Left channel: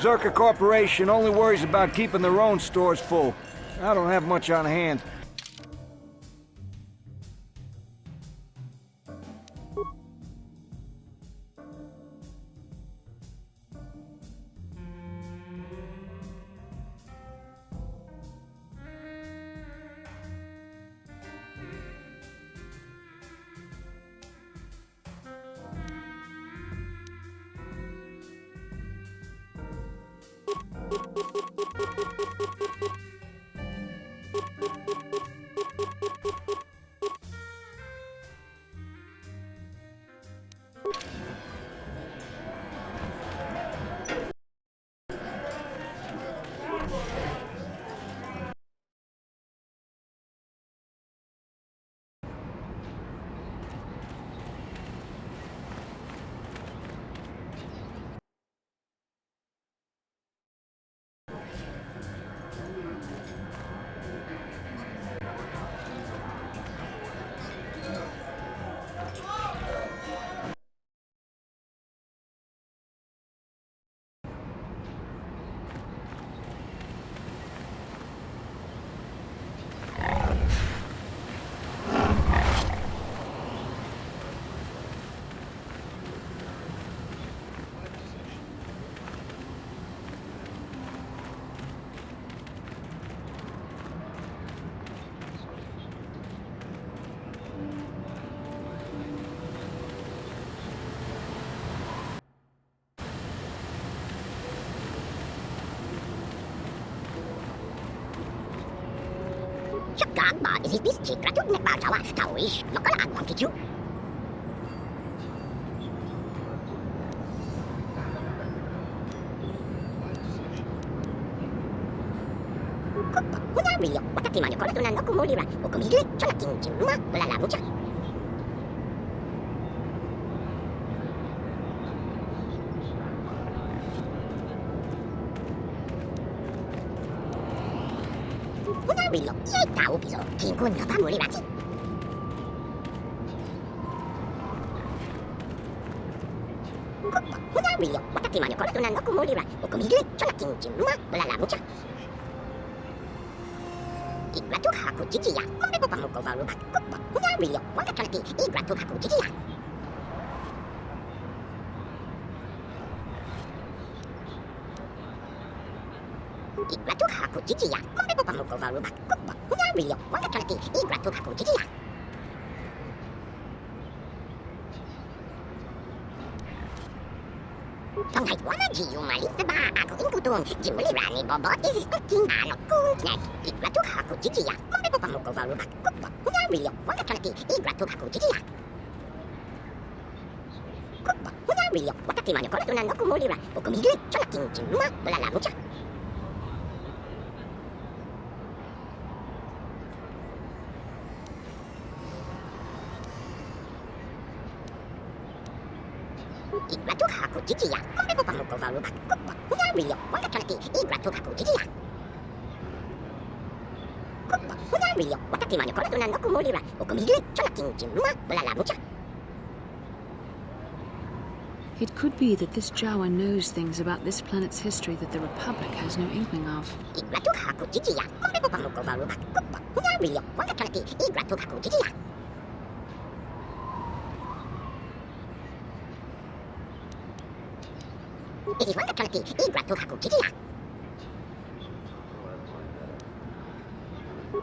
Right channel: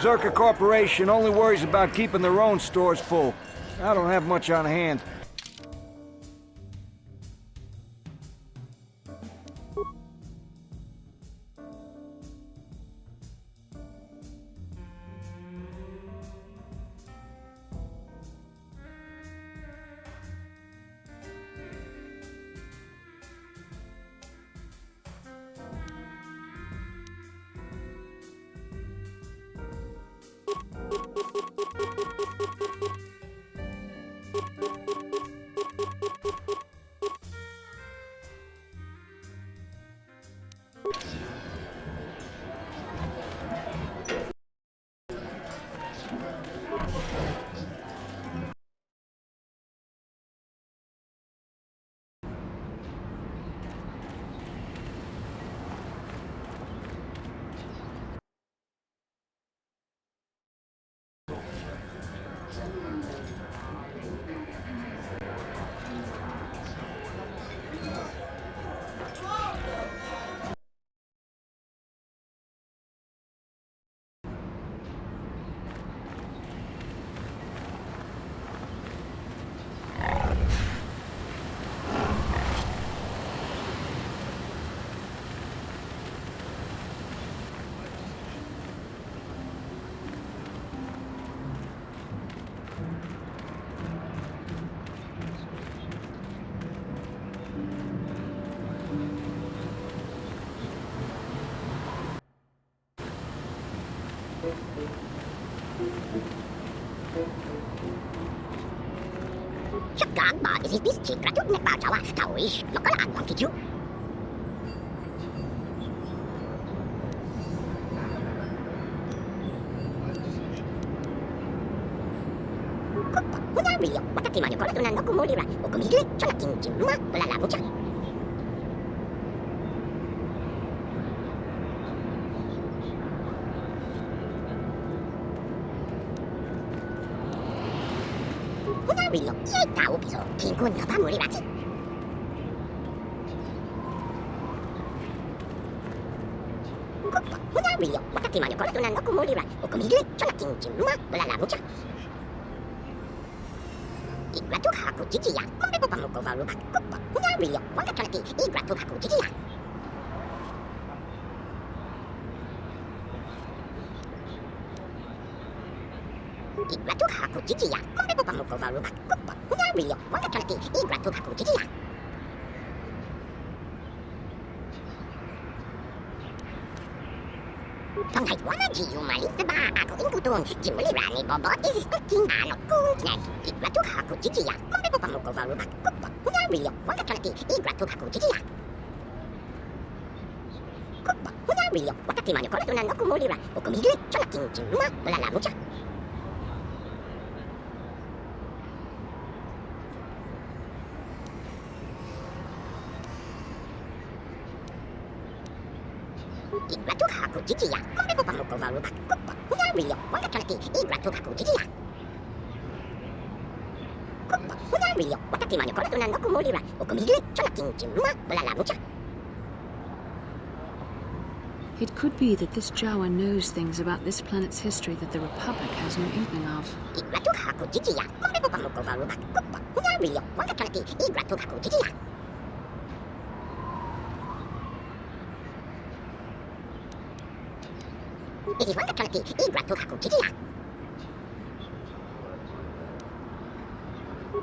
Zerka Corporation only worries about keeping their own stores full. I don't have much on hand. Các bạn is this chỉ ra chút nét bao cháu à, thôi, nó có là ăn cái chứ. William, wakati manyokola tunakumulira ukumigile chola kinjima wala la mucha. William, ye tahu piso kingkun ngapa mulirati. William, wakati manyokola tunakumulira ukumigile chola kinjima wala la mucha. Igratu haku jijiya, kumbe ko pamuko varuba kubba. William, wakakalati igratu haku jijiya. Igratu haku jijiya, kumbe ko pamuko varuba kubba. William, wakakalati igratu haku jijiya. Tonghay wana jiyu malita ba ako ingkutong jimulirani bobo is cooking ano kuntnet. Igratu haku jijiya, kumbe ko pamuko varuba kubba. William, wakakalati igratu haku jijiya. Kubba, William, wakati manyokola tunakumulira ukumigile chola kinjima wala la mucha. Igratu haku jijiya, kumbe ko pamuko varuba kubba. William, wakakalati igratu haku jijiya. Kubba, William, wakati manyokola tunakumulira ukumigile chola kinjima wala la mucha. It could be that this Jawa knows things about this planet's history that the Republic has no inkling of. Igratu haku jijiya, kumbe ko pamuko varuba kubba. William, wakakalati igratu haku jijiya. It is wakakalati igratu haku jijiya.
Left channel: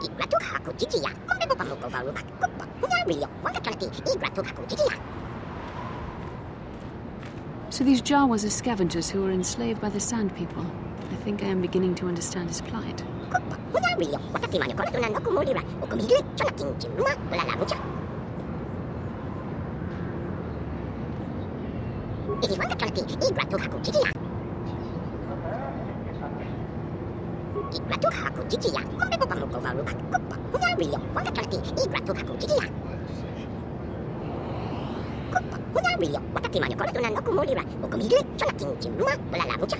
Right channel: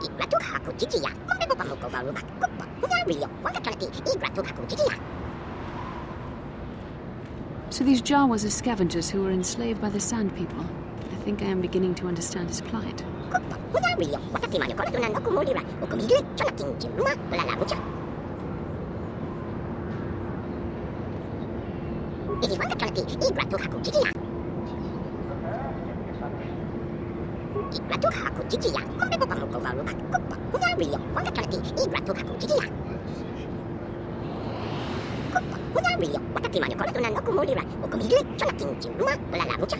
Igratu haku jijiya, kumbe ko pamuko varuba kubba. William, wakakalati igratu haku jijiya. So these Jawas are scavengers who were enslaved by the Sand People. I think I am beginning to understand his plight. Kubba, William, wakati manyokola tunakumulira ukumigile chola kinjima wala la mucha. It is wakakalati igratu haku jijiya. Igratu haku jijiya, kumbe ko pamuko varuba kubba. William, wakakalati igratu haku jijiya. Kubba, William, wakati manyokola tunakumulira ukumigile chola kinjima wala la mucha.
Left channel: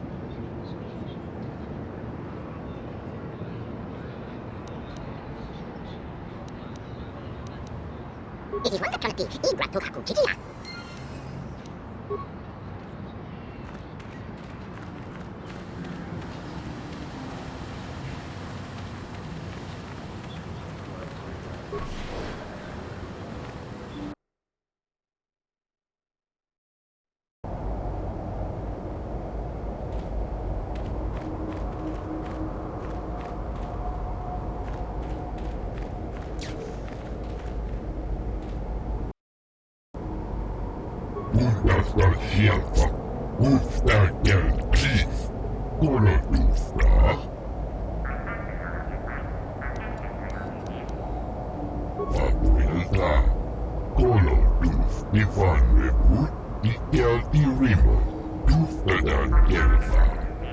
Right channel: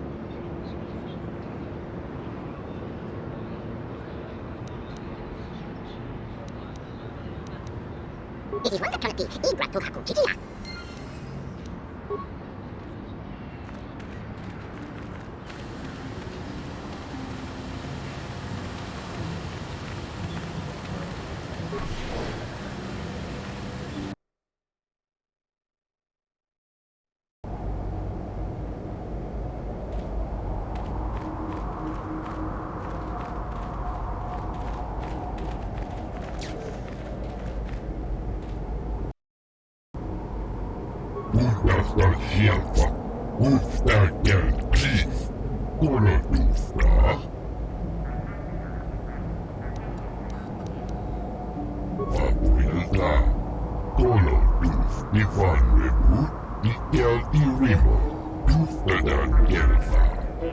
It is wakakalati igratu haku jijiya. Bundasta Shelfa, Uftakel Chief, Kolodufra. Papuilta, Koloduf, Ivan Rebut, Ikel Irimo, Duftadan Gelfa,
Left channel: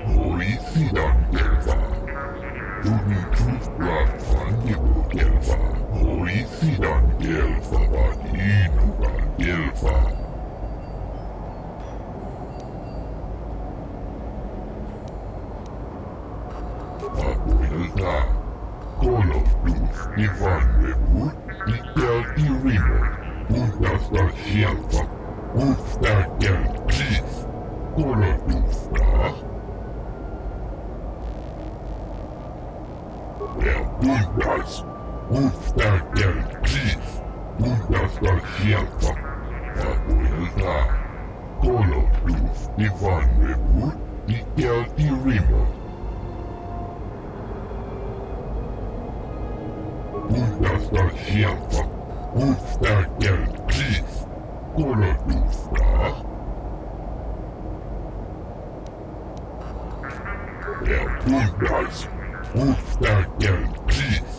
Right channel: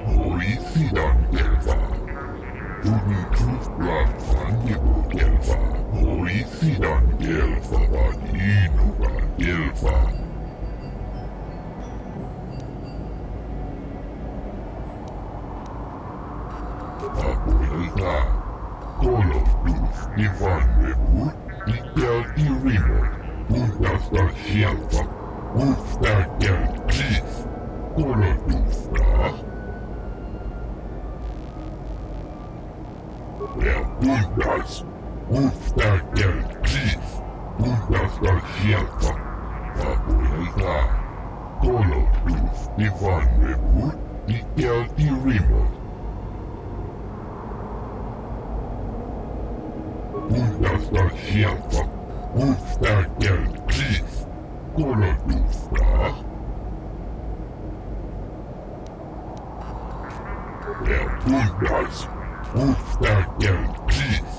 Hoisidan Gelfa. Uden Tufblad van Nibu Gelfa, Hoisidan Gelfa, Vadinugan Gelfa. Papuilta, Koloduf, Ivan Rebut, Ikel Irimo, Bundasta Shelfa, Uftakel Chief, Kolodufra. Bundas, Uftakel Chief, Bundasta Shelfa, Papuilta, Koloduf, Ivan Rebut, Ikel Irimo. Bundasta Shelfa, Uftakel Chief, Kolodufra. Bundas, Uftakel Chief,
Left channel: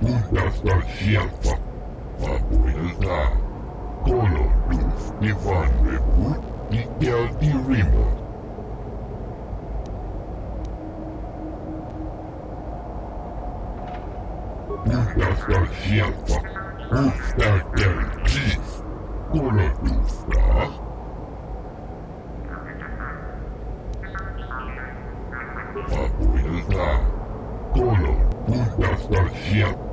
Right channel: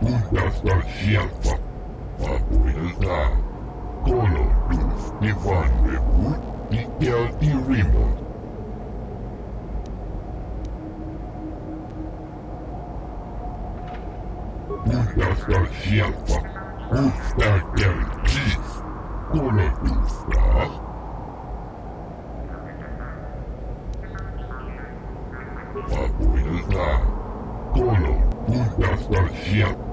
Bundasta Shelfa, Papuilta, Koloduf, Ivan Rebut, Ikel Irimo. Bundasta Shelfa, Uftakel Chief, Kolodufra. Papuilta, Bundasta Shelfa.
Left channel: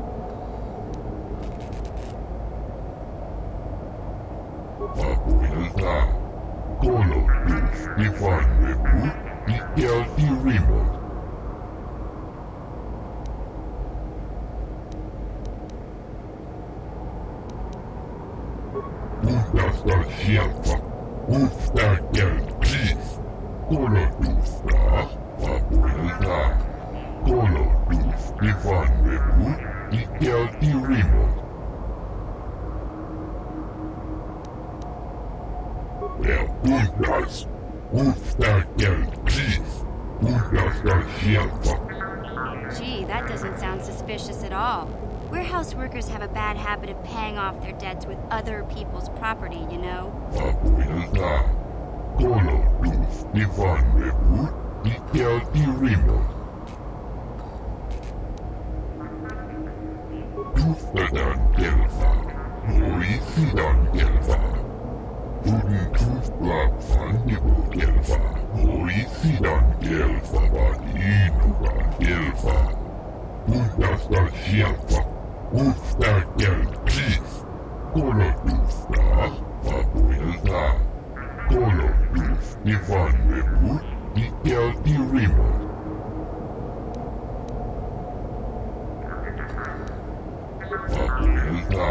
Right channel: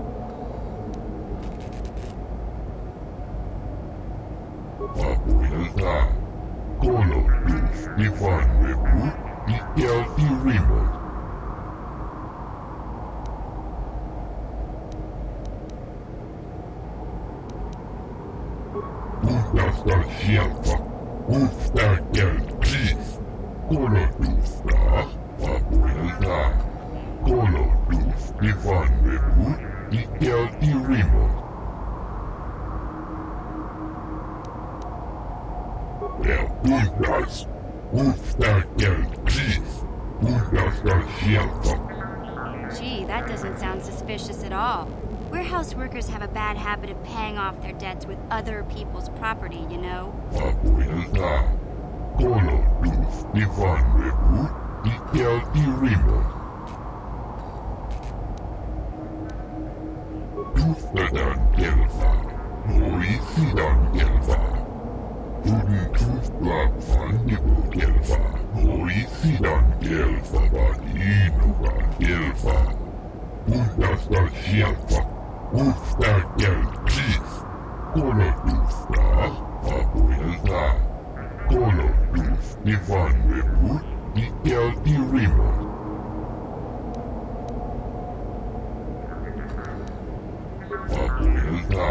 Papuilta, Koloduf, Ivan Rebut, Ikel Irimo. Bundasta Shelfa, Uftakel Chief, Kolodufra. Papuilta, Koloduf, Ivan Rebut, Ikel Irimo. Bundas, Uftakel Chief, Bundasta Shelfa. Gee, that doesn't sound suspicious at all. Warehouse workers have a bad habit of paying off their debts with other people's property, you know? Papuilta, Koloduf, Ivan Rebut, Ikel Irimo. Duftadan Gelfa, Hoisidan Gelfa. Uden Tufblad van Nibu Gelfa, Hoisidan Gelfa, Vadinugan Gelfa. Bundasta Shelfa, Uftakel Chief, Kolodufra. Papuilta, Koloduf, Ivan Rebut, Ikel Irimo. Papuilta,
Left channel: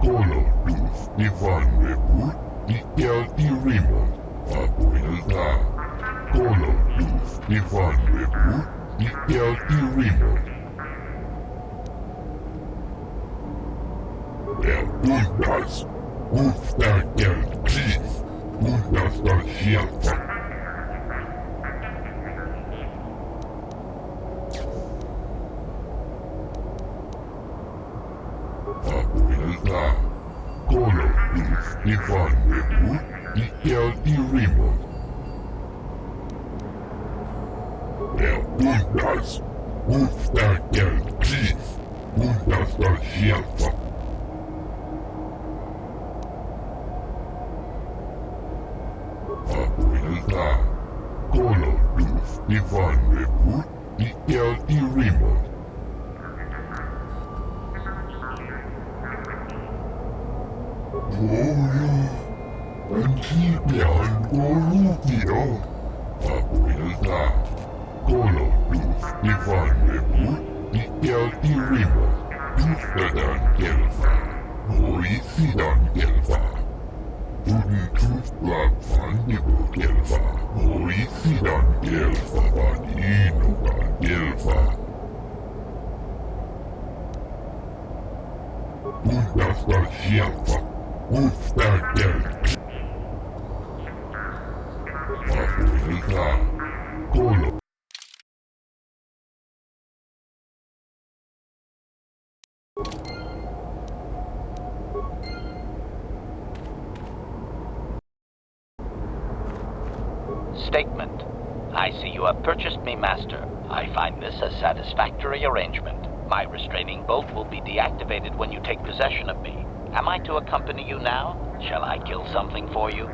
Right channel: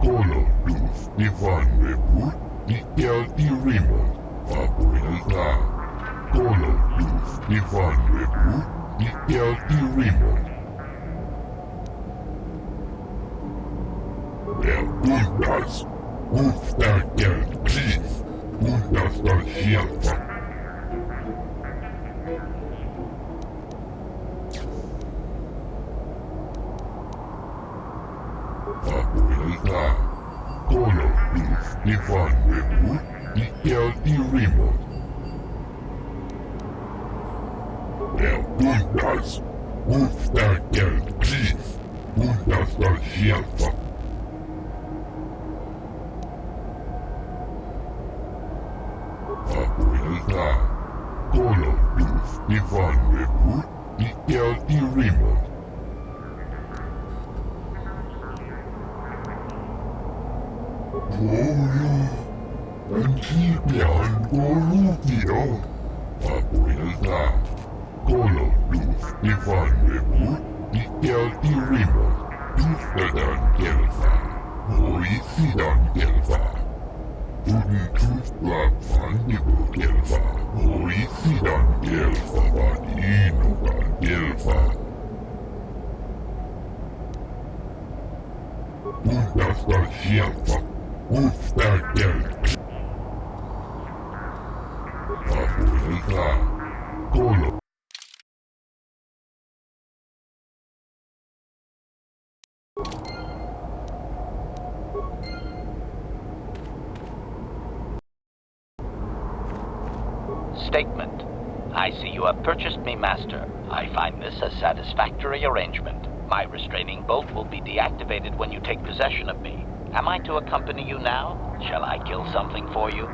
Koloduf, Ivan Rebut, Ikel Irimo. Papuilta, Koloduf, Ivan Rebut, Ikel Irimo. Bundas, Uftakel Chief, Bundasta Shelfa. Papuilta, Koloduf, Ivan Rebut, Ikel Irimo. Bundas, Uftakel Chief, Bundasta Shelfa. Papuilta, Koloduf, Ivan Rebut, Ikel Irimo. Antibian Gorufio. Papuilta, Koloduf, Ivan Rebut, Ikel Irimo. Duftadan Gelfa, Hoisidan Gelfa. Uden Tufblad van Nibu Gelfa, Hoisidan Gelfa, Vadinugan Gelfa. Bundasta Shelfa, Uftakel. ka. Kolo. Statement. I see you have purchased me, Master. I find this a satisfactory arrangement. My restraining bolt will be deactivated when you take possession of me. Am I to accompany you now? Shall I kill something for you?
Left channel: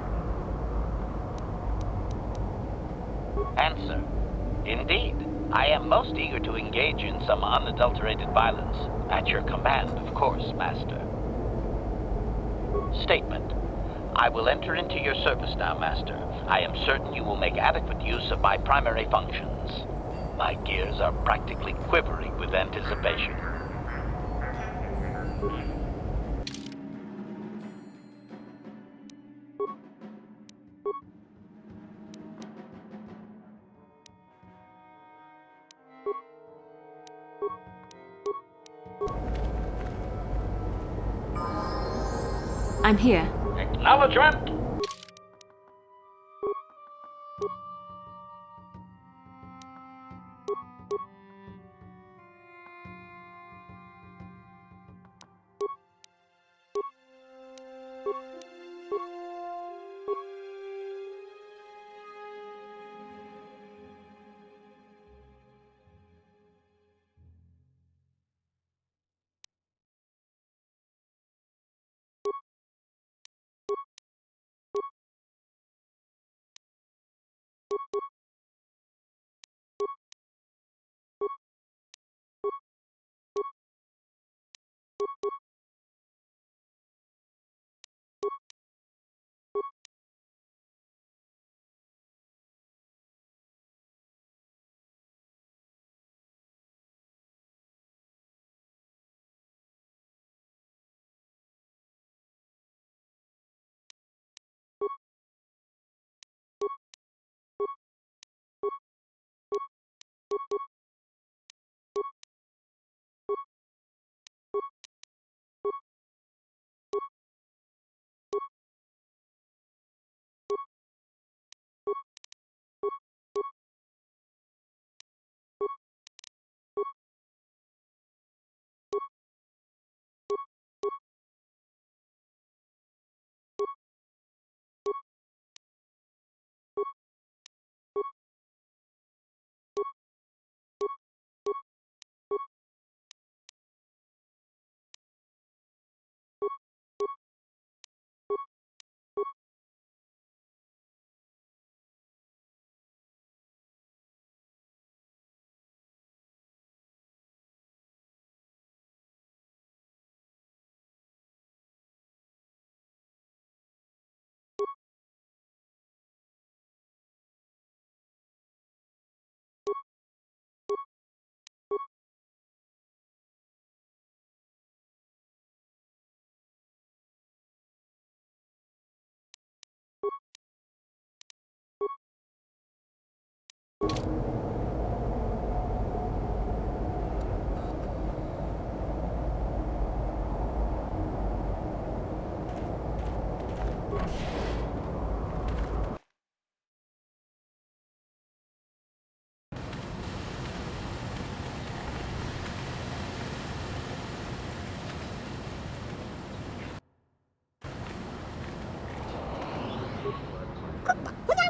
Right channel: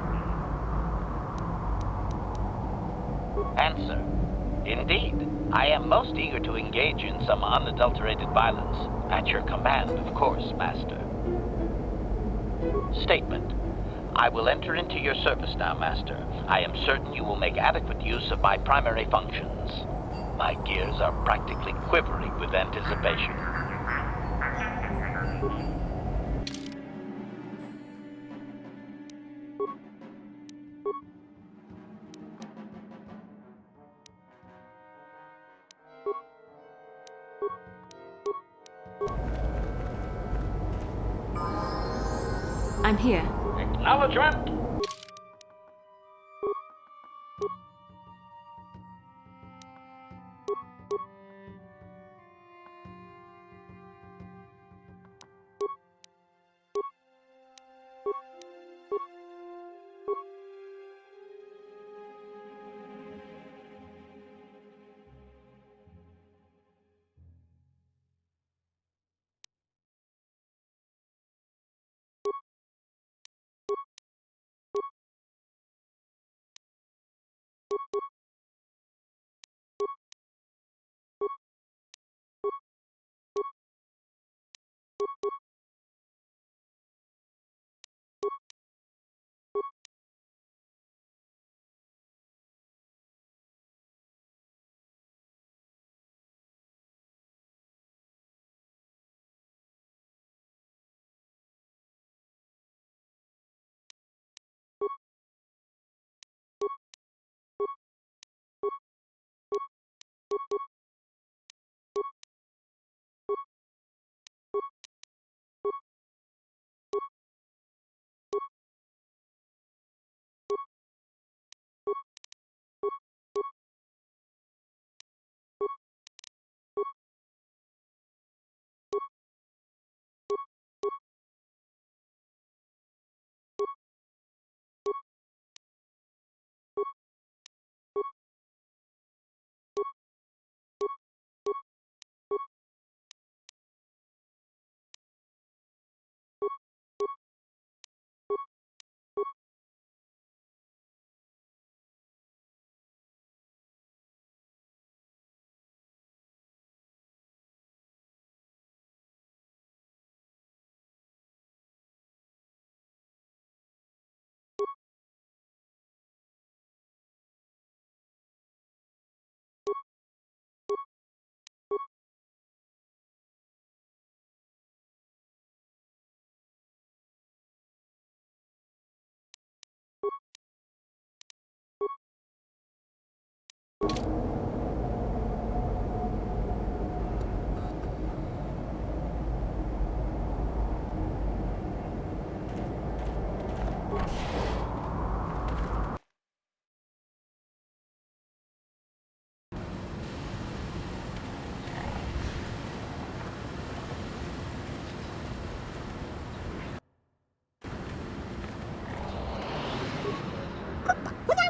Answer. Indeed. I am most eager to engage in some unadulterated violence. At your command, of course, Master. Statement. I will enter into your service now, Master. I am certain you will make adequate use of my primary functions. My gears are practically quivering with anticipation. I'm here. Acknowledgement!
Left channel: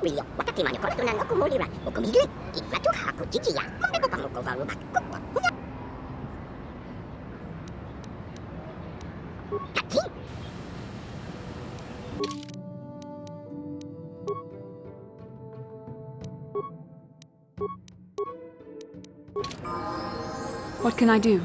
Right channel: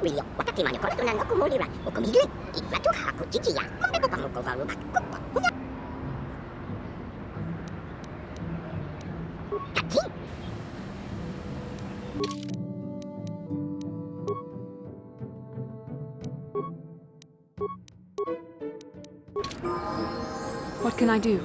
Wilio, wakati mane kola tunan oku molira, oku migli, iklatu haku chichiya, mambe ko pamuko varuba, kupa, hunya. Kaki. What can I do?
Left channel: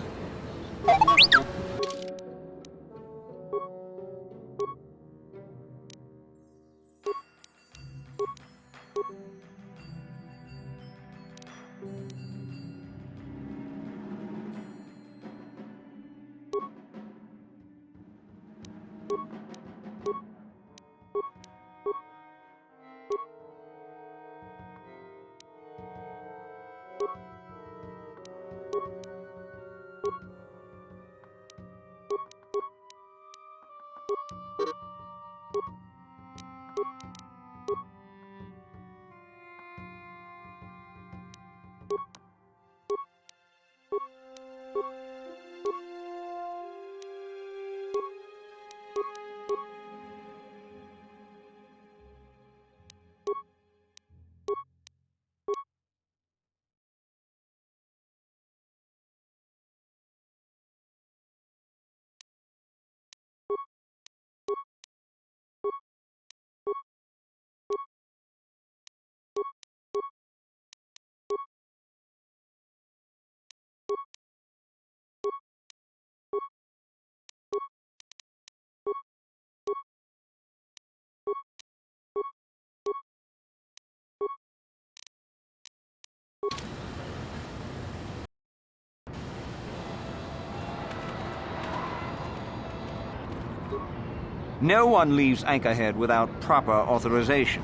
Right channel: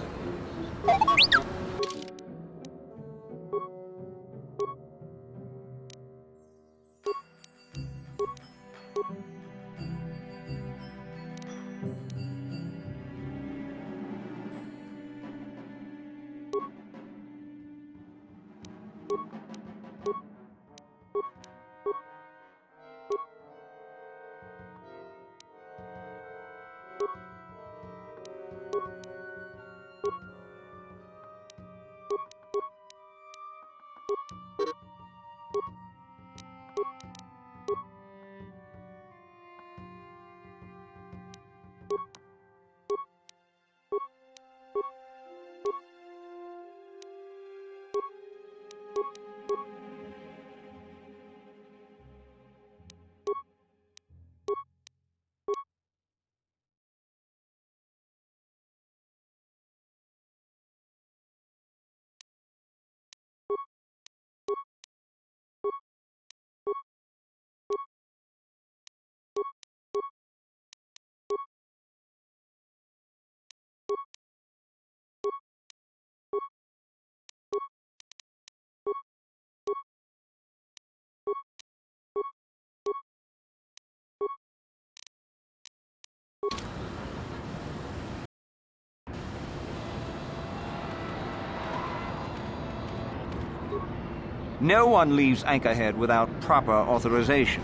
No one leaves Anchorhead without proper authorization.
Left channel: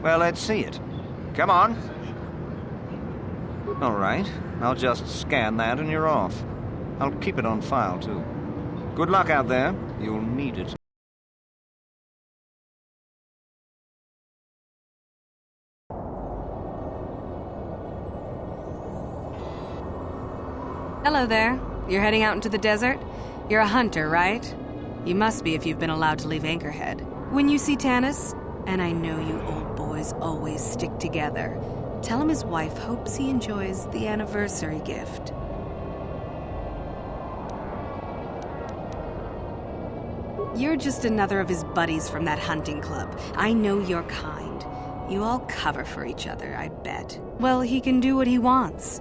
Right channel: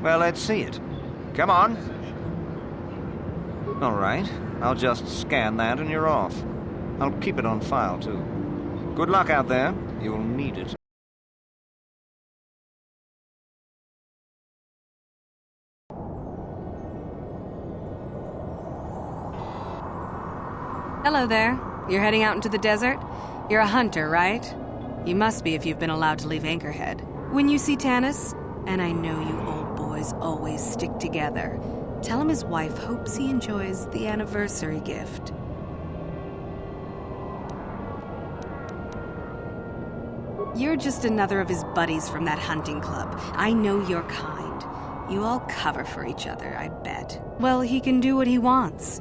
Well, let's see it. Come on. All right. I'll just scan that and you're off. I'll keep it on file, too. Good luck out there. You'll need it. Hello there. You're heading out into the desert? You're a hunter, right? You must be if you've been allowed to leave Anchorhead. When you see Tanis, and I know you old boys always stick together, tell him his wife hopes he enjoys the anniversary gift. You're just another of his buddies from that hunting club. I know your kind. You all cover for each other, I bet. Well, he can do what he wants.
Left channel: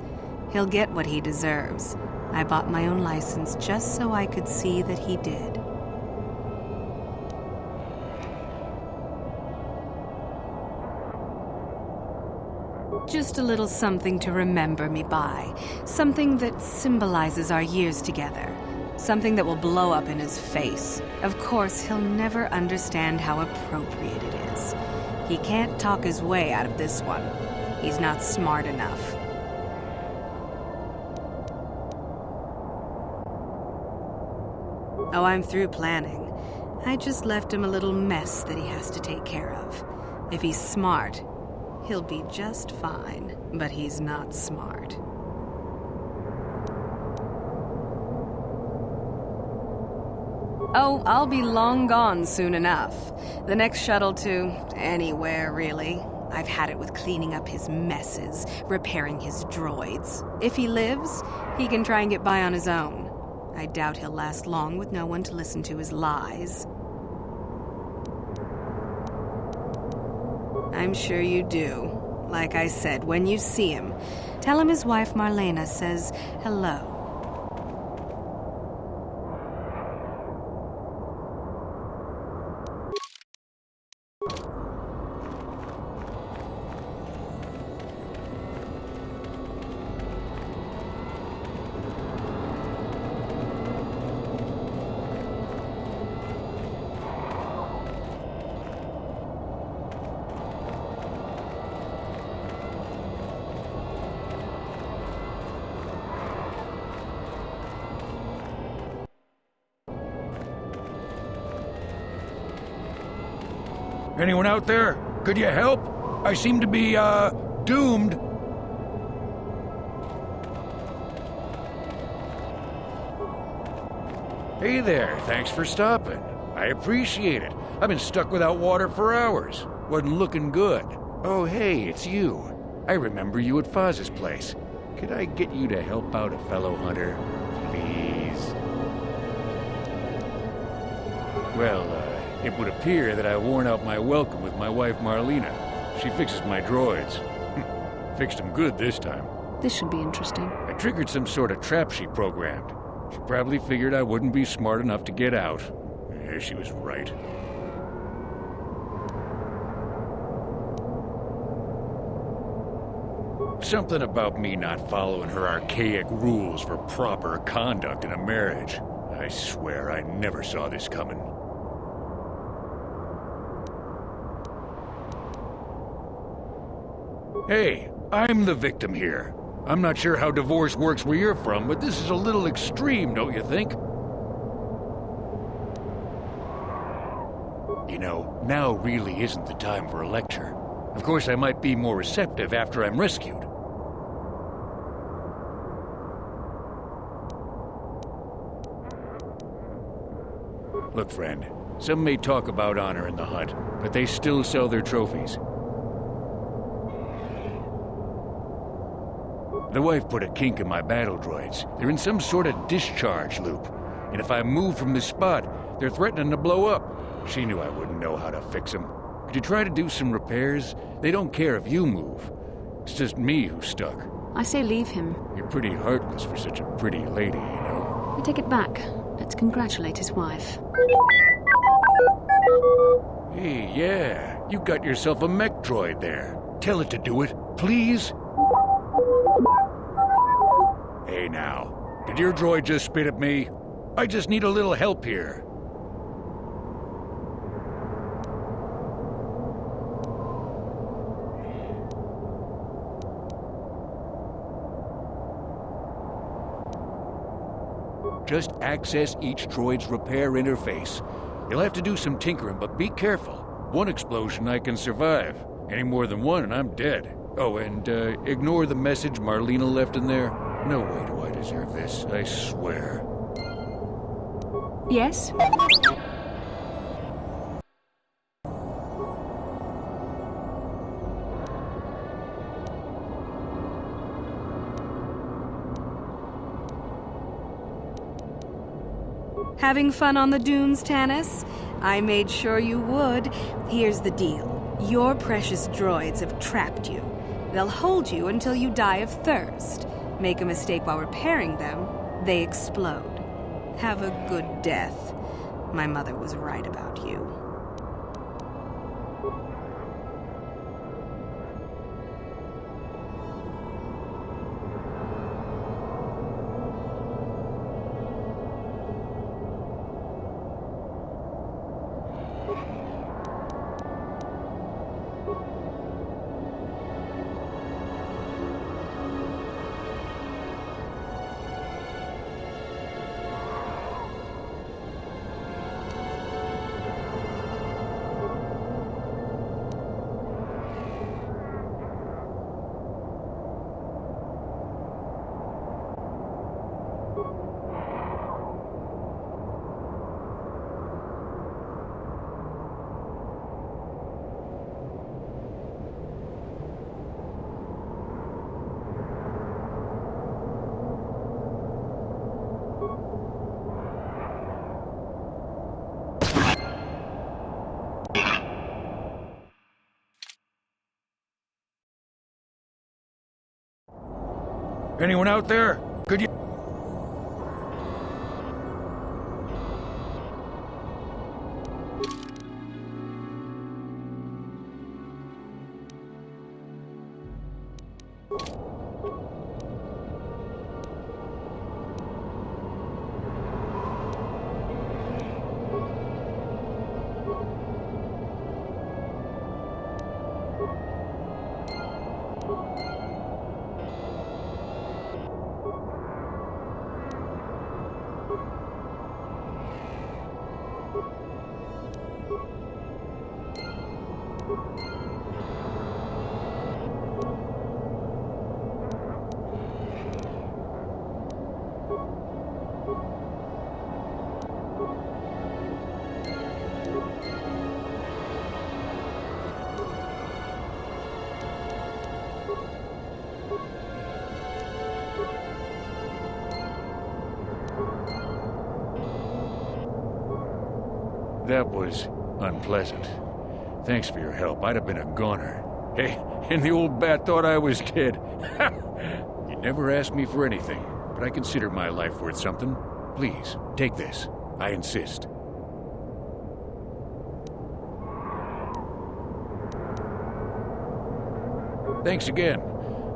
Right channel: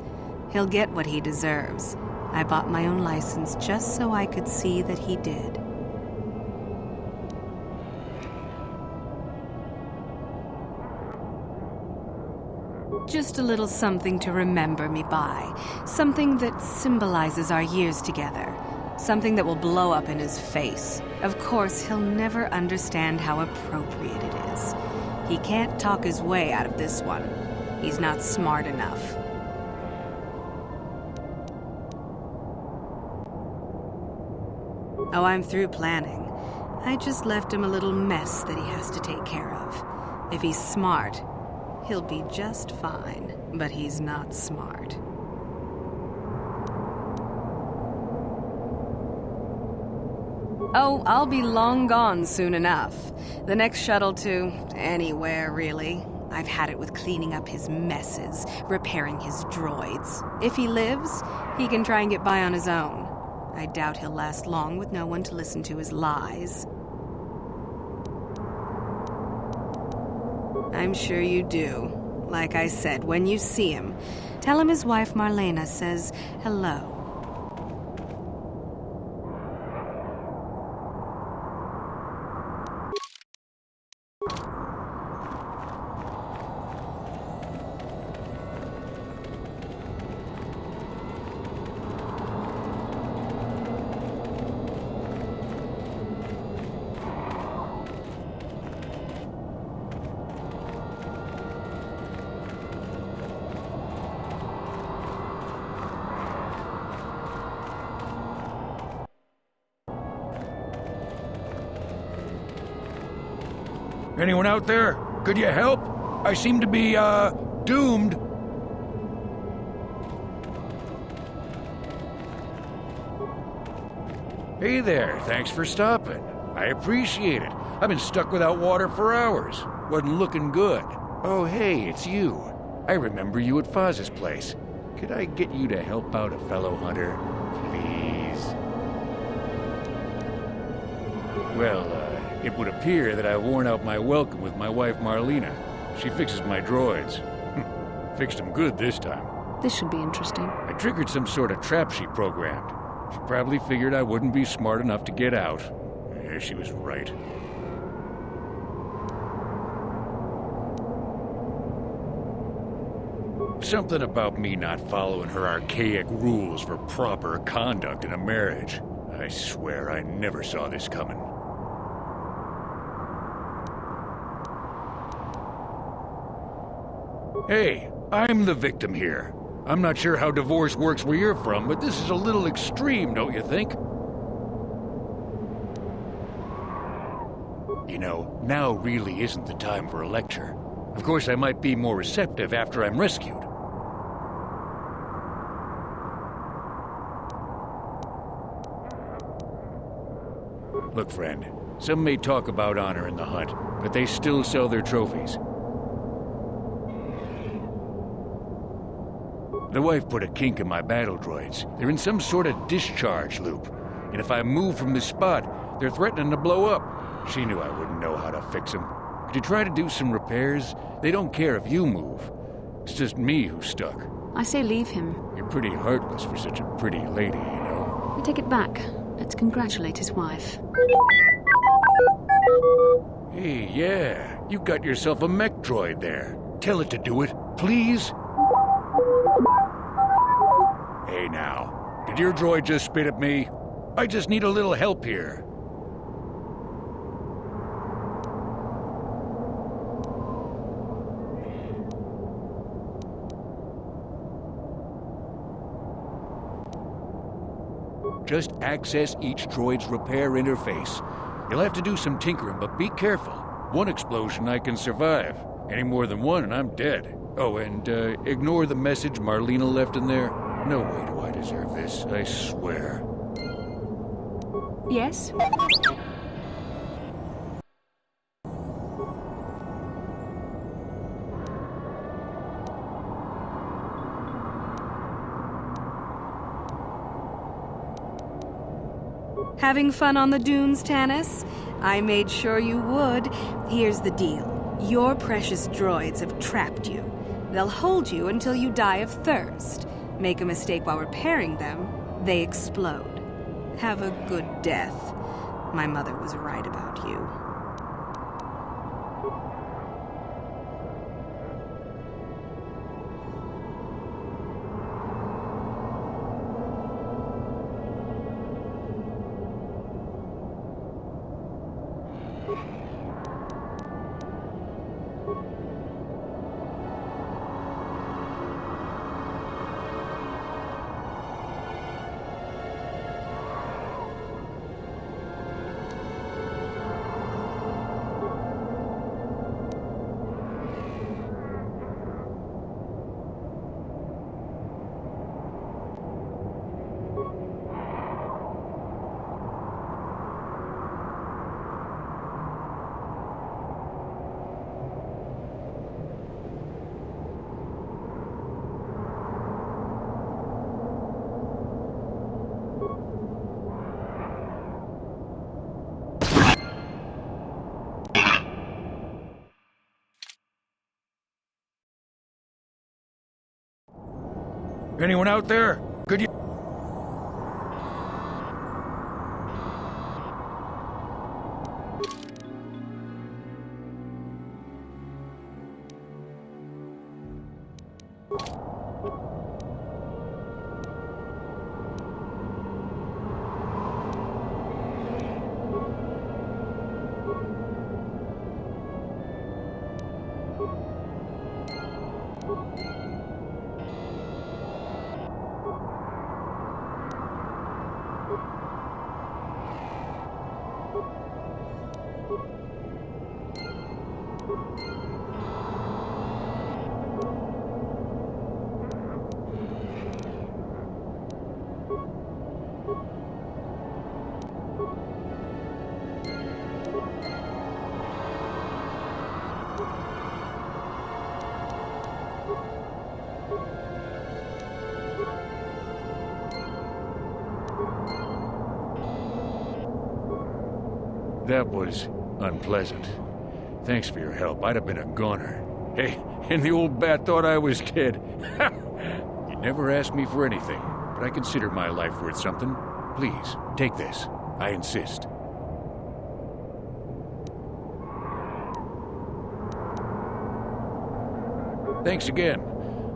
He'll get what he deserves. I bought my own license just so I could see that he did. Just a little something to remember me by. Something that symbolizes our years together. Something that will blow up in his face. Of course, he'll never understand how appropriate it is. He can't talk his way out of this one. He's not smart enough. Oh, I'm through planning. I just left him a little mess that he has to take care of. If he's smart, he'll be just fine. But he's not smart. Oh, I'll be long gone soon enough. The next shuttle to anywhere, really. I've had it with cleaning up his messes, repairing his droids. If he lives, he can try and get by on his own. I doubt he'll last long with no one to listen to his lies. I'm sure you do. Like I said, when you see him, tell him his wife Marlena says hello. Anyone out there? Could you help? I seem to be, doomed. Hey there, thanks for stopping. I appreciate it. I've been stuck without water for hours. Wasn't looking good. Oh, hey, it's you. I remember you at Foz's place. Could I get you to help out a fellow hunter? Please? Well, it would appear that I've worn out my welcome with my wife Marlena. She fixes my droids. Fixed them good this time. This should be interesting. I triggered some sort of trap she programmed. She probably figured I wouldn't be smart enough to get out. She was right. Something about me not following her archaic rules for proper conduct in a marriage. I swear I never saw this coming. Hey, I'm the victim here. I'm not sure how divorce works where you're from, but this is a little extreme, don't you think? You know, now really isn't the time for a lecture. Of course, I might be more receptive after I'm rescued. Look, friend, some may talk about honor in the hunt, but they still sell their trophies. The wife put a kink in my battle droids. They're in some sort of discharge loop. And if I move from this spot, they're threatening to blow up. She knew I wouldn't know how to fix them. Could you try to do some repairs? They don't care if you move. It's just me who's stuck. I say leave him. You're pretty heartless for such a pretty lady, you know. I take it back. Let's congratulate his wife. Hey, yeah. You got yourself a mech droid there. Tell it to do it, please. Hey now, Did your droid just spit at me? I just need a little help here. Just access each droid's repair interface. You'll have to do some tinkering, but be careful. One explosion I can survive. Any more than one and I'm dead. Oh, and ignore the message Marlena left in there. No way do I deserve this, I swear. Yes? Having fun on the dunes, Tanis? I made sure you would. Here's the deal. Your precious droids have trapped you. They'll hold you until you die of thirst. Make a mistake while repairing them, they explode. Have a good death. My mother was right about you. Anyone out there? Could you... That was unpleasant. Thanks for your help. I'd have been a goner. Hey, and the old bat thought I was dead. You never asked me for anything, but I consider my life worth something. Please, take this. I insist. Thanks again.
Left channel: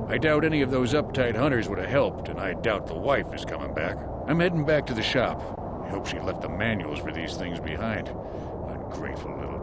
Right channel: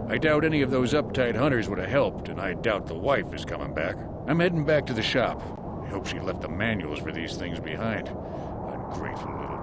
I doubt any of those uptight hunters would have helped, and I doubt the wife is coming back. I'm heading back to the shop. I hope she left the manuals for these things behind. Ungrateful little...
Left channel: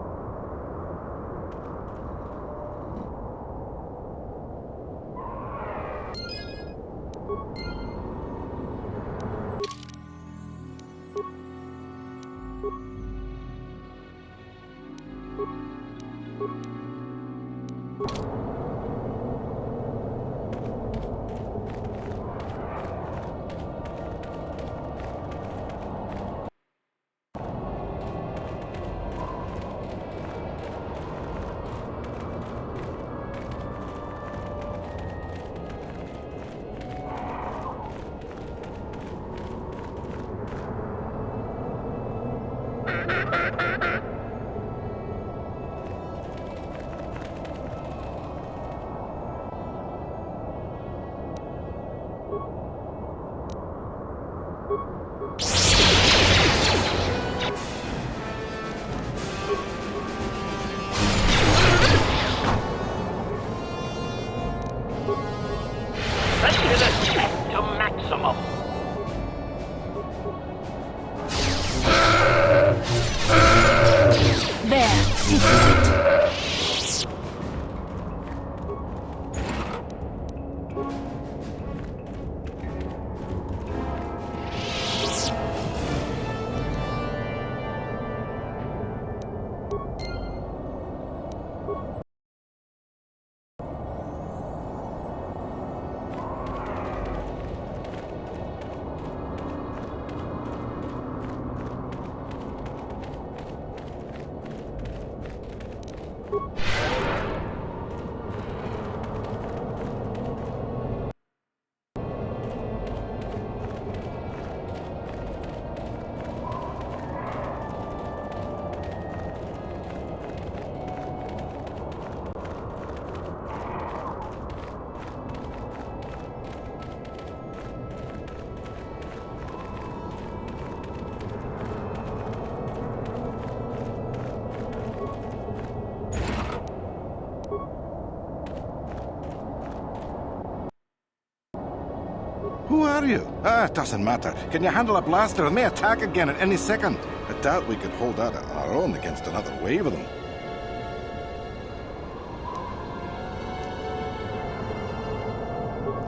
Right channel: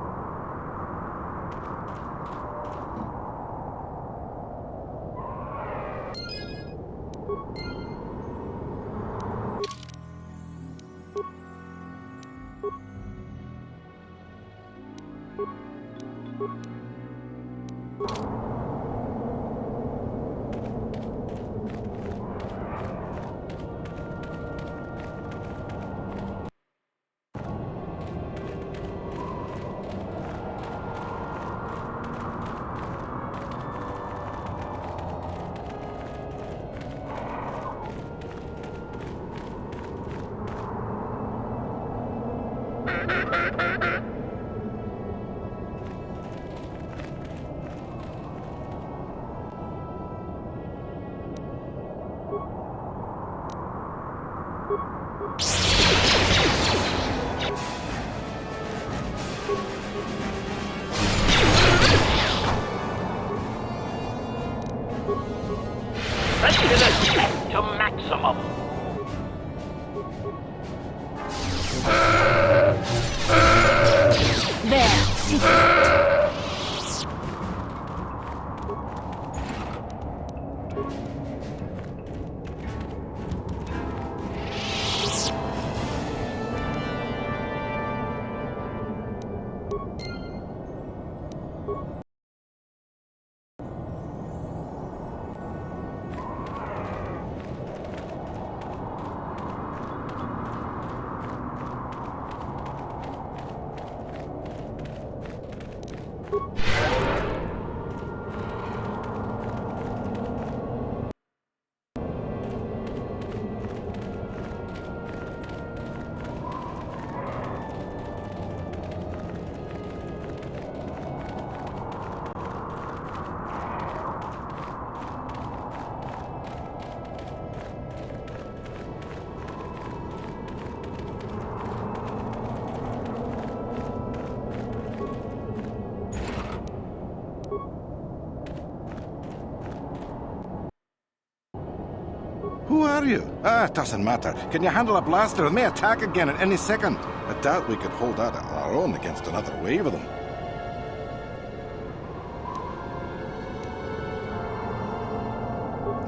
Who are you? It doesn't matter. Can you handle a blaster? It may attack again at any second. I doubt we could hold out on our own against another wave of them.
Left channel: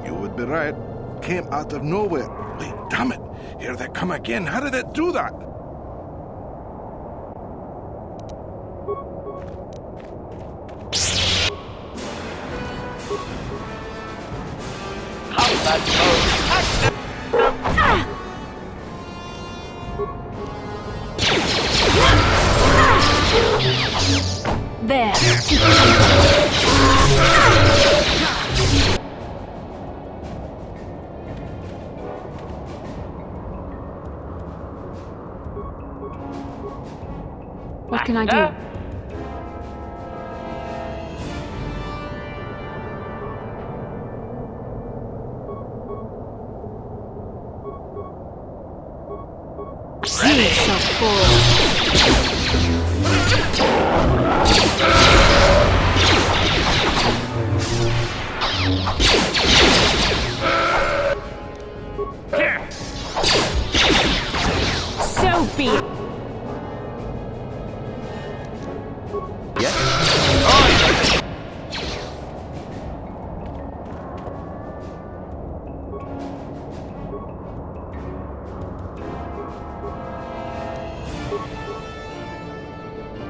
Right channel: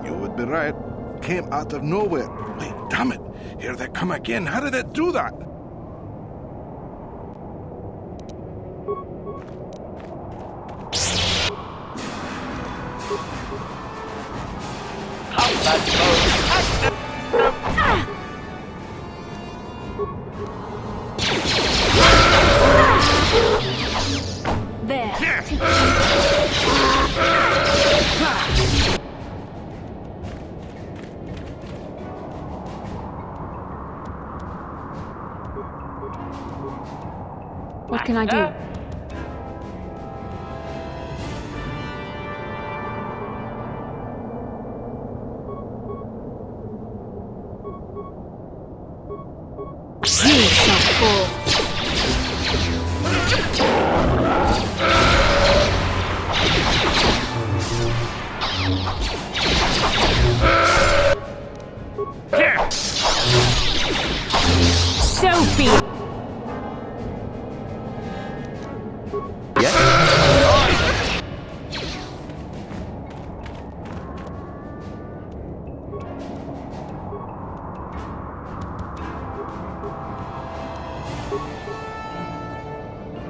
You would be right. Came out of nowhere. Wait, damn it. Here they come again. How did it do that? There. What can I do? You shall fall. So be it.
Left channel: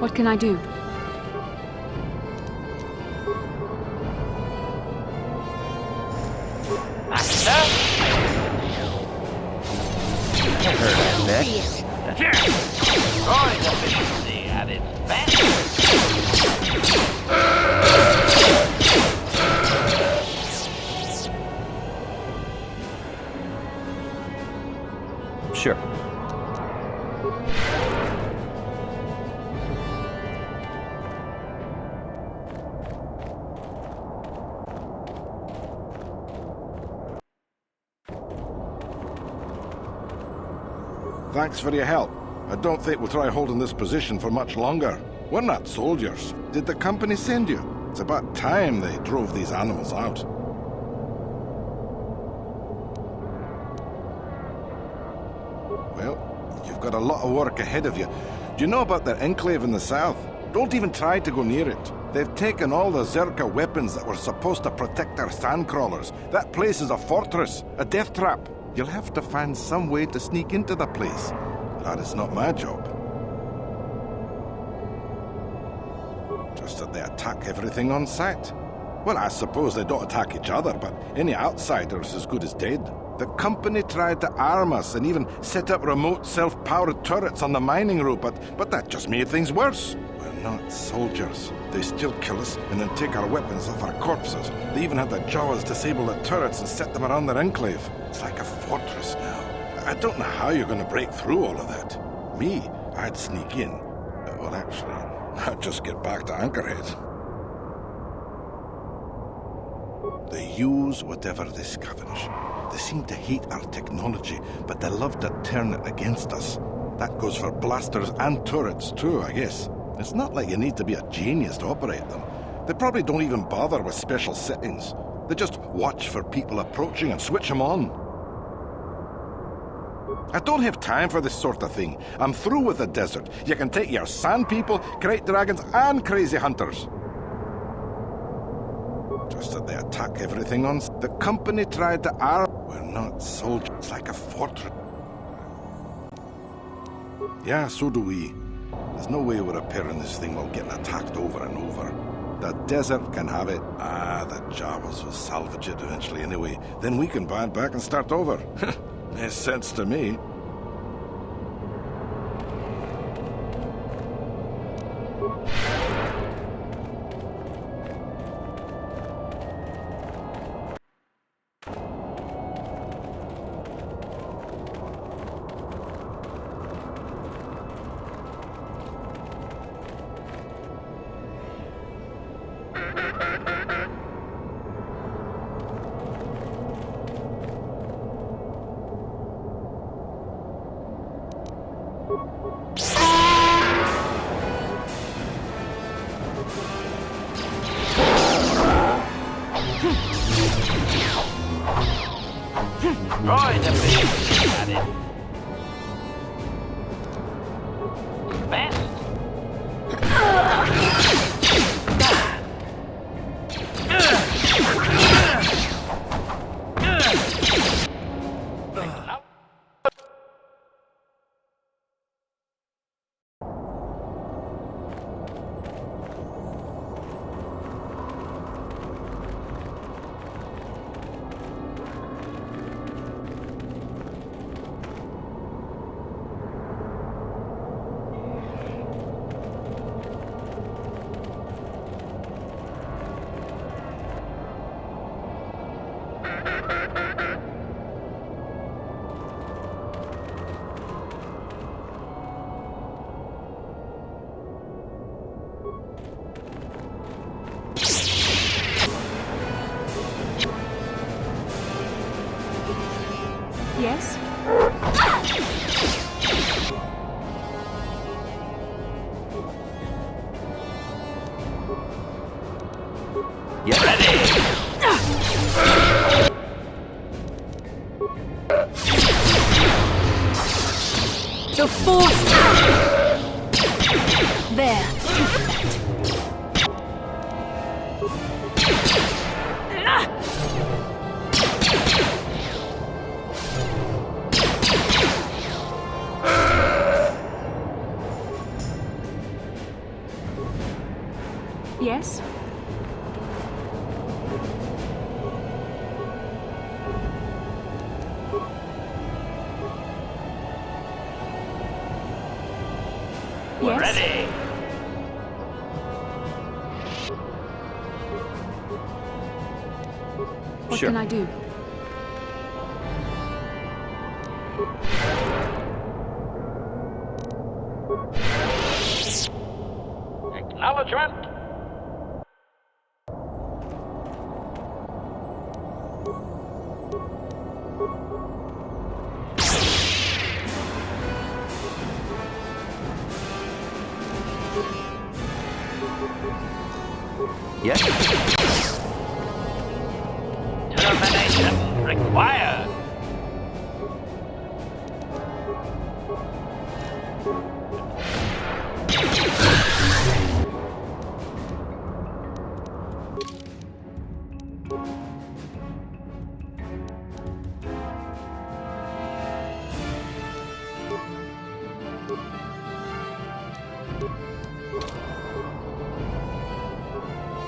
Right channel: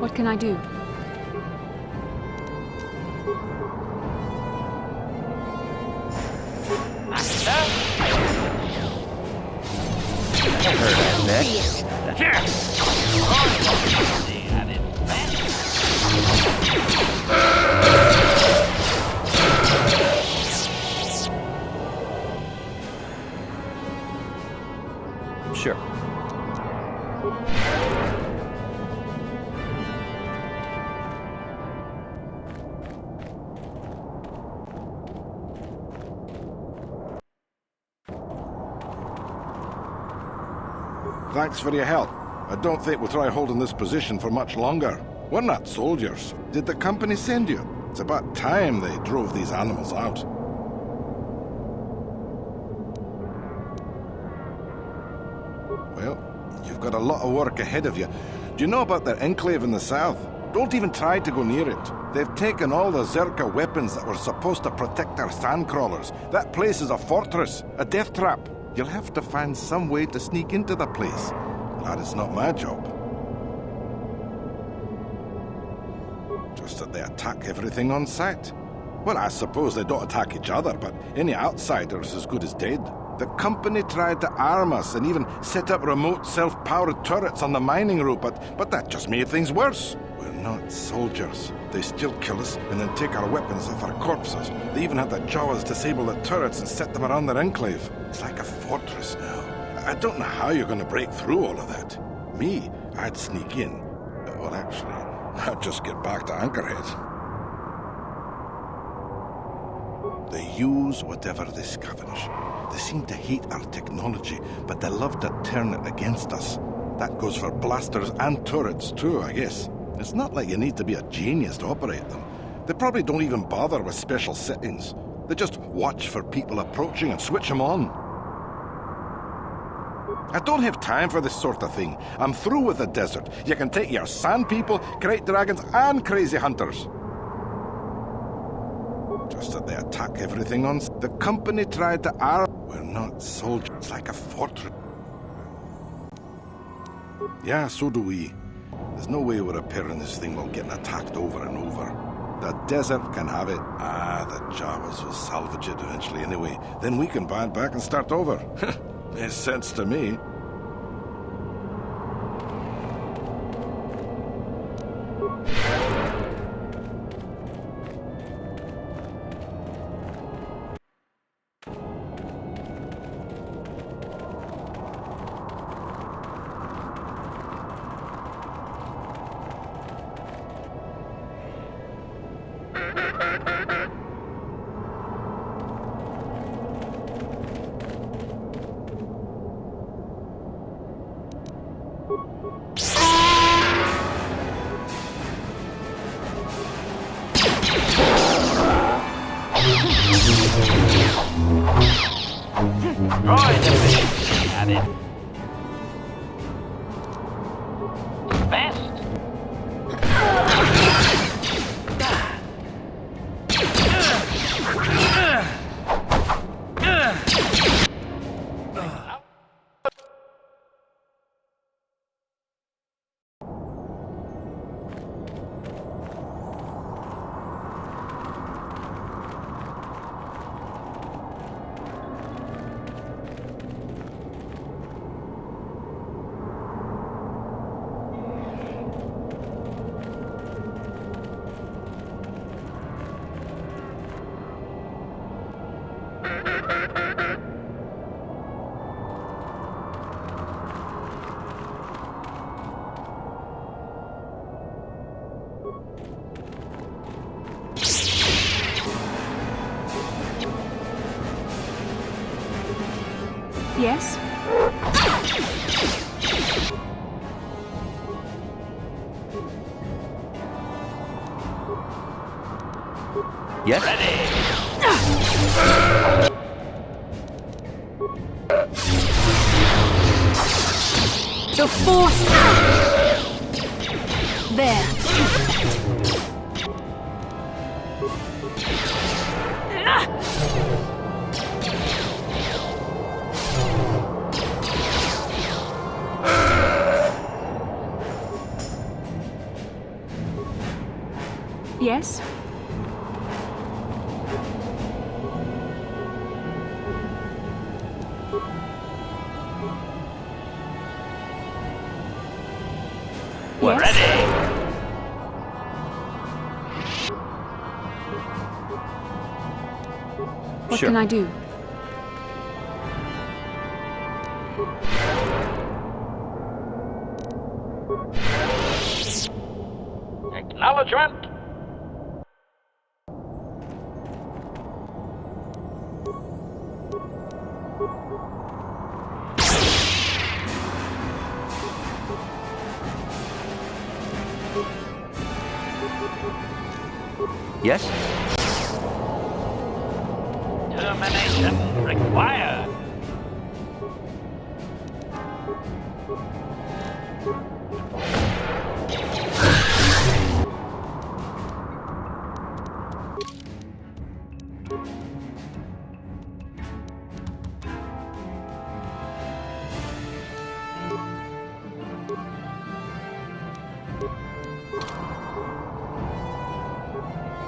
What can I do? Sure. Thanks for your help. I don't think we'll try holding this position for much longer. We're not soldiers. Did the company send you? It's about time they drove these animals out. Well, you've got a lot of work ahead of you. Do you know about their enclave in the south? Don't even try to go near it. They've taken all the Zerka weapons that were supposed to protect our sandcrawlers. That place is a fortress, a death trap. You'll have to find some way to sneak into the place. That is not my job. Just that they attack everything on sight. Well, I suppose they don't attack each other, but any outsider's as good as dead. The company tried to arm us and even set up remote self-powered turrets on the mining route, but that just made things worse. We're not soldiers. They still kill us and then take our weapons off our corpses. They even had the Jawas disable the turrets and set them around their enclave. It's like a fortress now. I don't know how you're going to break through all of that. Me, I'd sneak in. Well, actually, I'd just get back to Anchorhead. They use whatever they scavenge. They seem to hate our technology, but they love to turn it against us. That goes for blasters and turrets too, I guess. It's not like you need to be a genius to operate them. They probably don't even bother with special settings. They just watch for people approaching and switch them on. I don't have time for this sort of thing. I'm through with the desert. You can take your sand people, great dragons, and crazy hunters. Just that they attack everything on... The company tried to arm... We're not soldiers. It's like a fortress. Yeah, so do we. There's no way we're repairing this thing while getting attacked over and over. The desert can have it. The Jawas will salvage it eventually anyway. Then we can buy it back and start over. Makes sense to me. Droid efficiency added. Best. Yes? Yes? Ready. The Force! There. Yes? We're Yes? ready. What Sure. can I do? Acknowledgement. Yes? Termination required.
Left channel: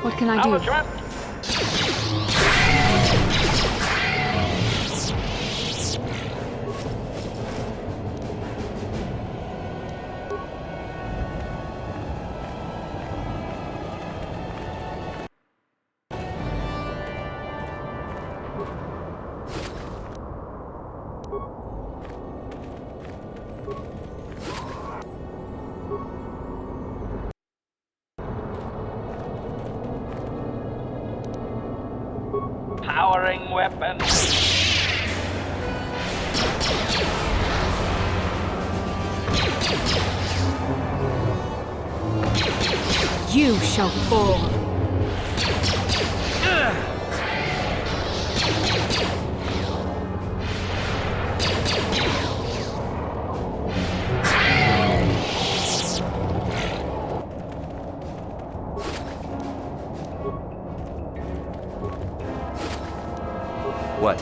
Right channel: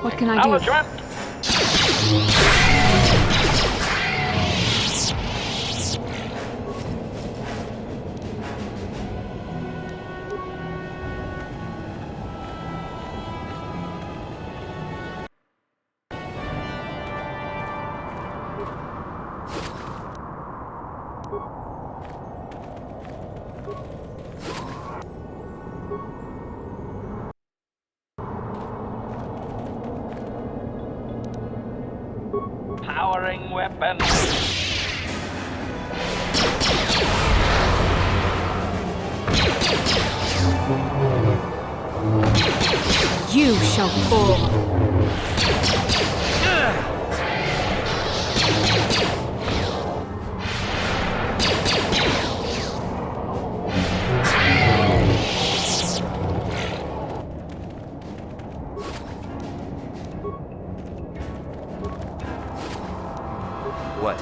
What can I do? Acknowledgement. Powering weapon. You shall fall. What?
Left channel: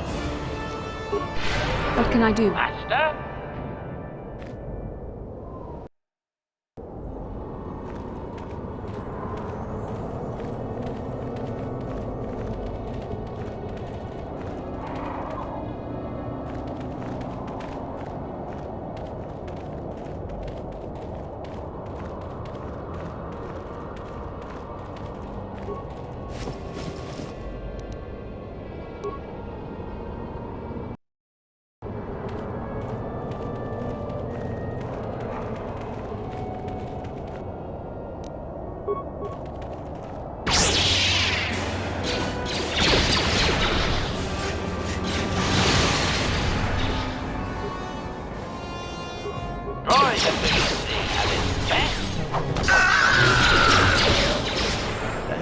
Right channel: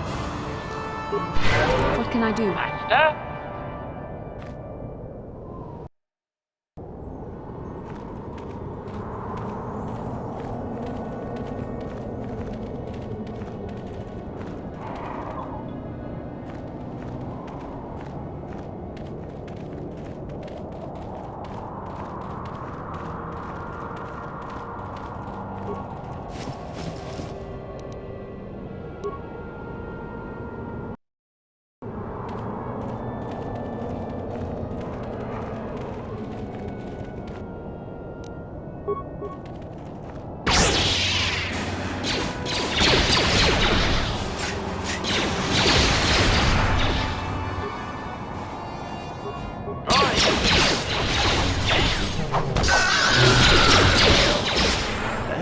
What can I do? Master?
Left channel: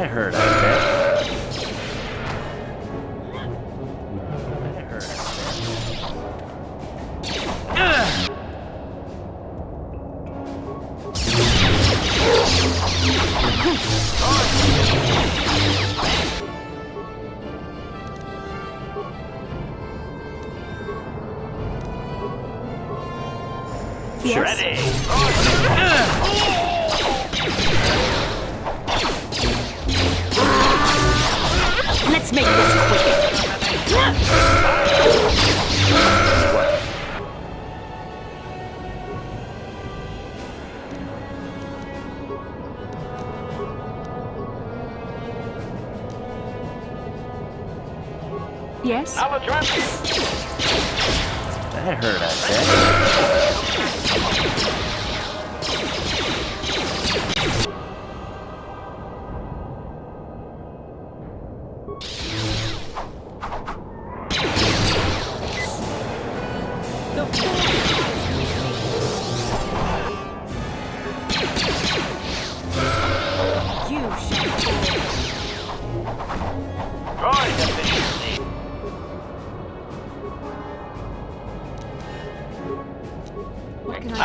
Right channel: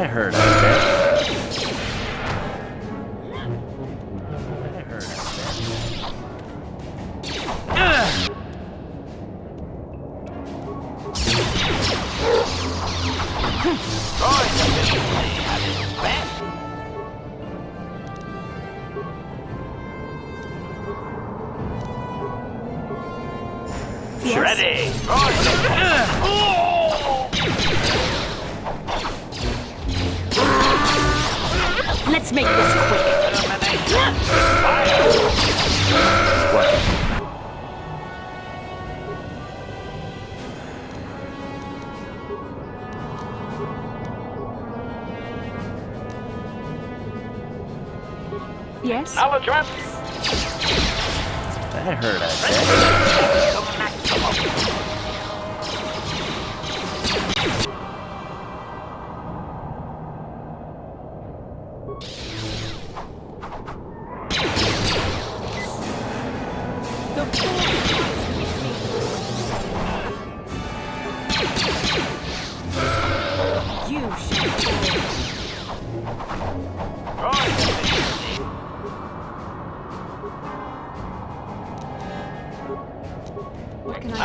That hurt, I bet. That hurt, I bet. Yes? Ready! Let's make this quick. What? Yes? That hurt, I bet. You What can I do?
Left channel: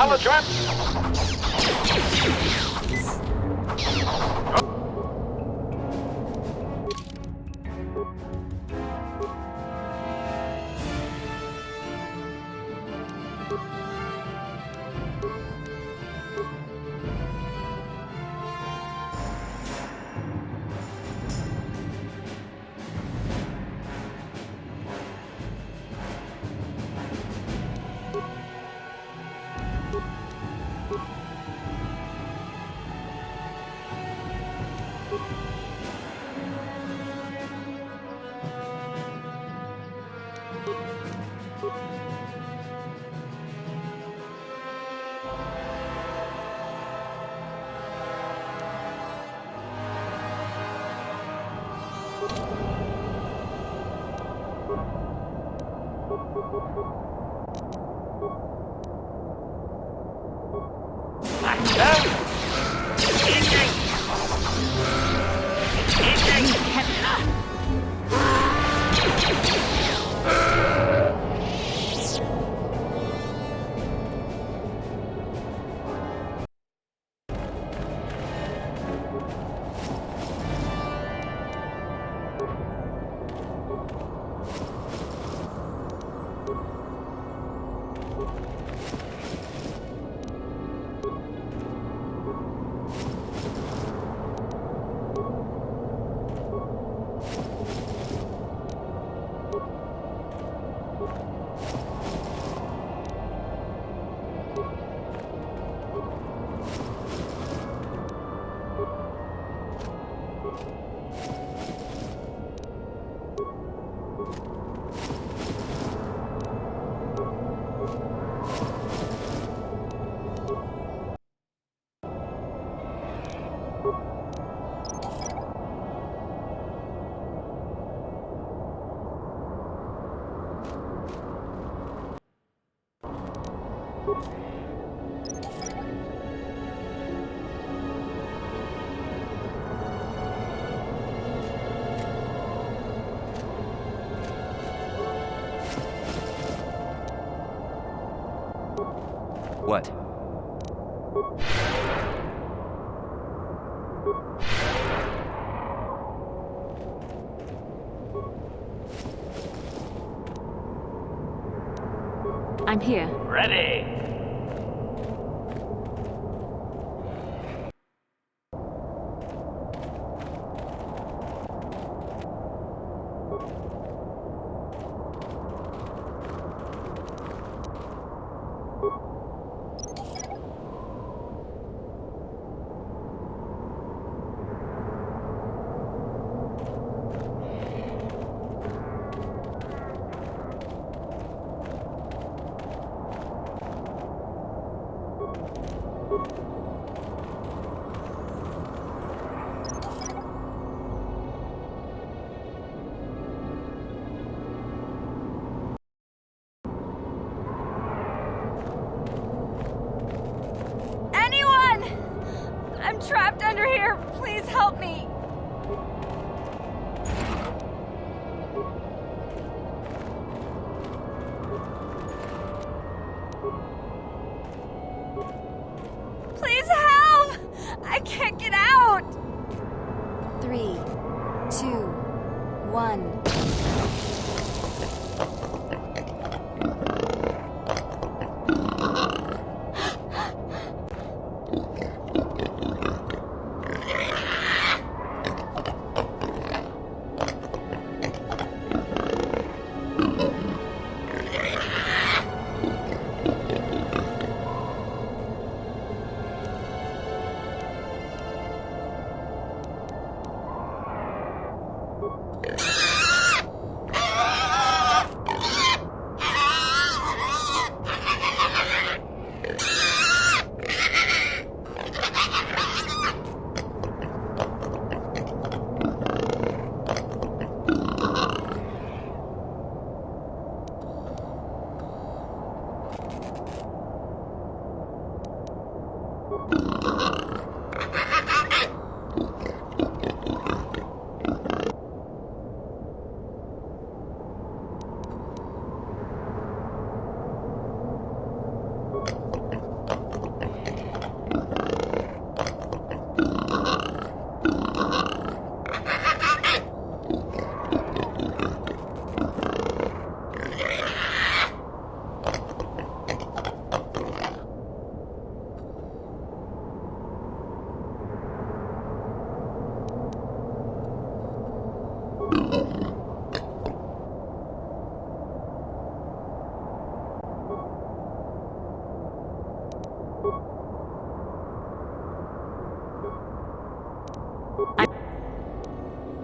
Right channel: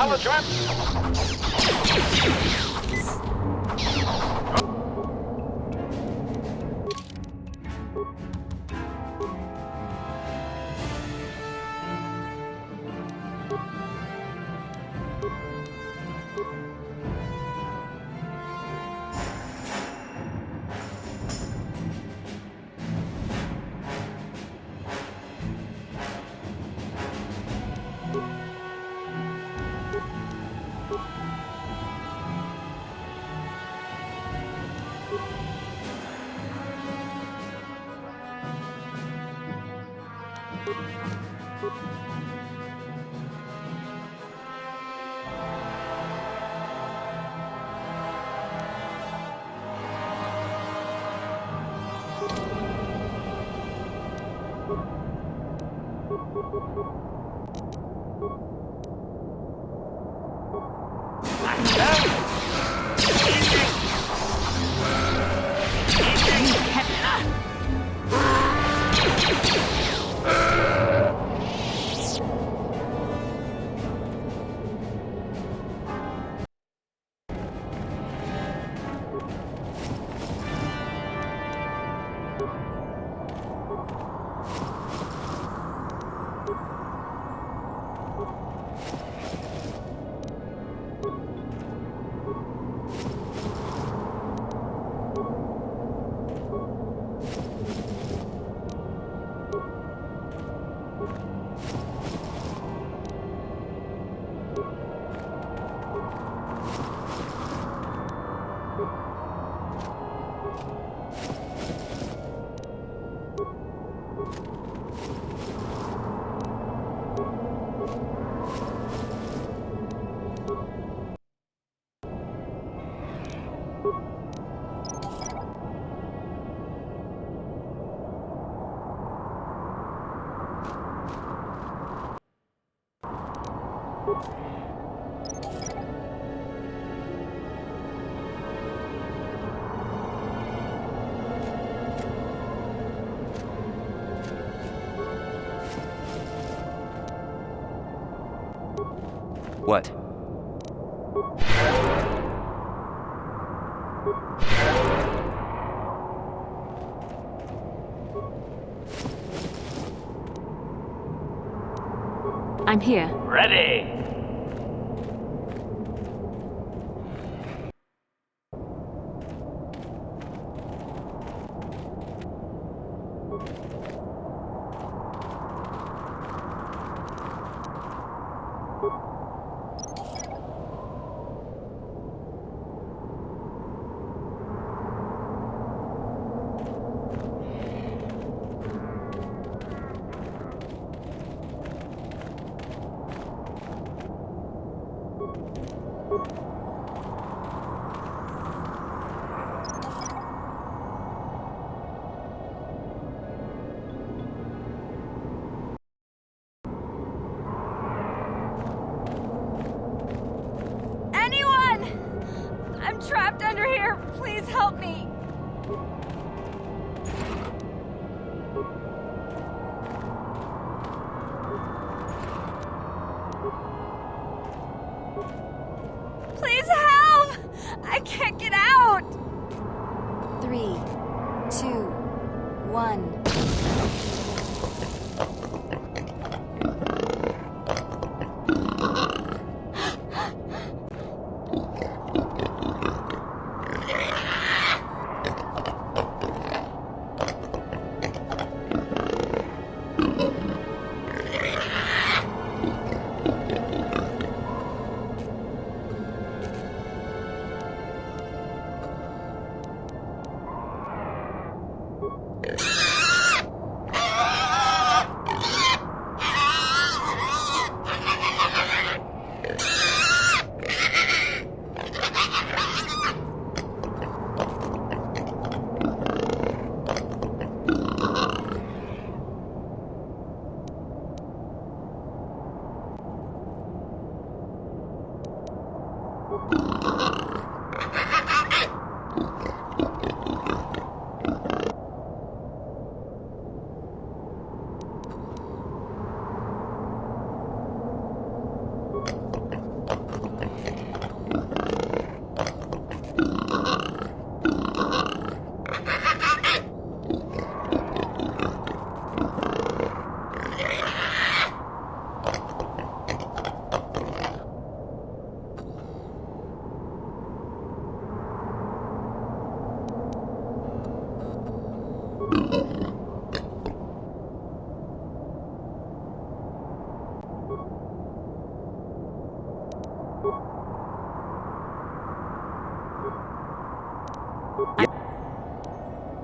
What? I'm here. Ready! Anyone! I'm trapped under here. Please help me. Please help! I can't get out! 3, 2, 1.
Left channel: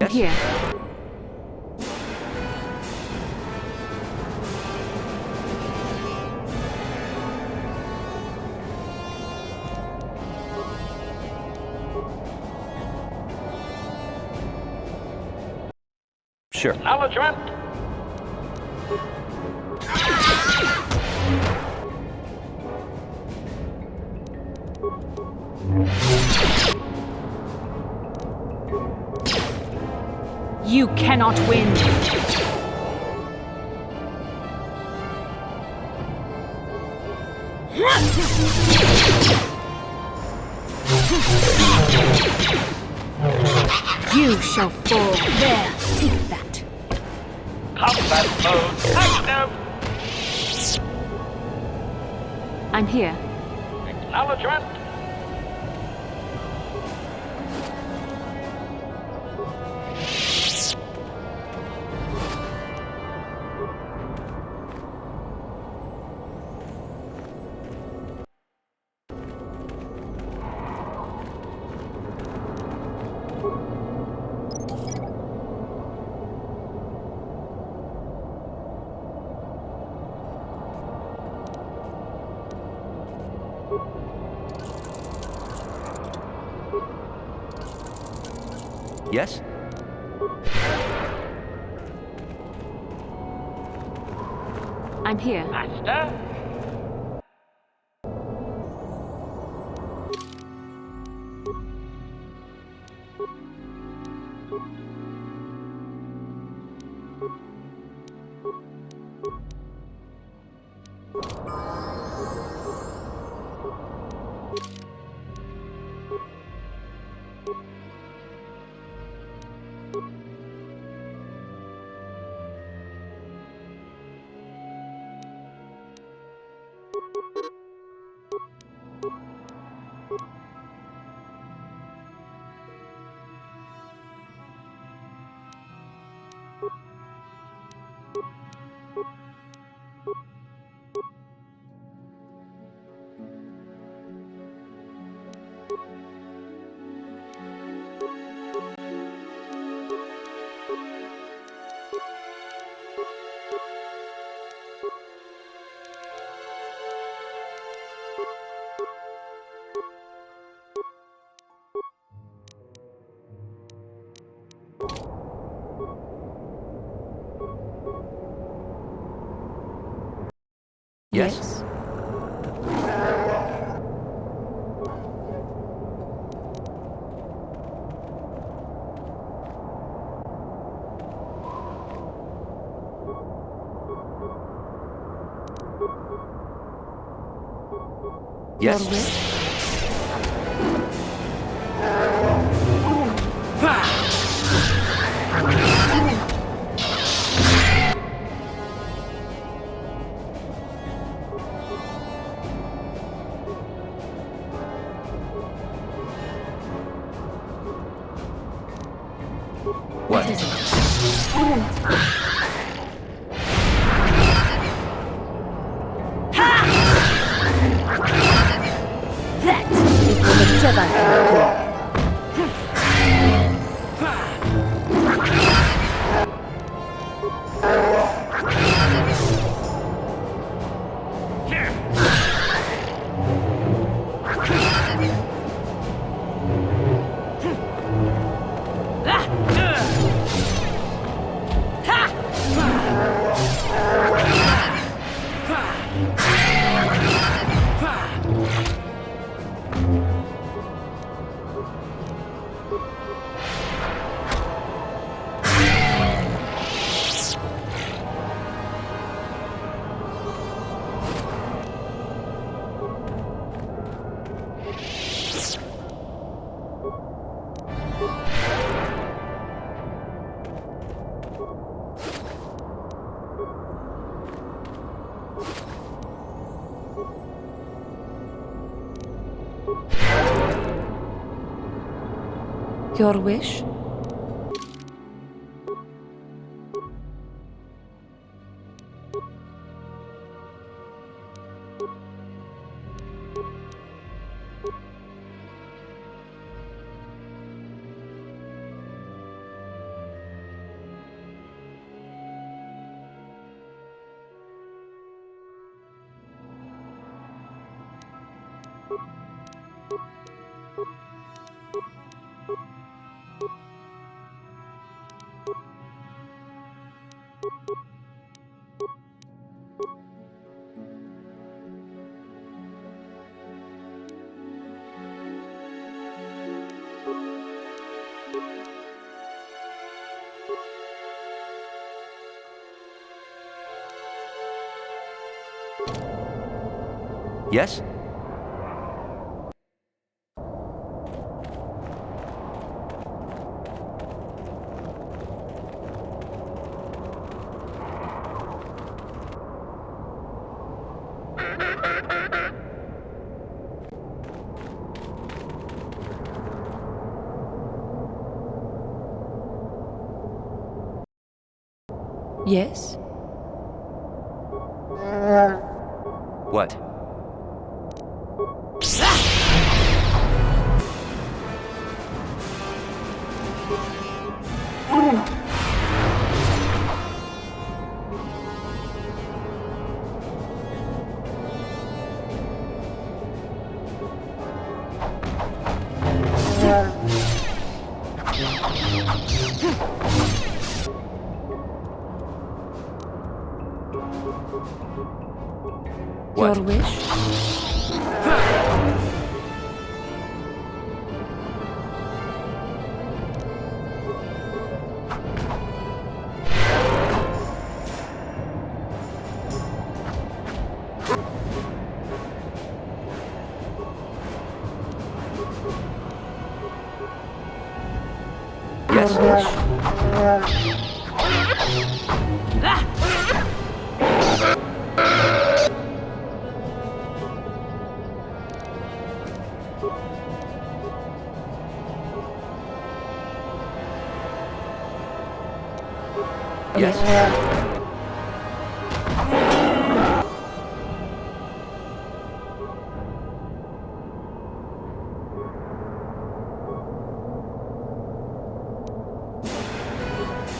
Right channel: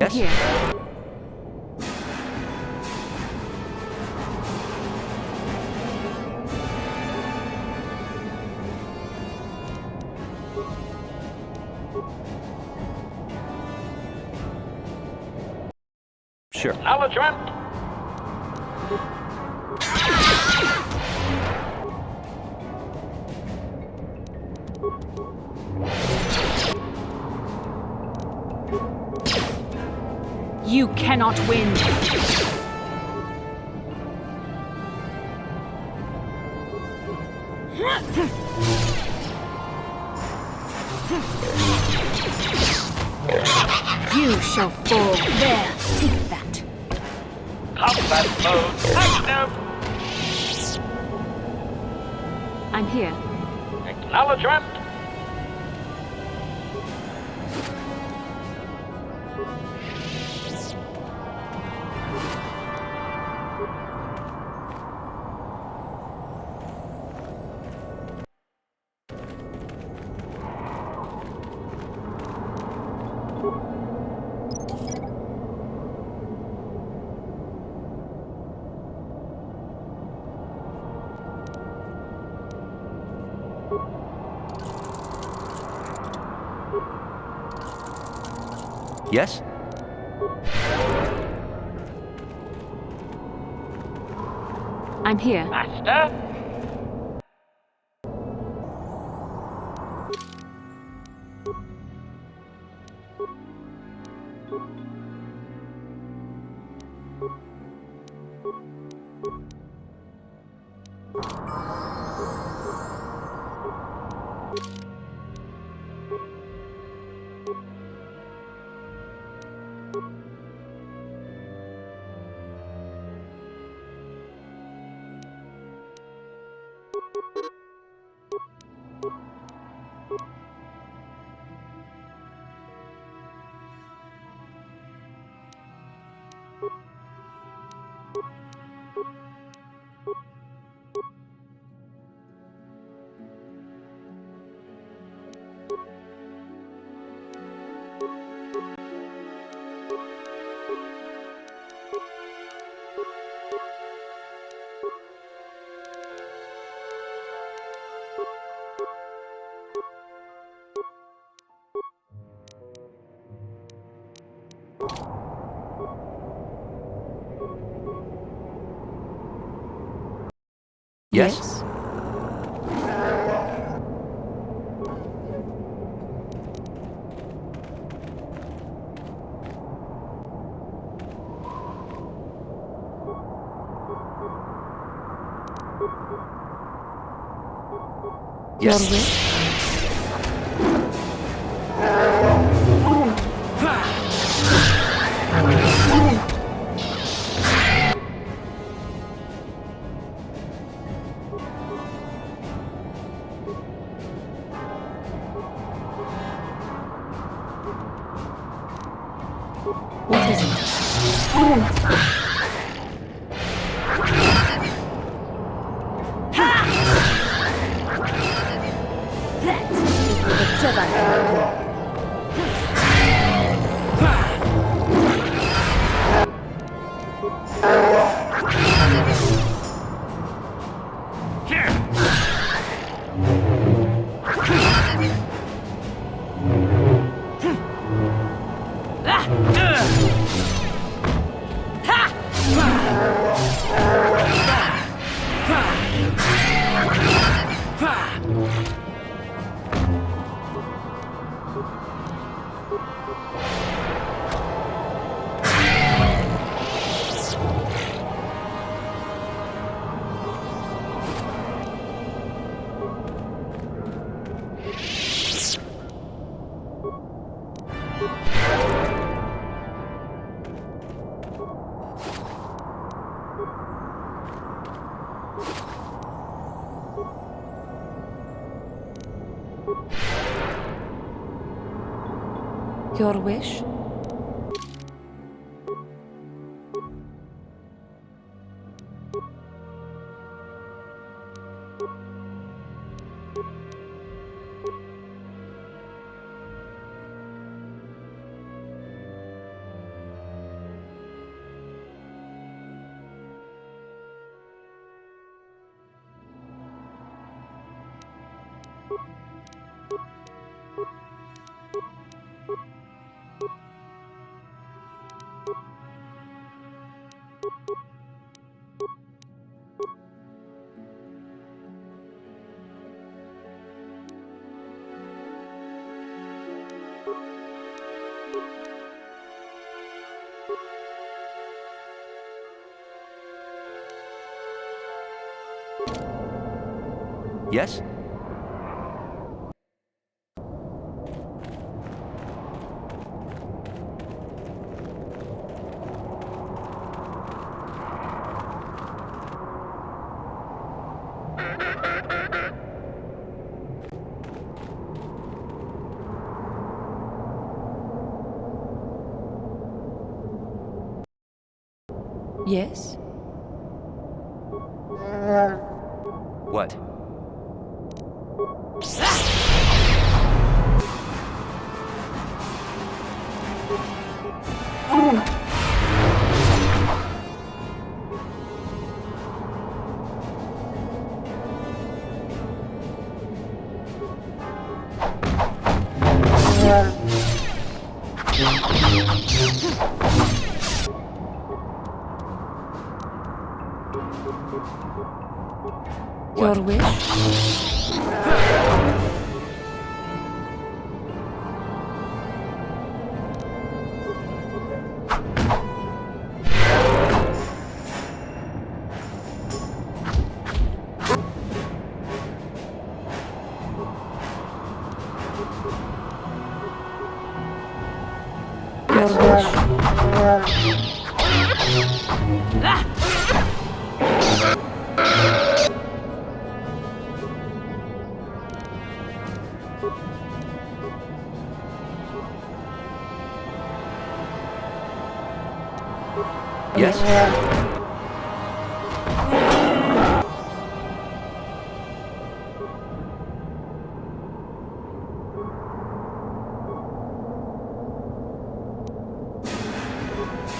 I'm here. Sure. Acknowledgement! You cannot win. You shall fall. There, take that. Combat mode active! I'm here. Acknowledgement! Yes? I'm here. Master? Yes? Yes? What is it? That is what the Jedi can do. Your wish? Yes? Yes? What? Your wish? Yes?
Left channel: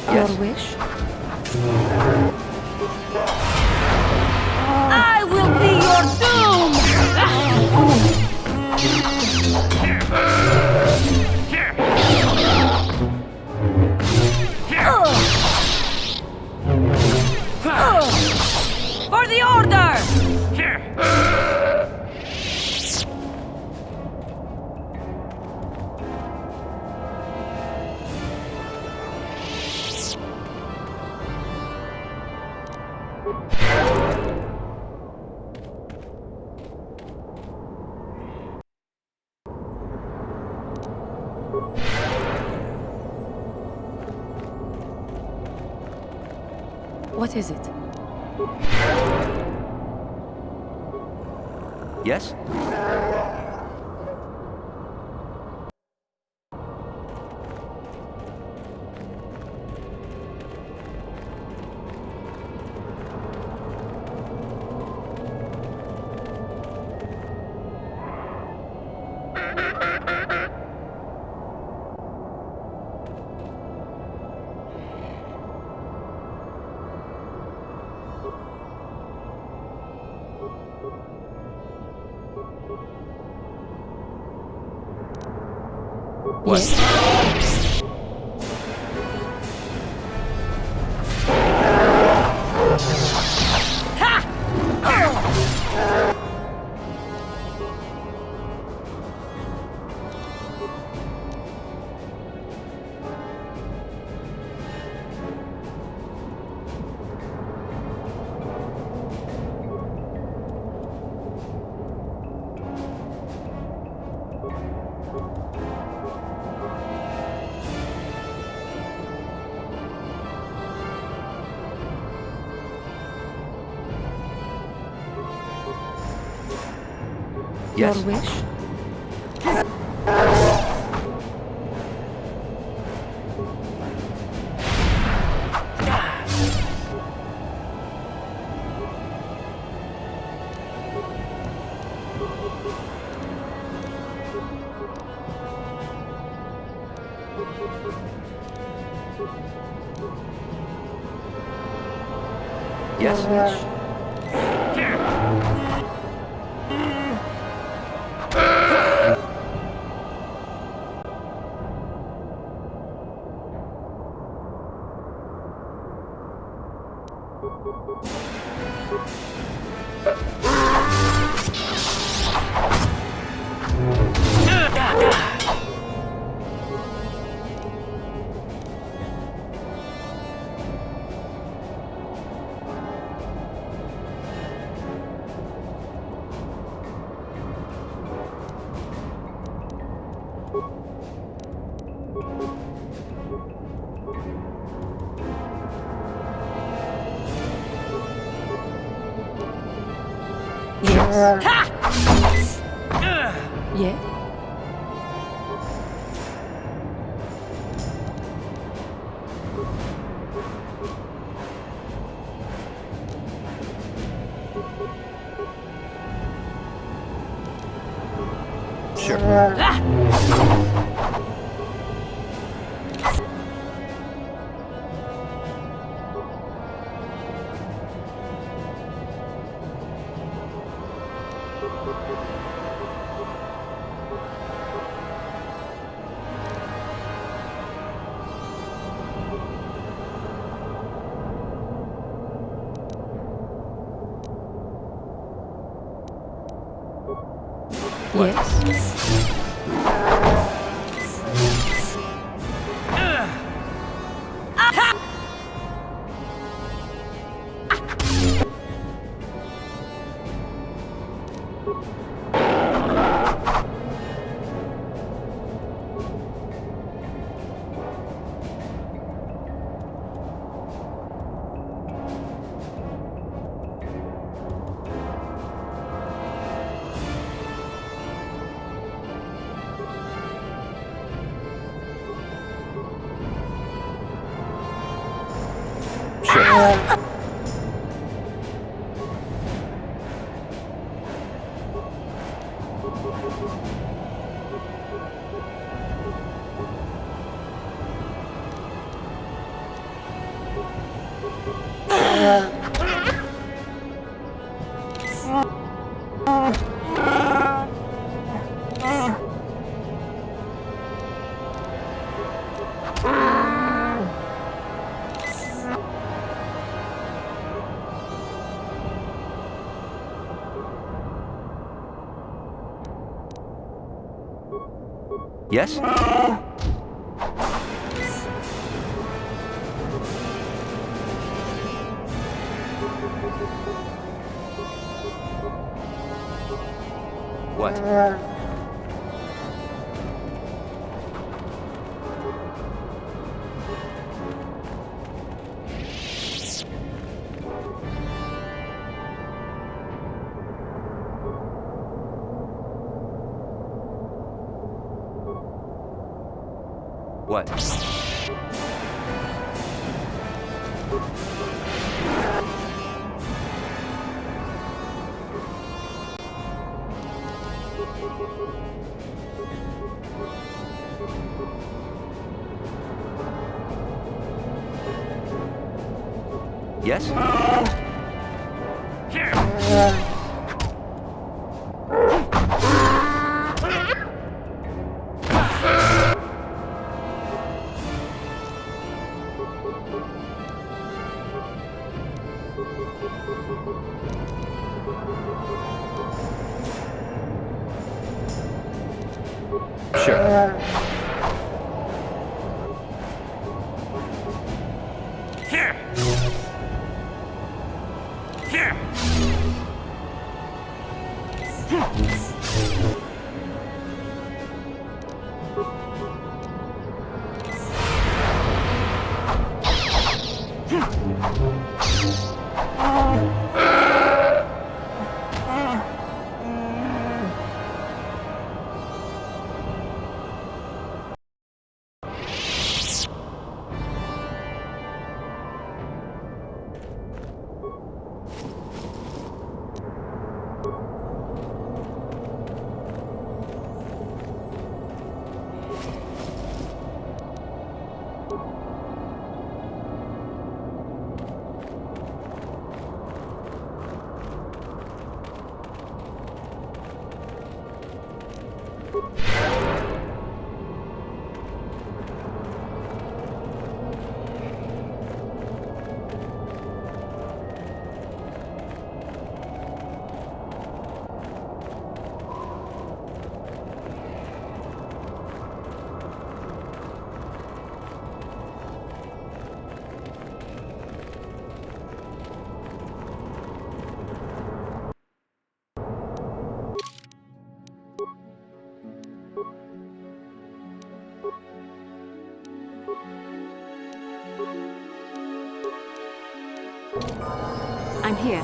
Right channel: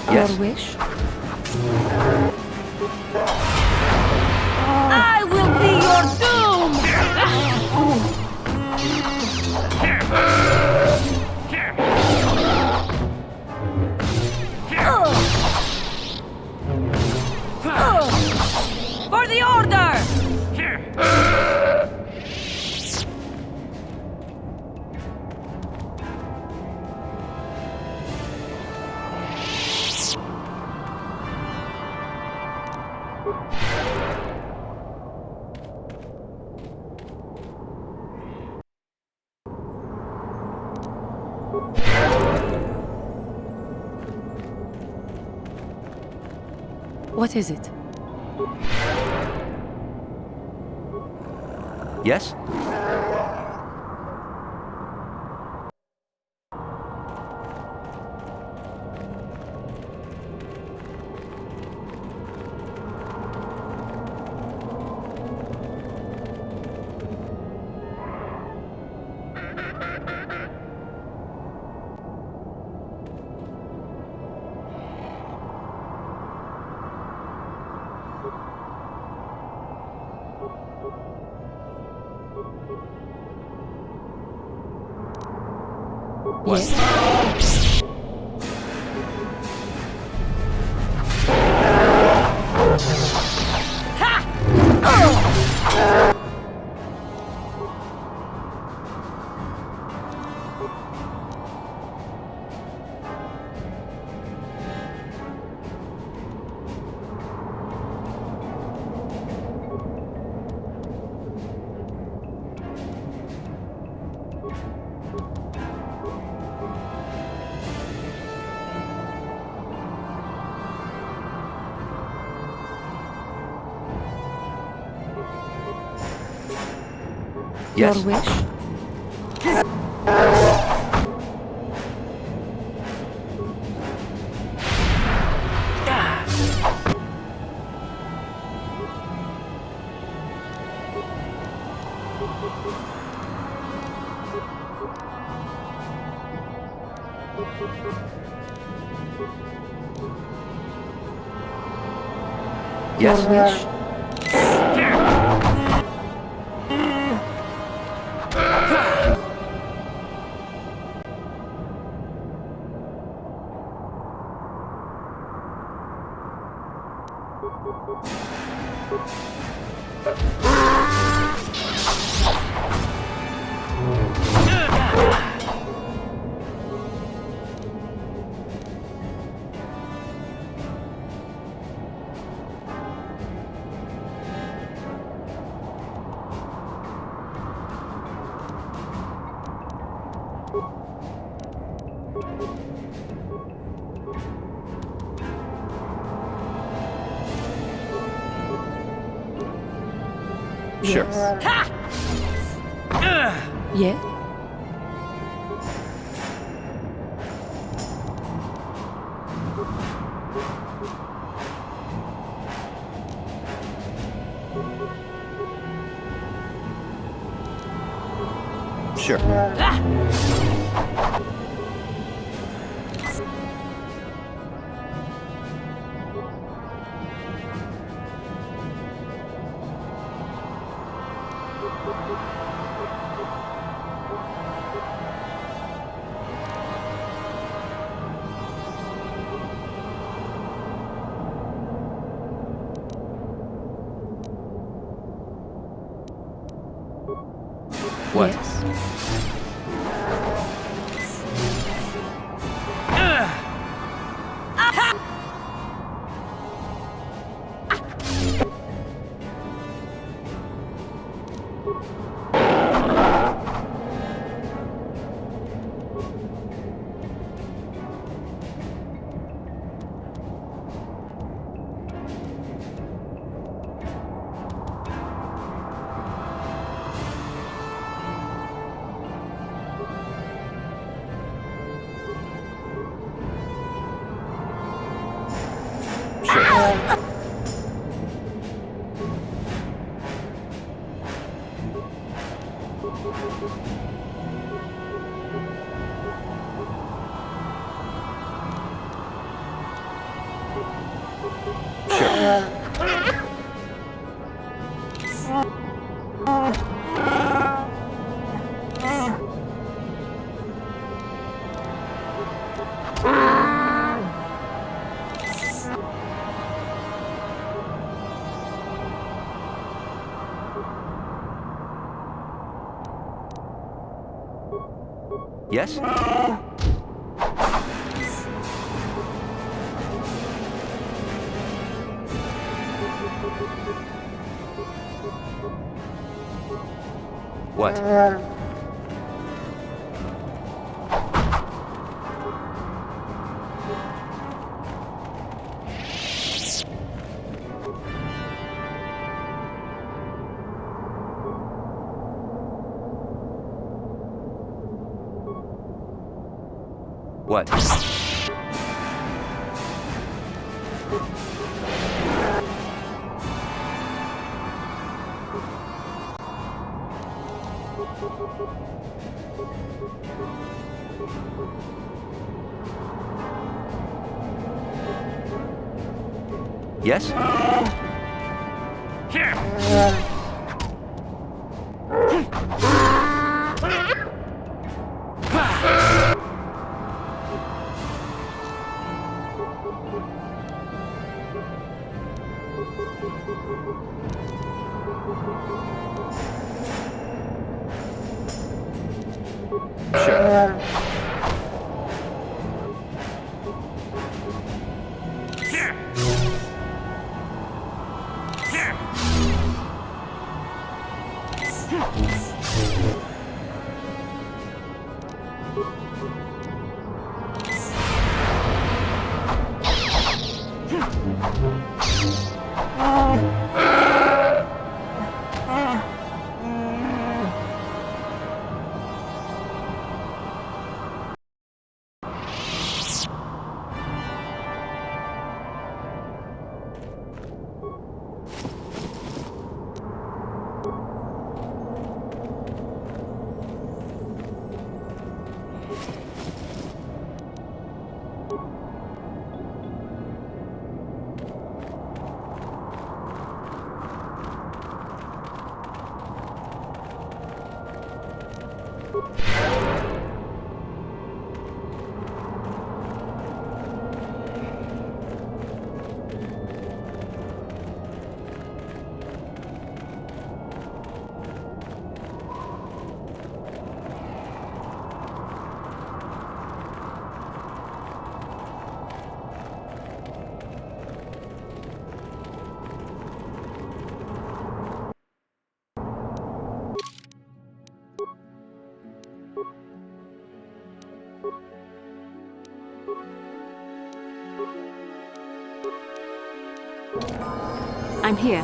Yes. Your wish? I will be your doom! For the order! What is it? Yes? What? Yes. Yes. Your wish? Yes. Your wish? Yes. Yeah? Sure. What? Yes. Sure. Yes? What? What? Yes? Sure. I'm here.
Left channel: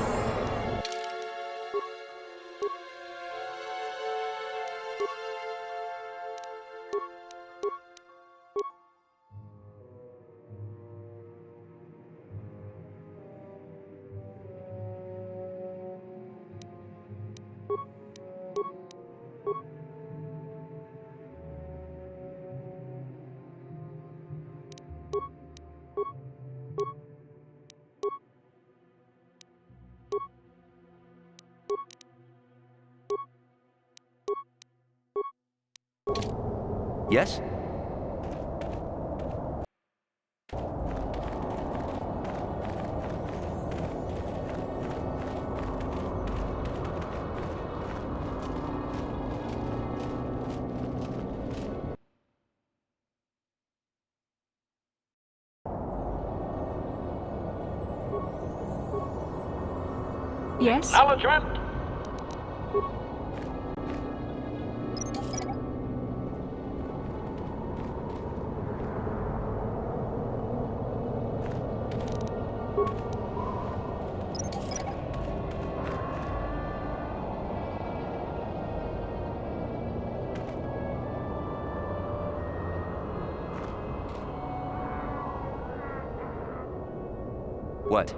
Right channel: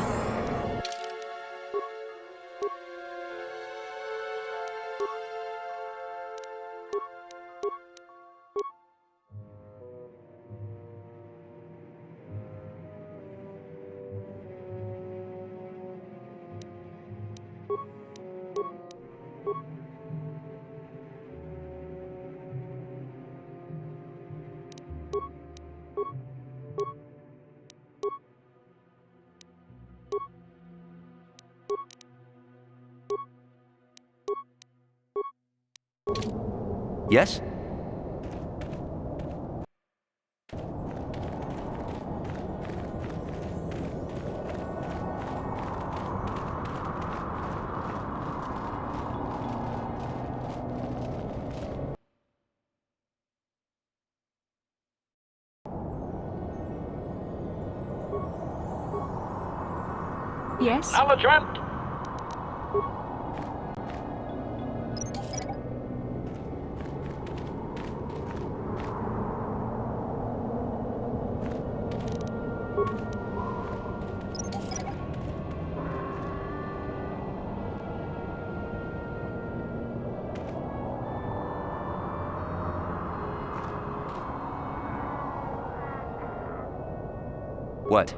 Yes? Yes? Acknowledgement! What?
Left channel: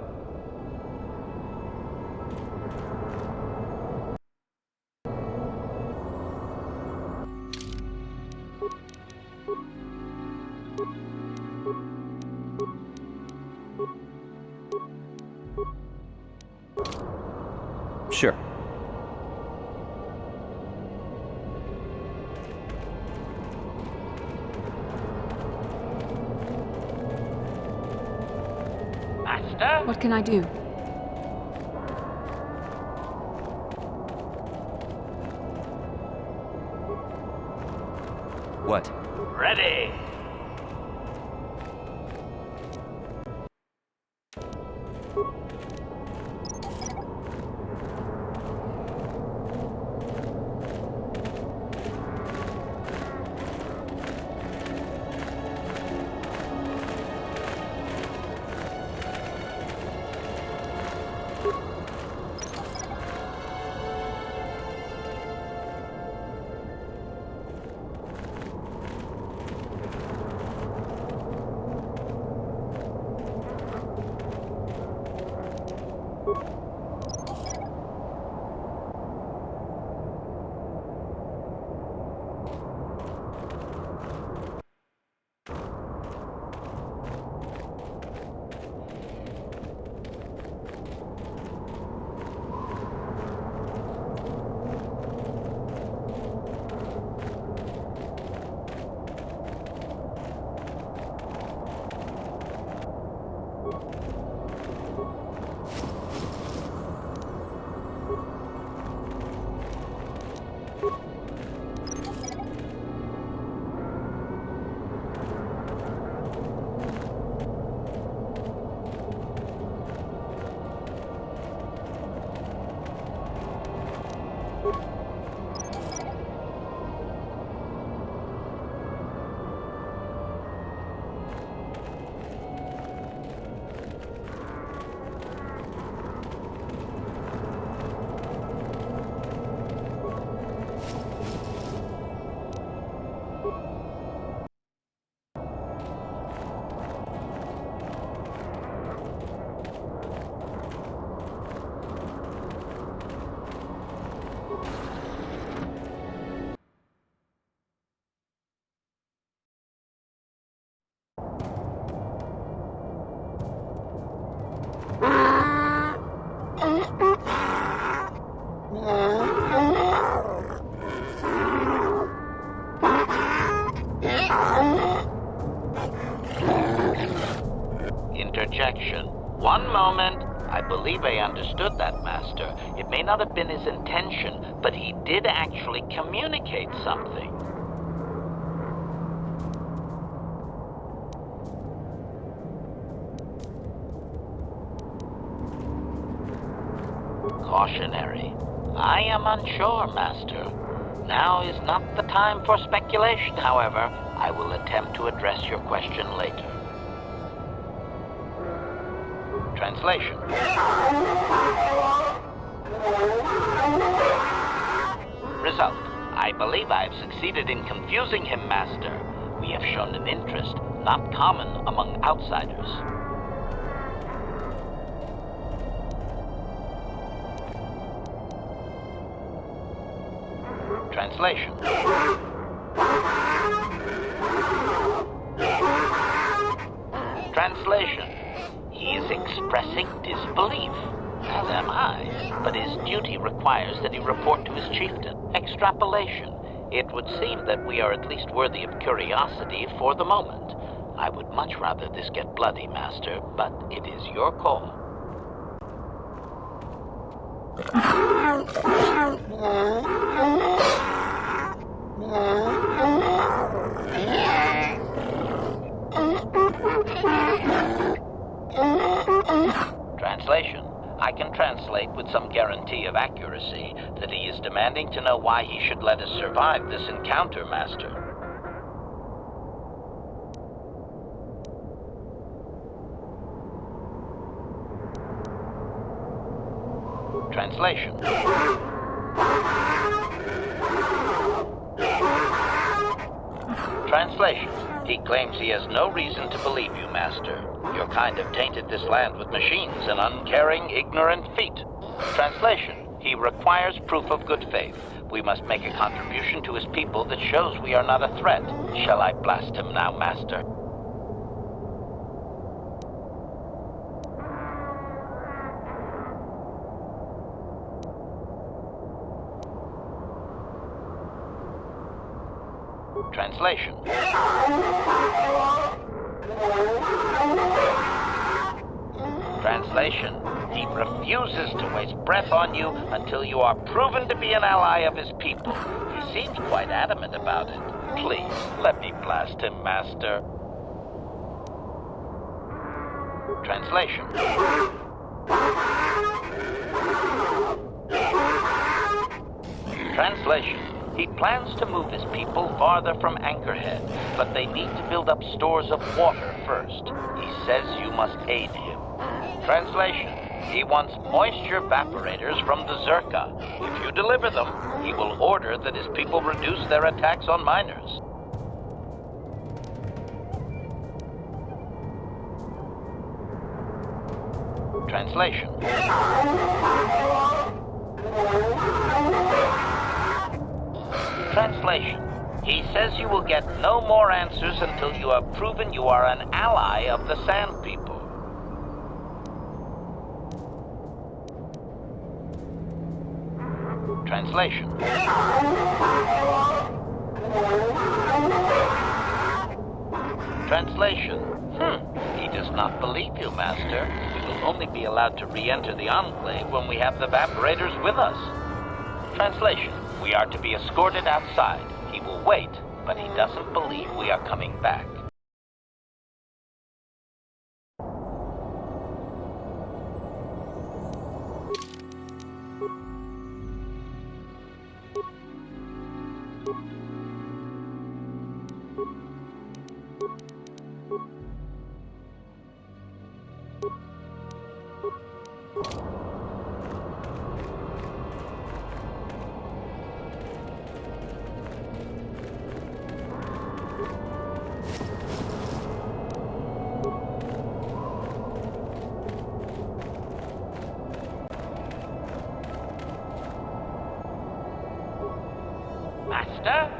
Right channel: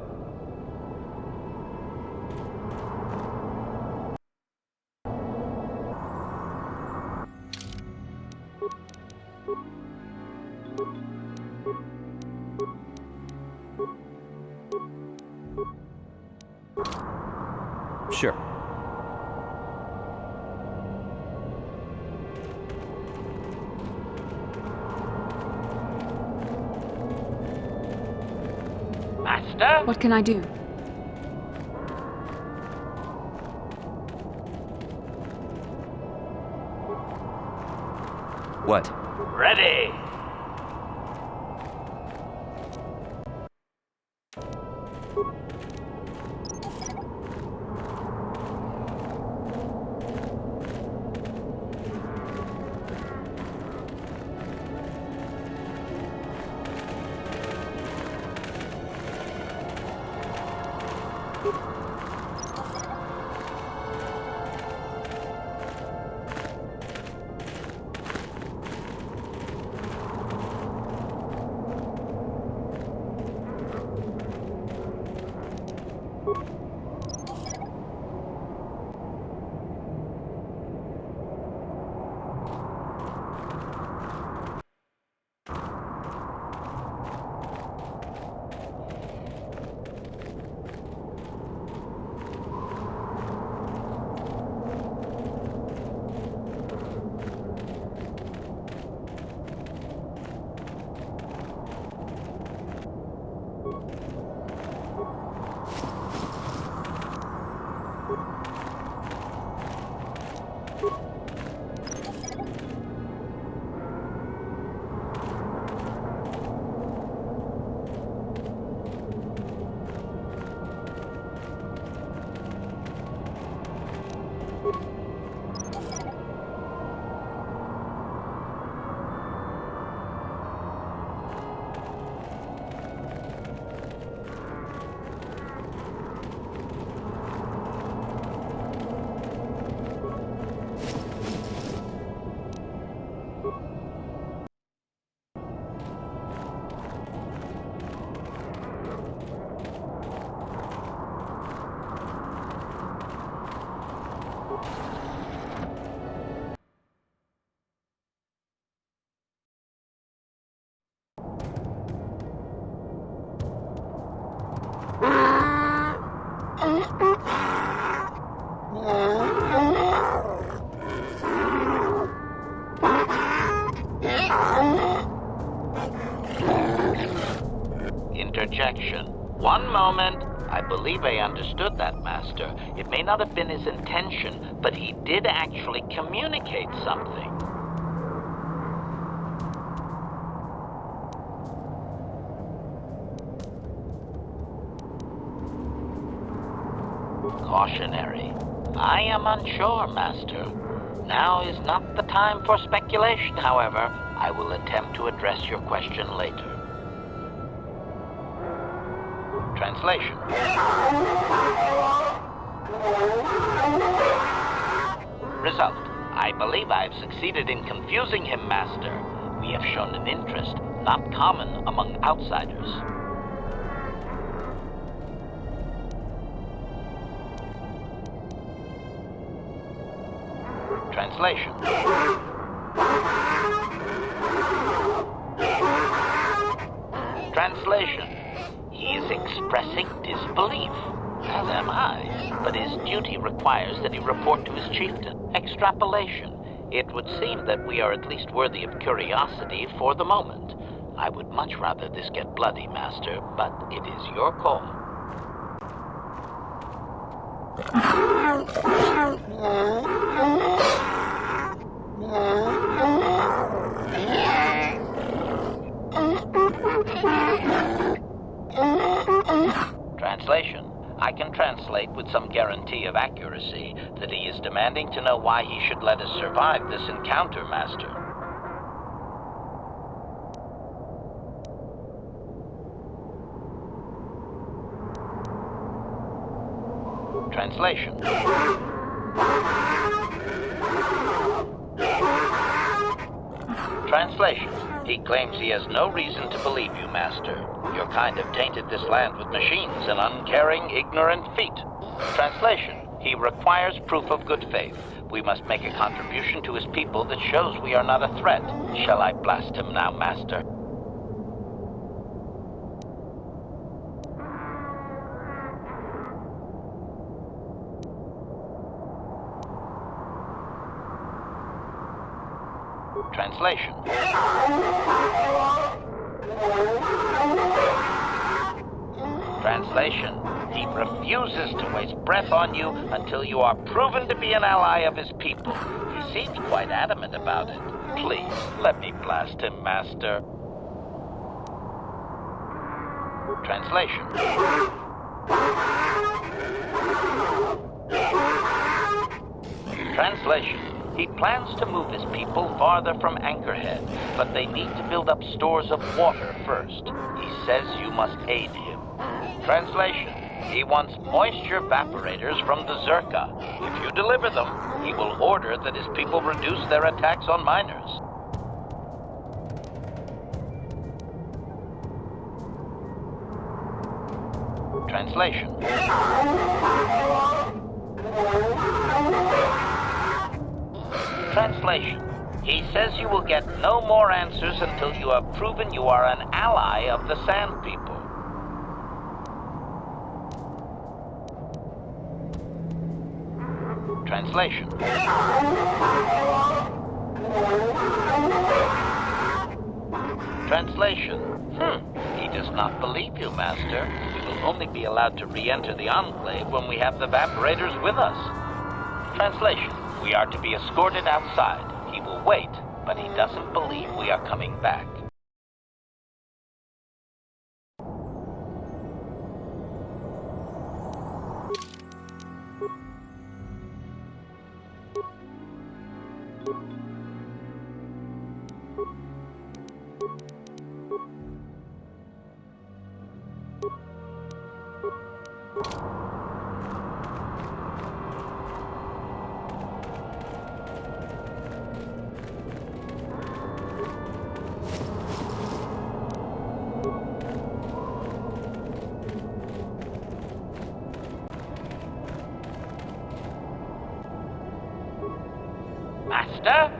Sure. Master? What can I do? What? Ready. Interjection. One moment. I believe I understood that, Master. It may not have been his intention, but he did actually communicate something. Cautionary. I am unsure, Master. Now is not the time for speculation, however. I will attempt to address your question later. Translation. Result. I believe I have succeeded in confusing him, Master. We have shown an interest not common among outsiders. Translation. Translation. He is expressing disbelief, as am I, but his duty requires that he report to his chieftain. Extrapolation. It would seem that we are at least worthy of curiosity for the moment. I would much rather this get bloody, Master, but it is your call. Translation. I can translate with some guarantee of accuracy that he is demanding to know why he should let us survive this encounter, Master. Translation. Translation. He claims he has no reason to believe you, Master. Your kind have tainted this land with machines and uncaring, ignorant feet. Translation. He requires proof of good faith. We must make a contribution to his people that shows we are not a threat. Shall I blast him now, Master? Translation. Translation. He refuses to waste breath on you until you are proven to be an ally of his people. He seems quite adamant about it. Please, let me blast him, Master. Translation. Translation. He plans to move his people farther from Anchorhead, but they need to build up stores of water first. He says you must aid him. Translation. He wants moisture evaporators from the Zerka. If you deliver them, he will order that his people reduce their attacks on miners. Translation. Translation. He says you will get no more answers until you have proven you are an ally of the Sand People. Translation. Translation. He does not believe you, Master. We will only be allowed to re-enter the Enclave when we have the evaporators with us. Translation. We are to be escorted outside. He will wait, but he doesn't believe we are coming back. Master?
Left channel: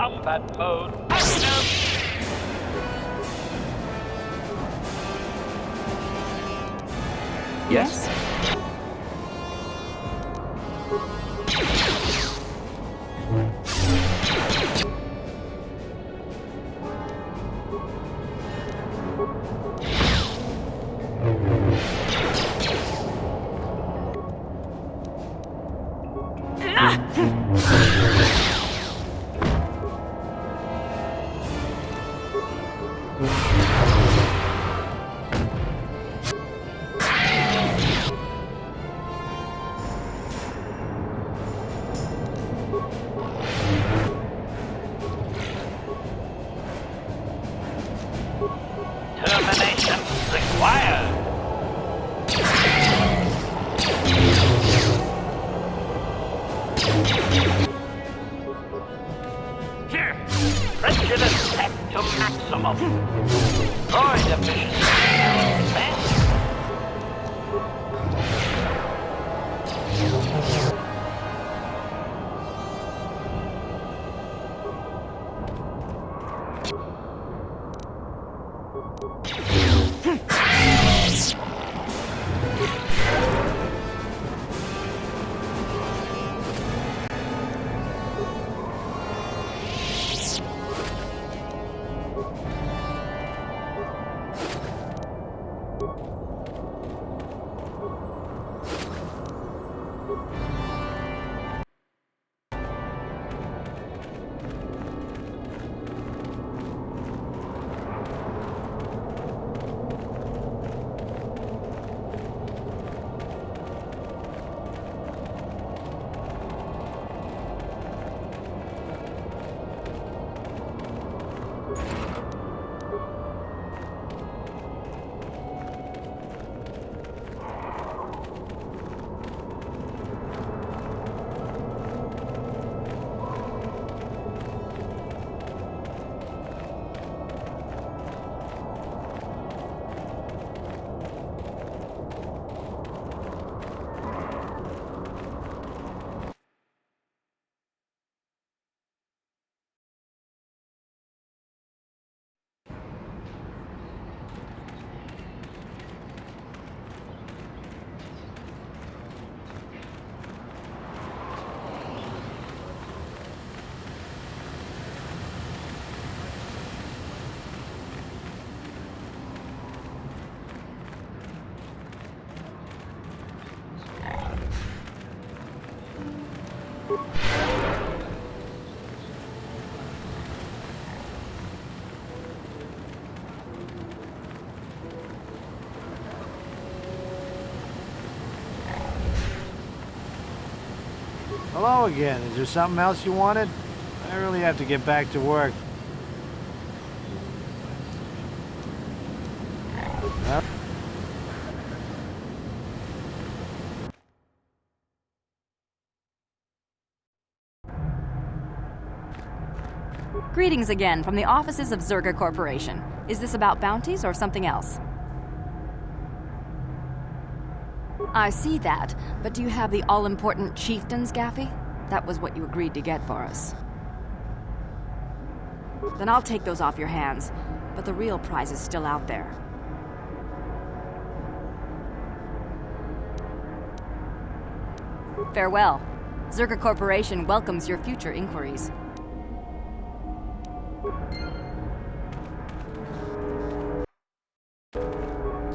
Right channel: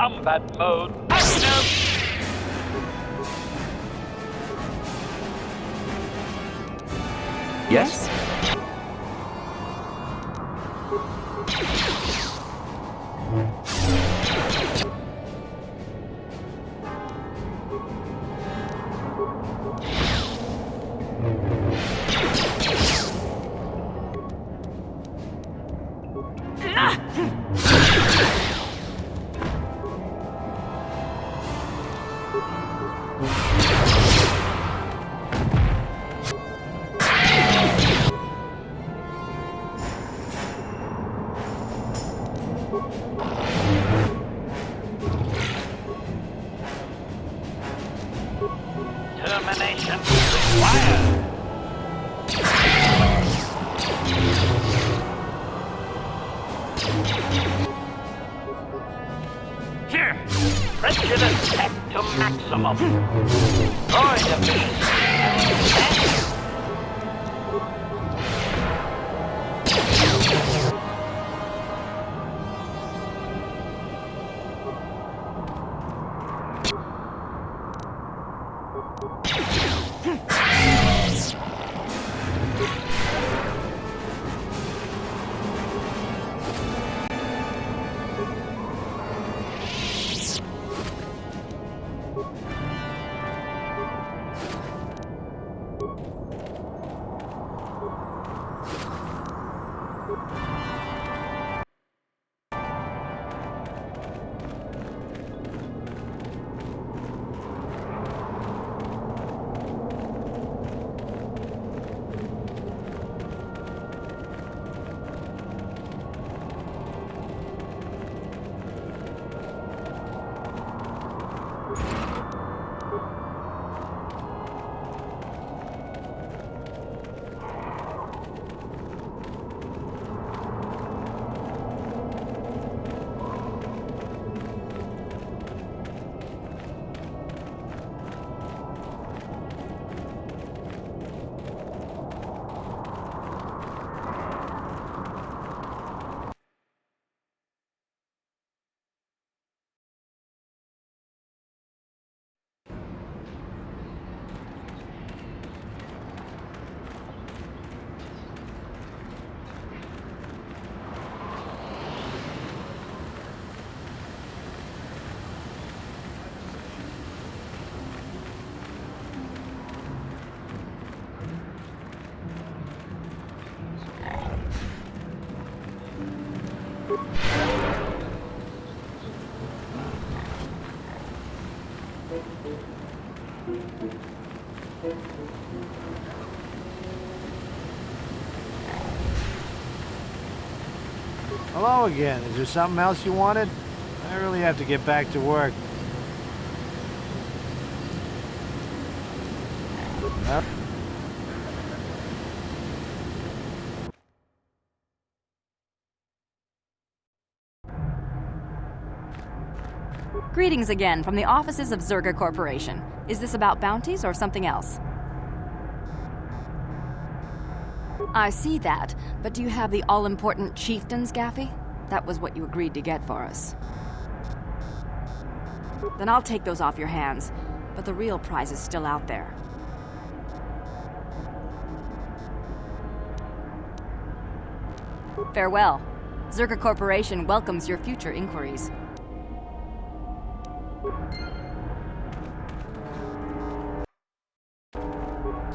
combat mode. Active! Yes? Termination required. Here, prejudice set to maximum. Droid efficiency. Hello again. Is there something else you wanted? I really have to get back to work. Huh? Greetings again from the offices of Zerga Corporation. Is this about bounties or something else? I see that, but do you have the all-important chieftains, Gaffy? That was what you agreed to get for us. Then I'll take those off your hands, but the real prize is still out there. Farewell. Zerga Corporation welcomes your future inquiries.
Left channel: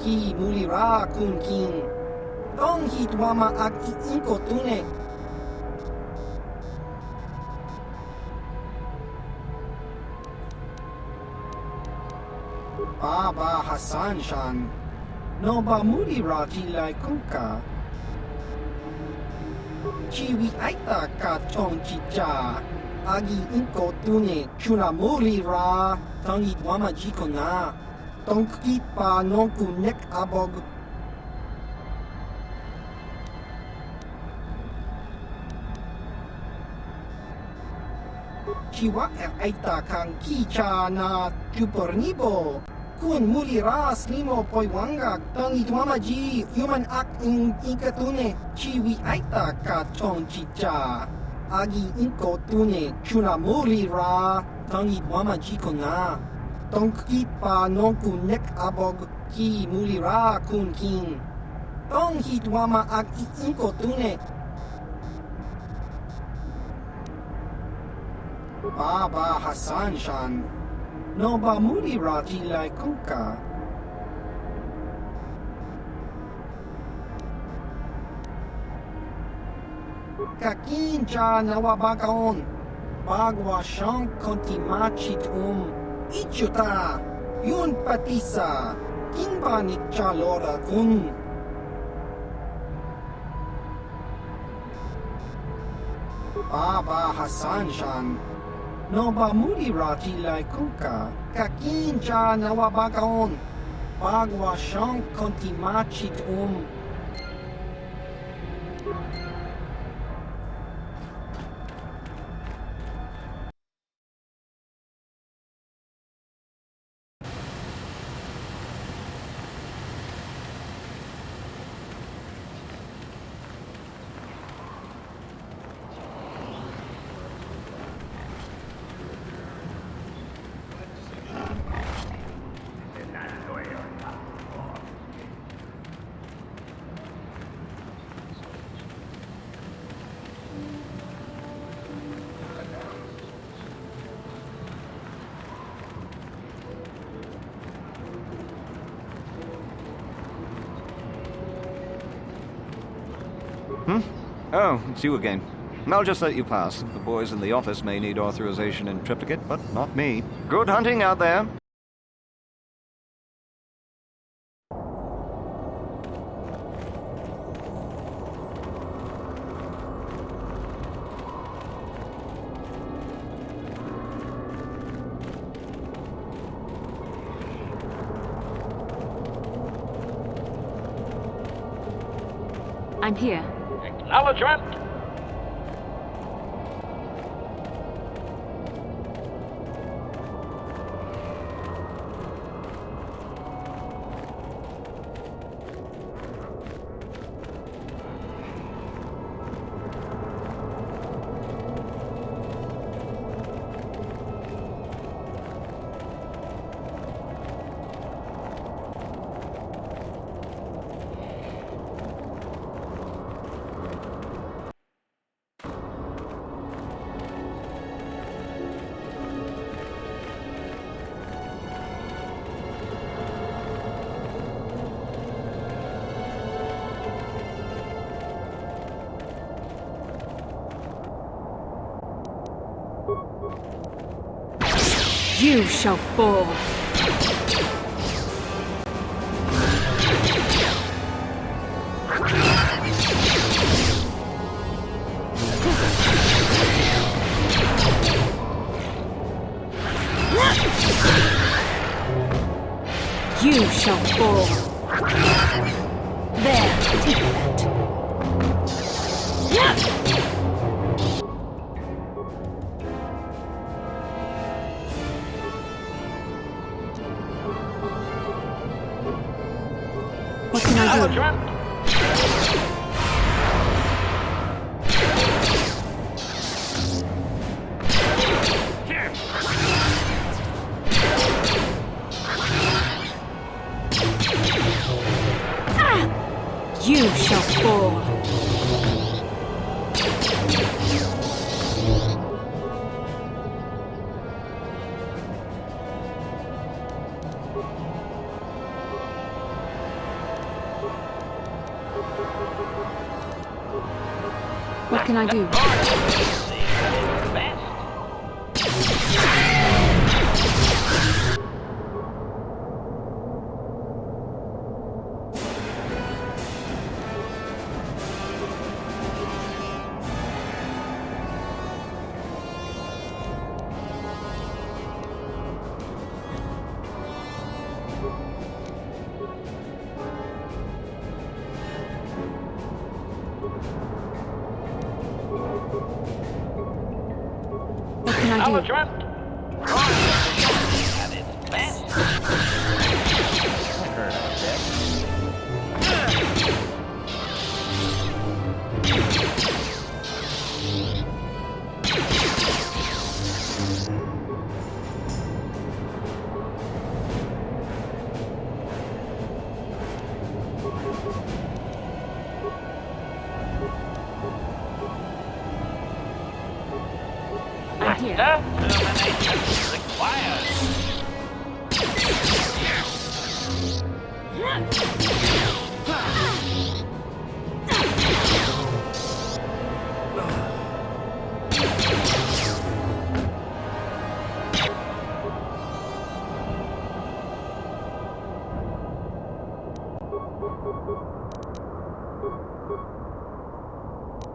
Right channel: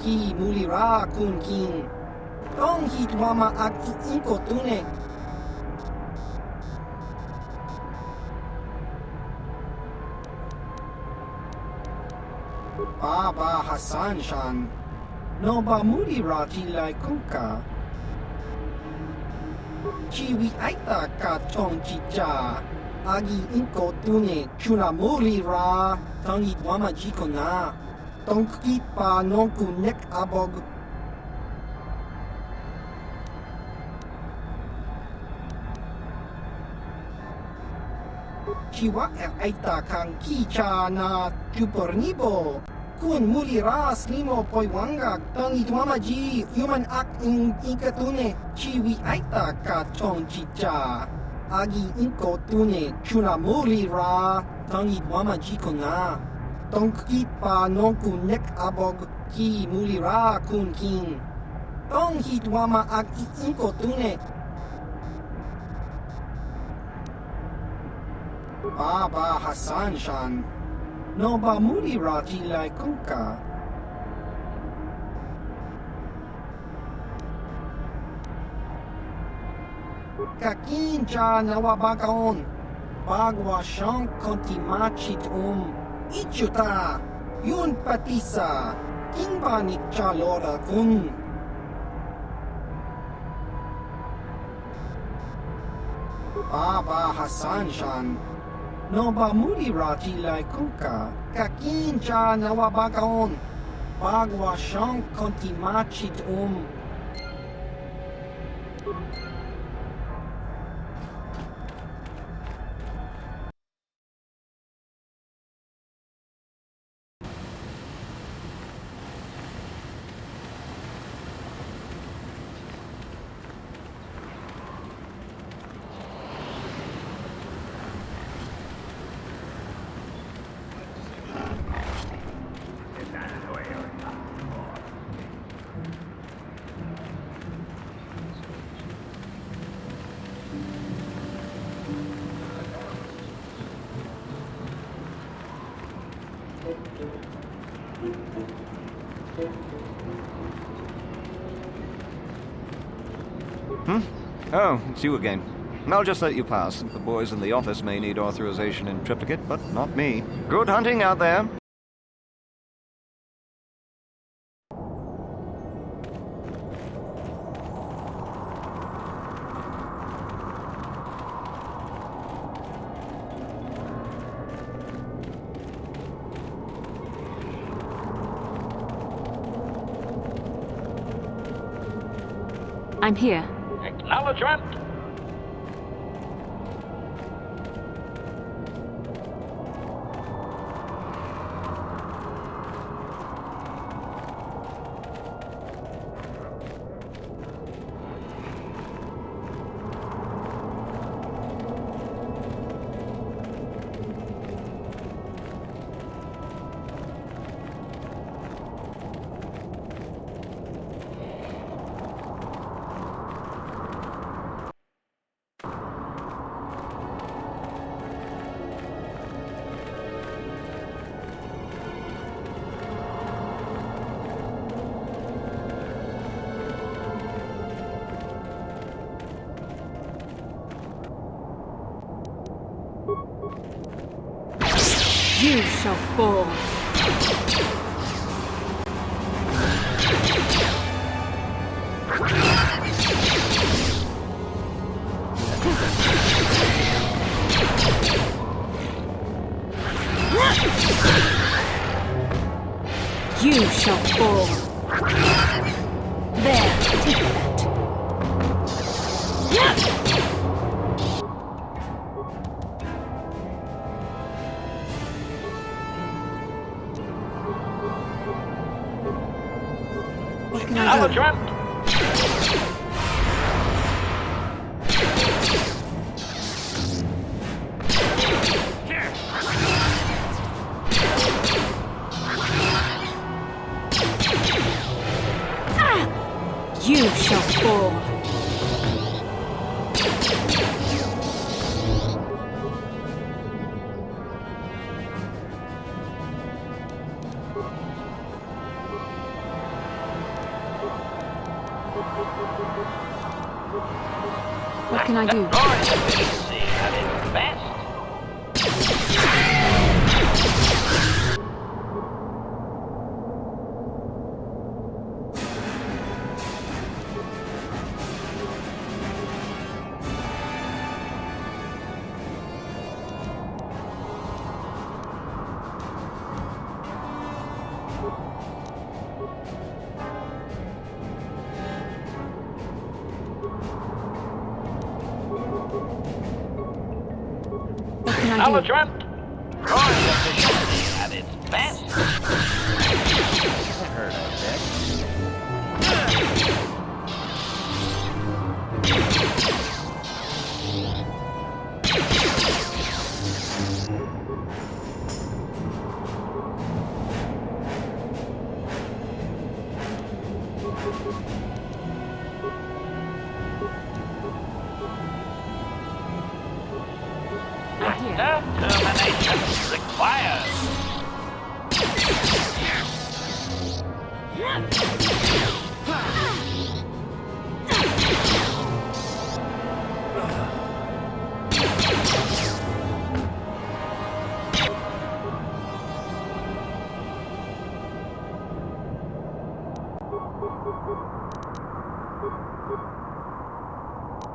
Ki mulira kun king. Tong hitwama ak inko tune. Baba Hassan Shan. No ba mulira tilai kuka. Chiwi aita ka tong chicha. Agi inko tune. Chuna mulira. Tong hitwama jikona. Tong kipa nonku nek abog. Chiwa aita kang kicha na chupornibo. Kun mulira slimo poiwanga tong itwamaji human ak in ikatune. Chiwi aita ka tong chicha. Agi inko tune chuna muri ra tangi wama jiko na. Tonki pa nonku nek abog ki muli ra kun kin. Tong hit wama agi inko tune. Baba Hassan Shan. No ba muli ra tilai kunka. Kakincha nawabagaon. Bagwa shank konti machit Ichuta. Yun patisa. Kimba ni chalora kun. Baba Hassan Shan. No ba muli rati lai kuka. Kakincha nawabagaon. Bagwa shank konti machit Oh, it's you again. I'll just let you pass. The boys in the office may need authorization in triplicate, but not me. Good hunting out there. I'm here. Acknowledgement! You shall fall. You shall fall. There, take that. What can I do? You shall fall. What can I do? What can I do? At its best. That hurt, I bet. Termination required.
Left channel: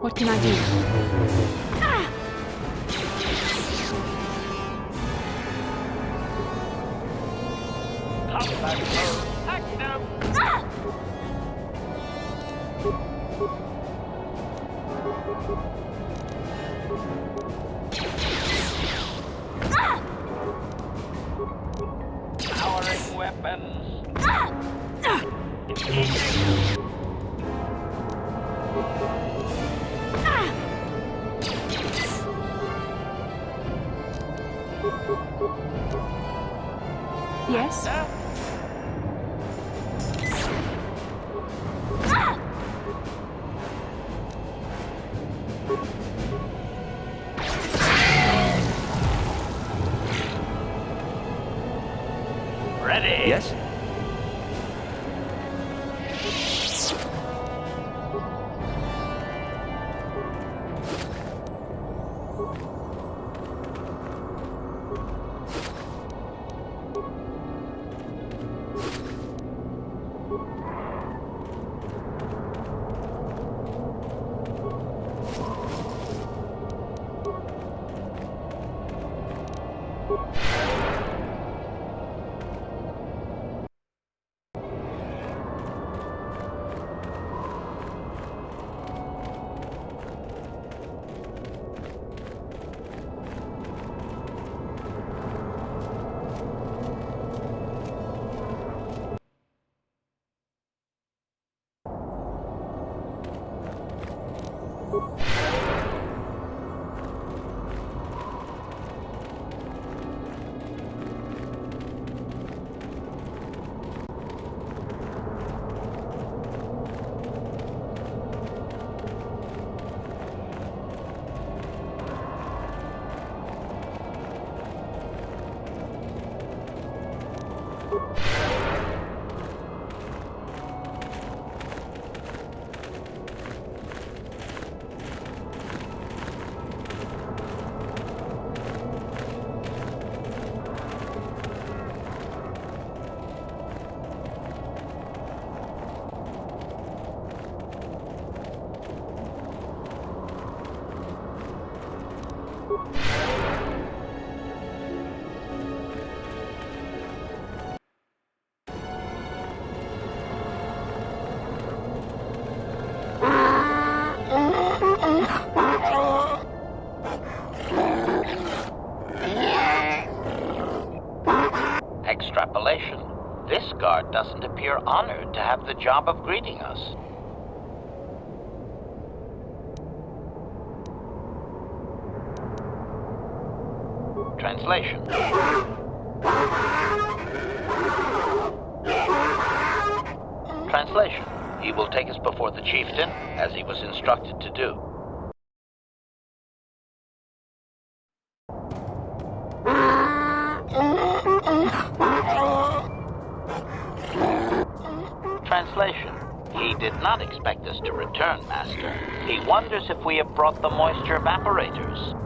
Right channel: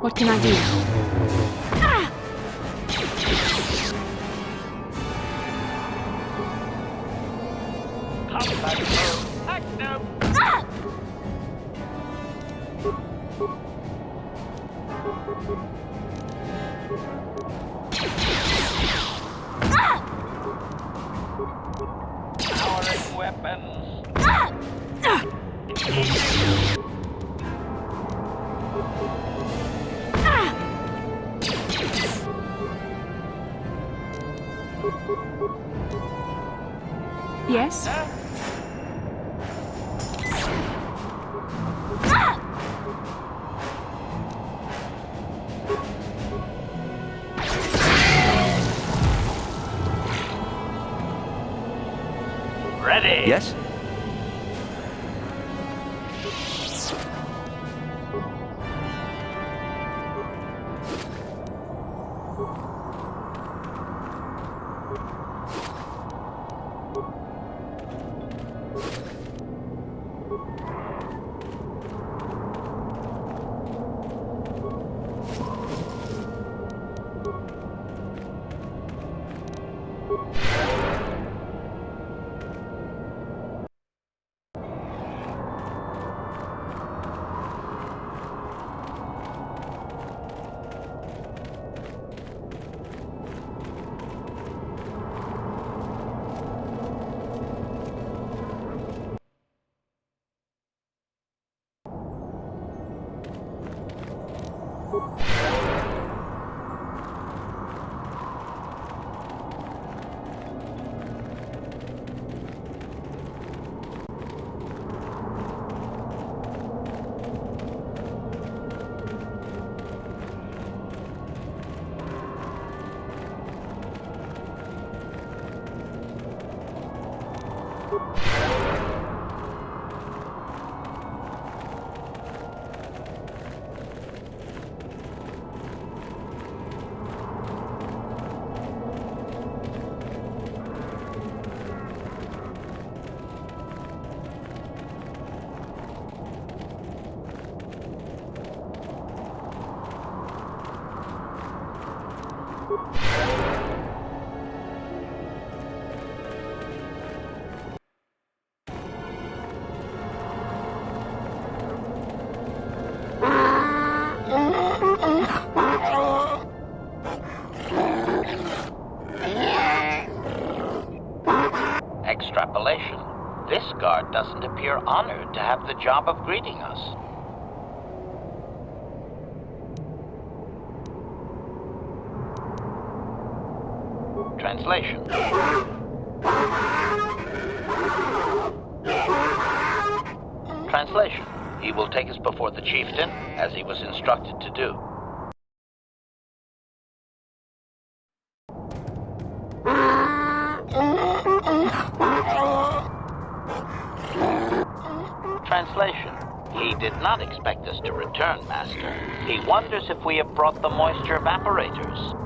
What can I do? Combat mode active. Powering weapons. Yes? Ready? Yes? Extrapolation. This guard doesn't appear honored to have the job of greeting us. Translation. Translation. He will take us before the chieftain, as he was instructed to do. Translation. He did not expect us to return, Master. He wonders if we have brought the moisture evaporators.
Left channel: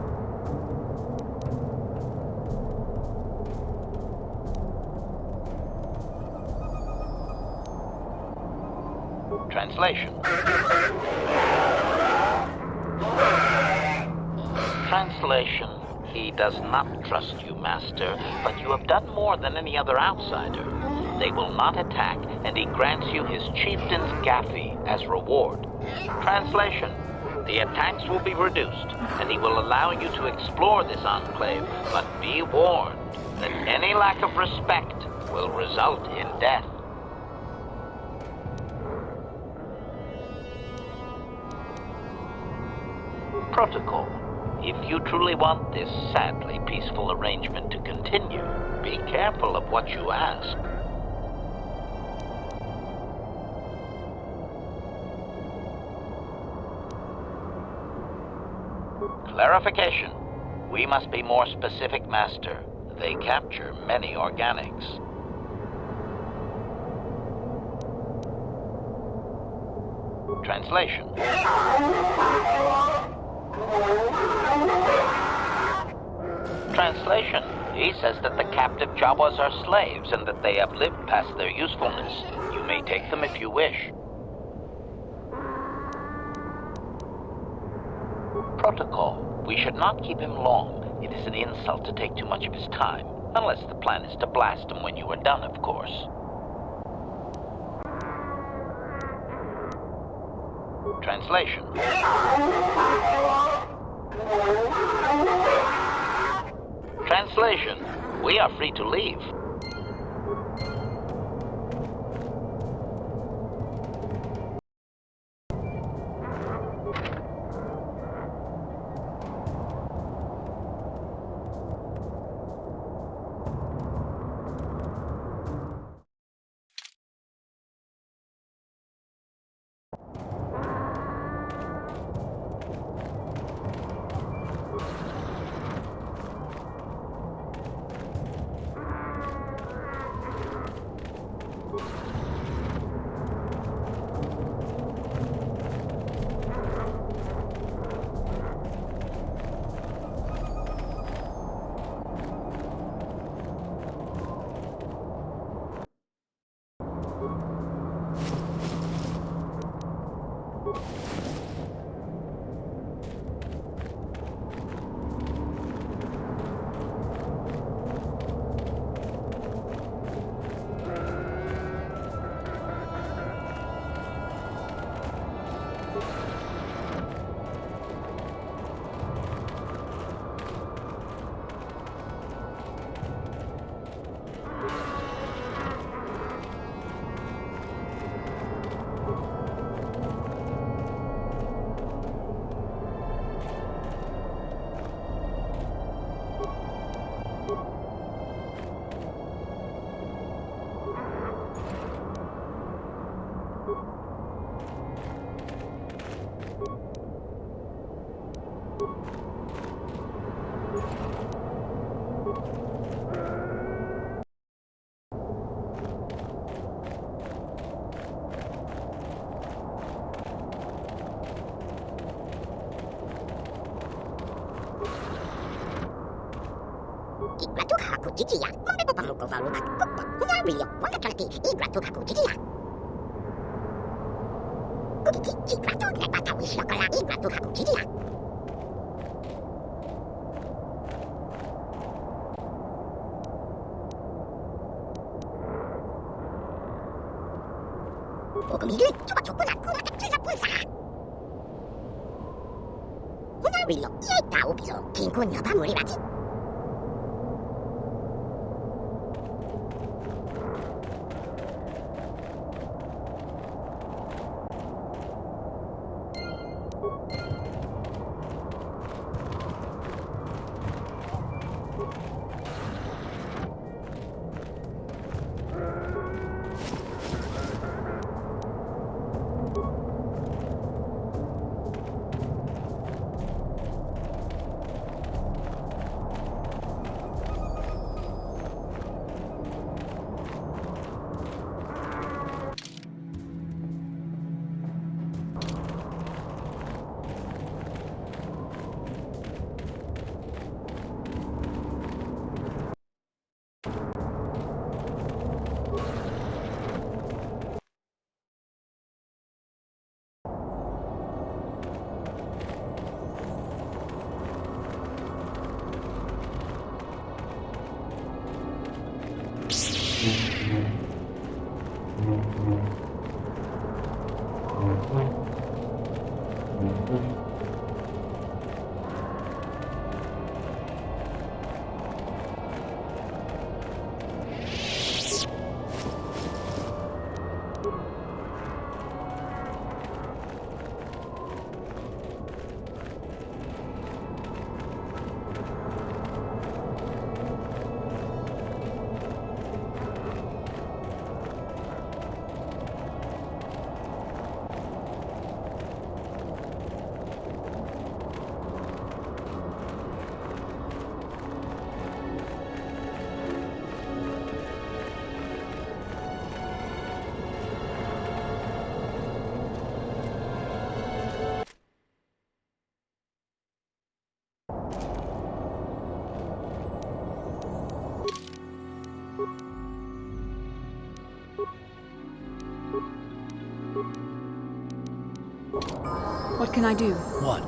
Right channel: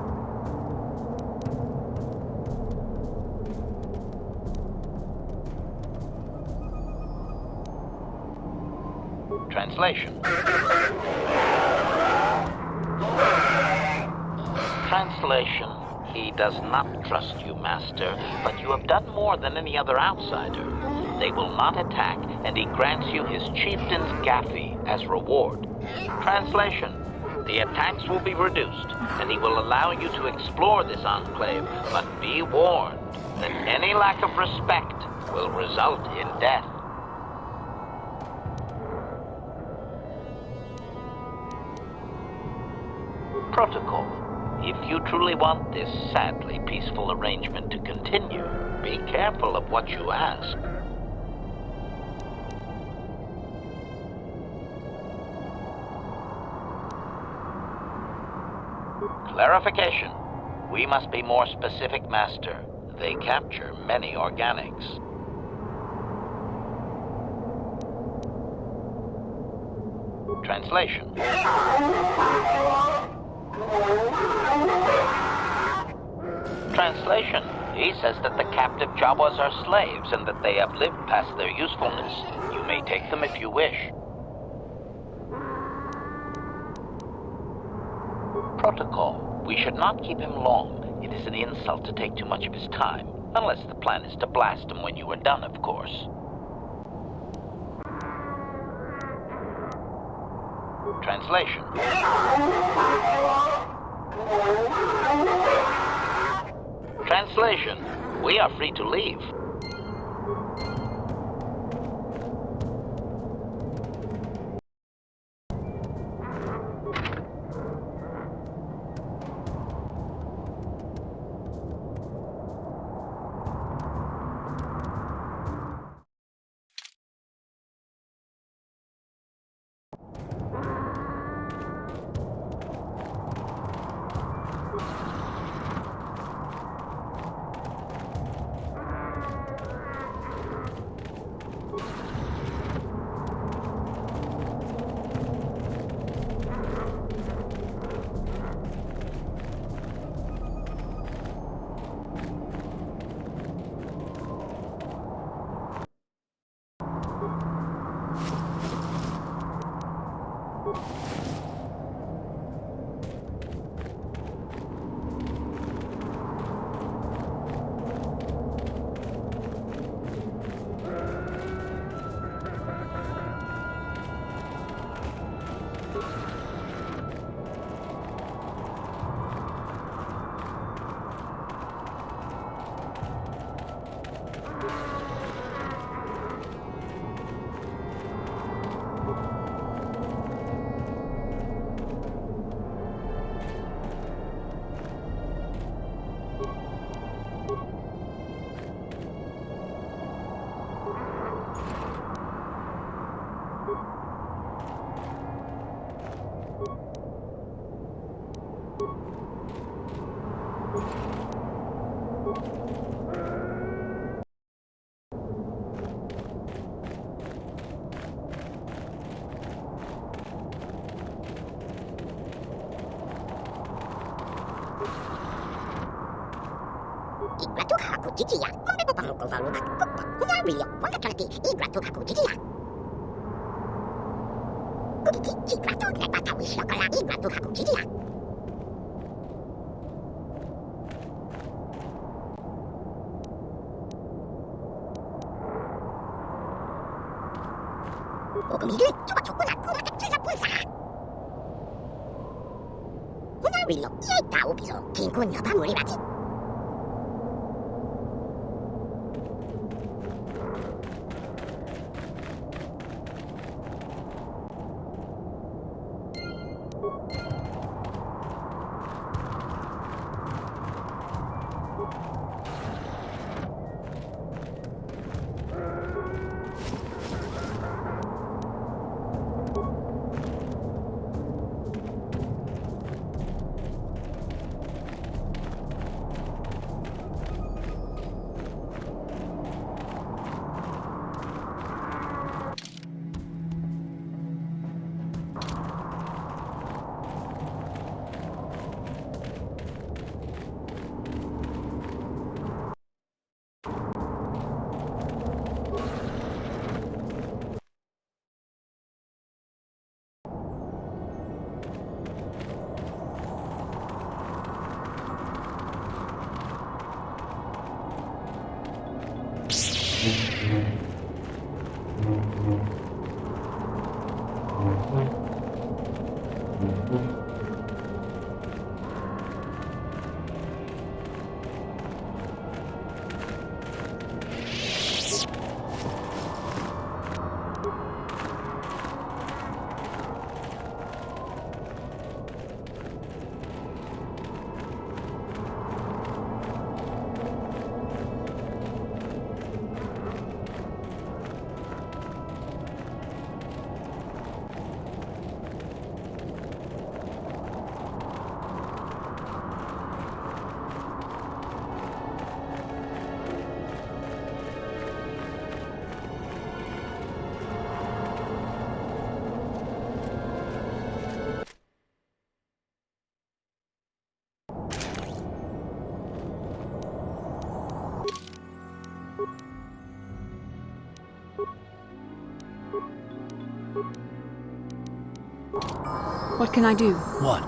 Translation. Translation. He does not trust you, Master, but you have done more than any other outsider. They will not attack, and he grants you his chieftain's Gaffy as reward. Translation. The attacks will be reduced, and he will allow you to explore this enclave, but be warned that any lack of respect will result in death. Protocol. If you truly want this sadly peaceful arrangement to continue, be careful of what you ask. Clarification. We must be more specific, Master. They capture many organics. Translation. Translation. He says that the captive Jawas are slaves and that they have lived past their usefulness. You may take them if you wish. Protocol. We should not keep him long. It is an insult to take too much of his time. Unless the plan is to blast him when you are done, of course. Translation. Translation. We are free to leave. Igratu haku jijiya. Mambe pamuko valuba kupa. Nyawilio wakatolati igratu haku jijiya. Kukiki igratu nepata wislokola igratu haku jijiya. Okumigil coba cokuna kuma kecil pulsa. Nyawilio ia tahu piso kinkun nyoba muribati. What can I do? What?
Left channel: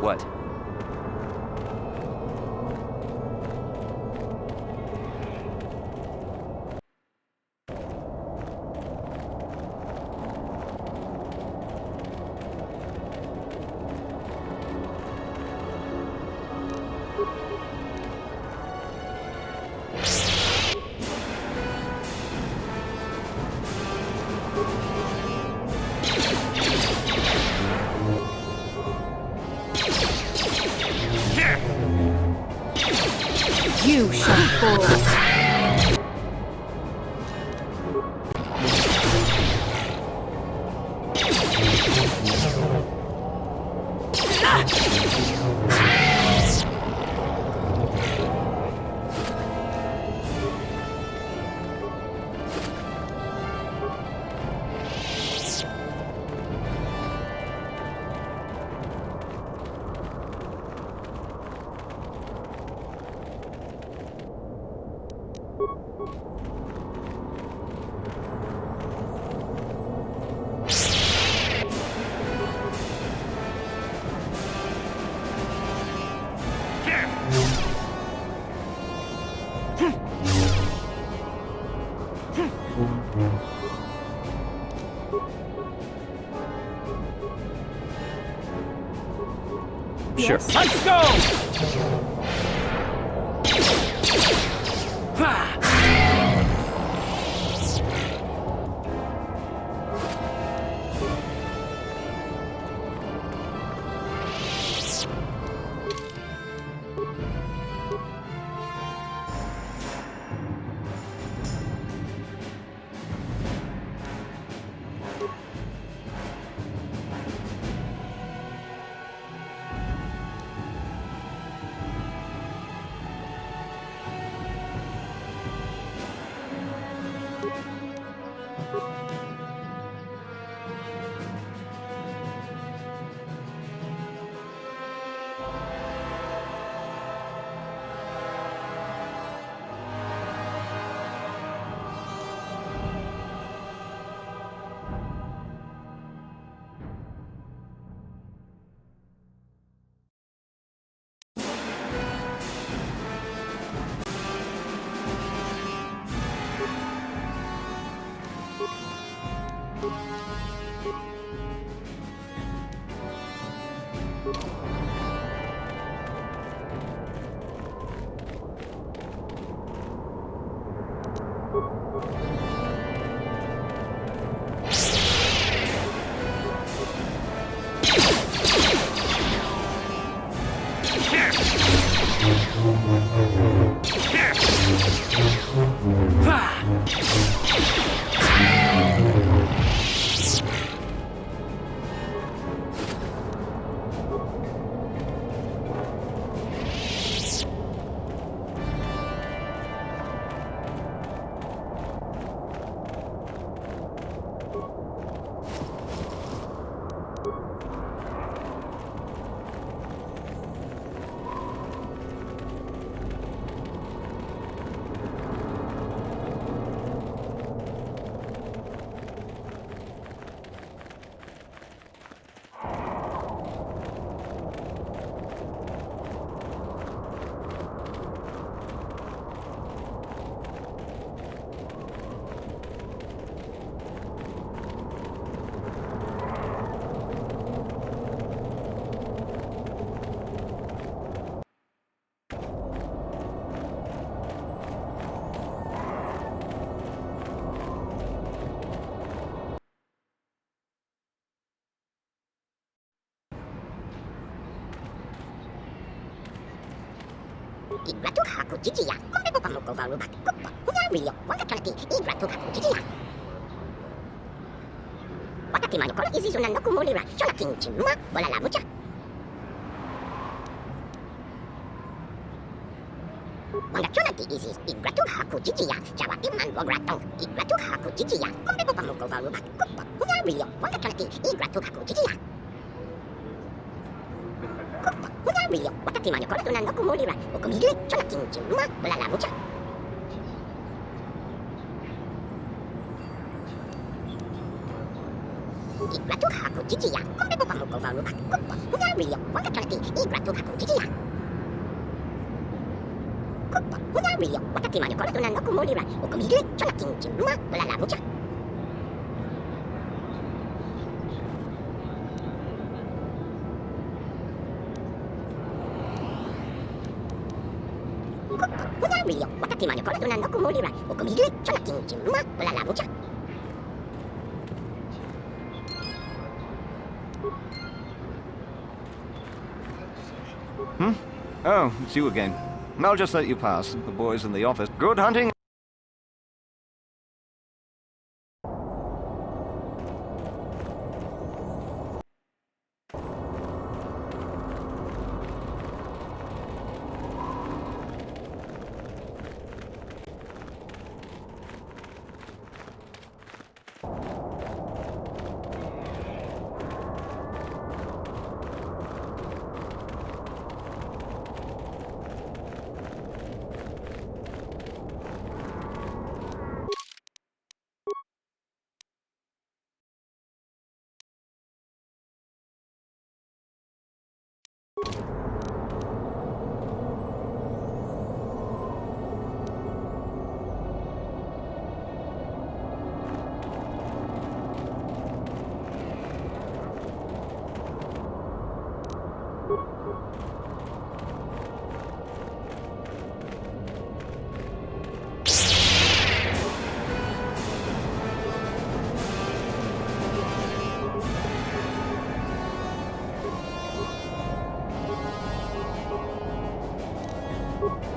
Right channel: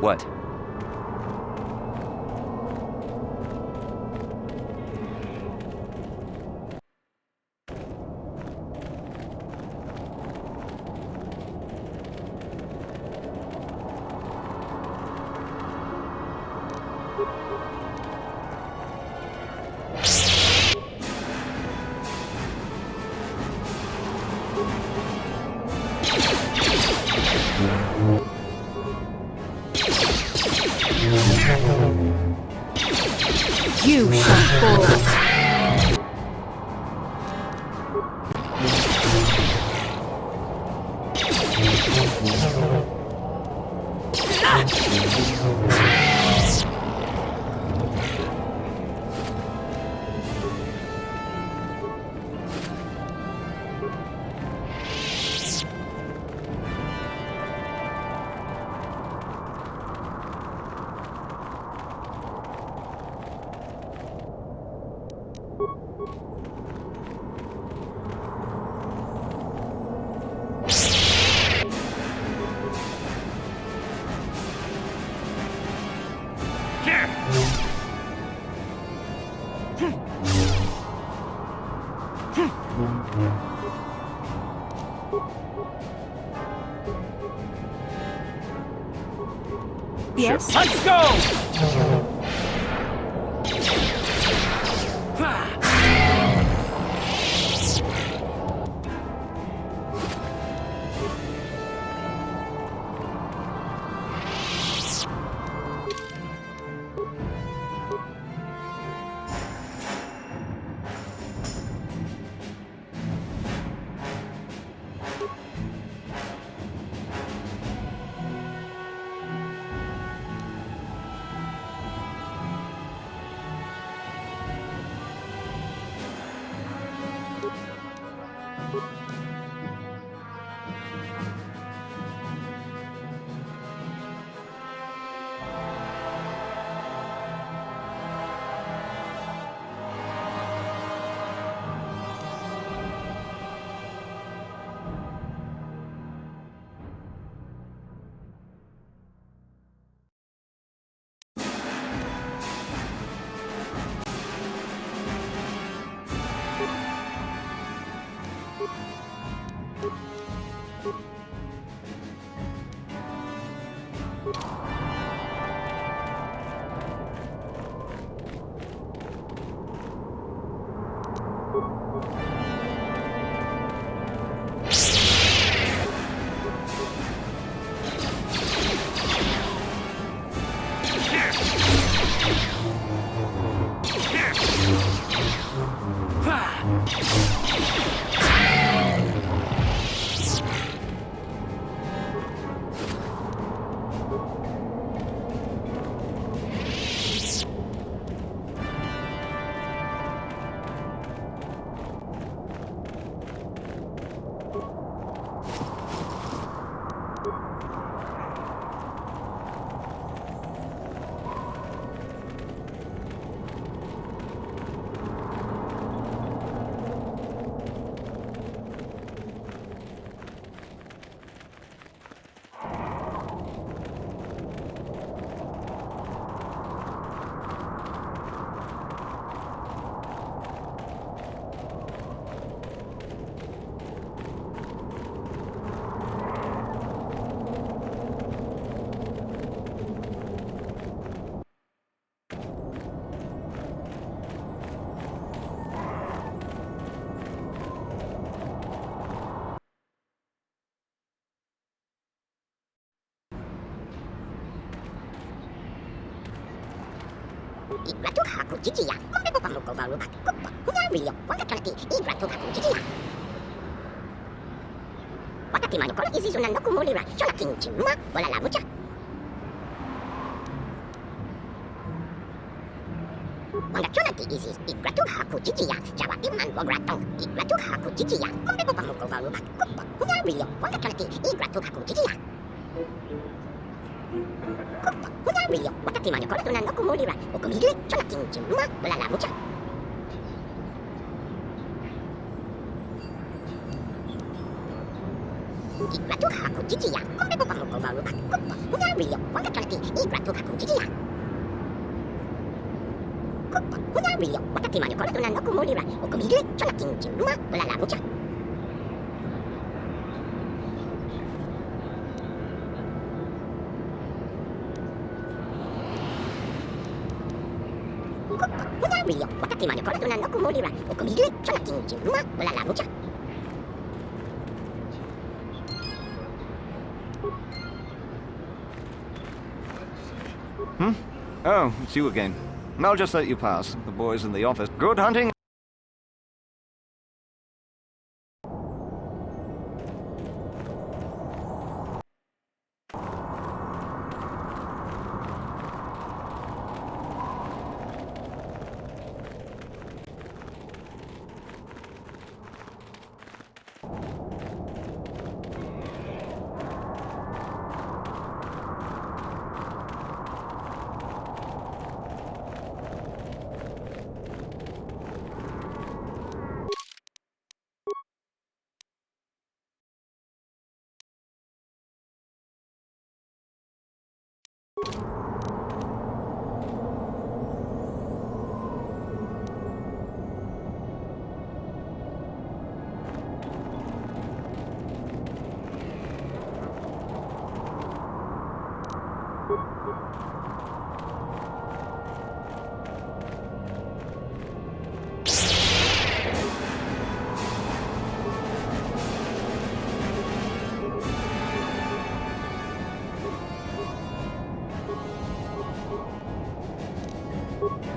What? You shall fall. Yes. Let's go! Igratu haku chichiya. Mombe pamuko varuba. Kupa. Nyario. Wakatanaki. Igratu haku chichiya. Wakati manukolo izizuna nokumulira. Shola kinchima. Bola la mucha. Wangatunati isis igratuk haku chichiya, jawati man wogratong, igratuk haku chichiya, kumbeko pamuko varubak, kupo, hunyarilyo, wangatunati igratuk haku chichiya. Kupo, hunyarilyo, watati man yokoratunan okumulira, okumigile, chonakin chimma, bulala mucha. Igratuk haku chichiya, kumbeko pamuko varubak, kupo, hunyarilyo, wangatunati igratuk haku chichiya. Kupo, hunyarilyo, watati man yokoratunan okumulira, okumigile, chonakin chimma, bulala mucha. Hunyarilyo, watati man yokoratunan okumulira, okumigile, chonakin chimma, bulala mucha. Oh, it's you again. I'll just let you pass. The boys in the office. Good hunting.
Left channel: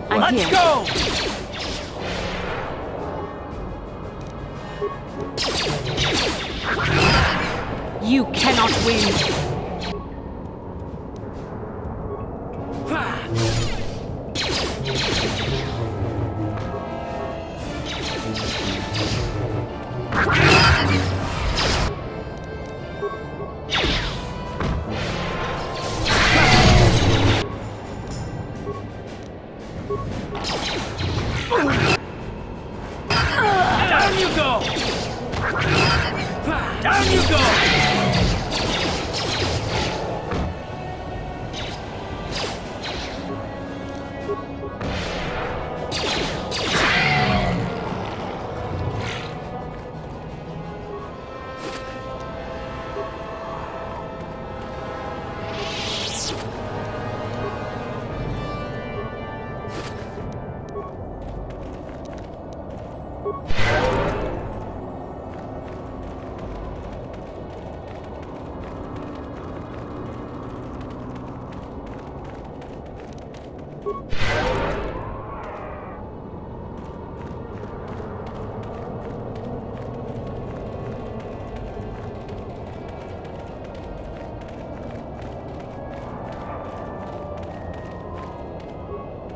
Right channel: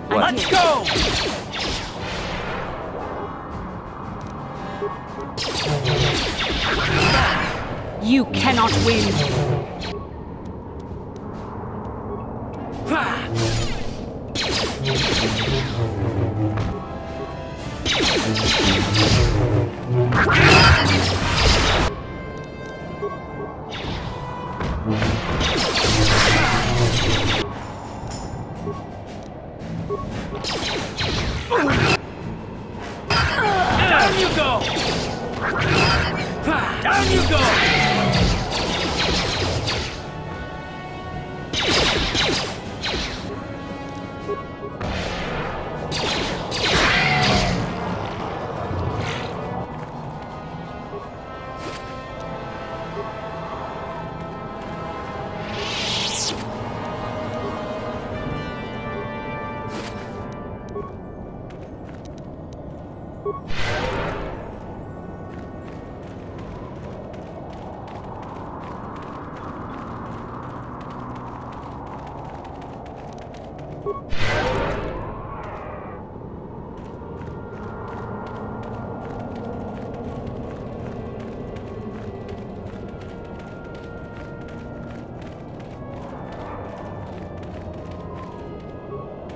Let's go! You cannot win. Down you go! Down you go!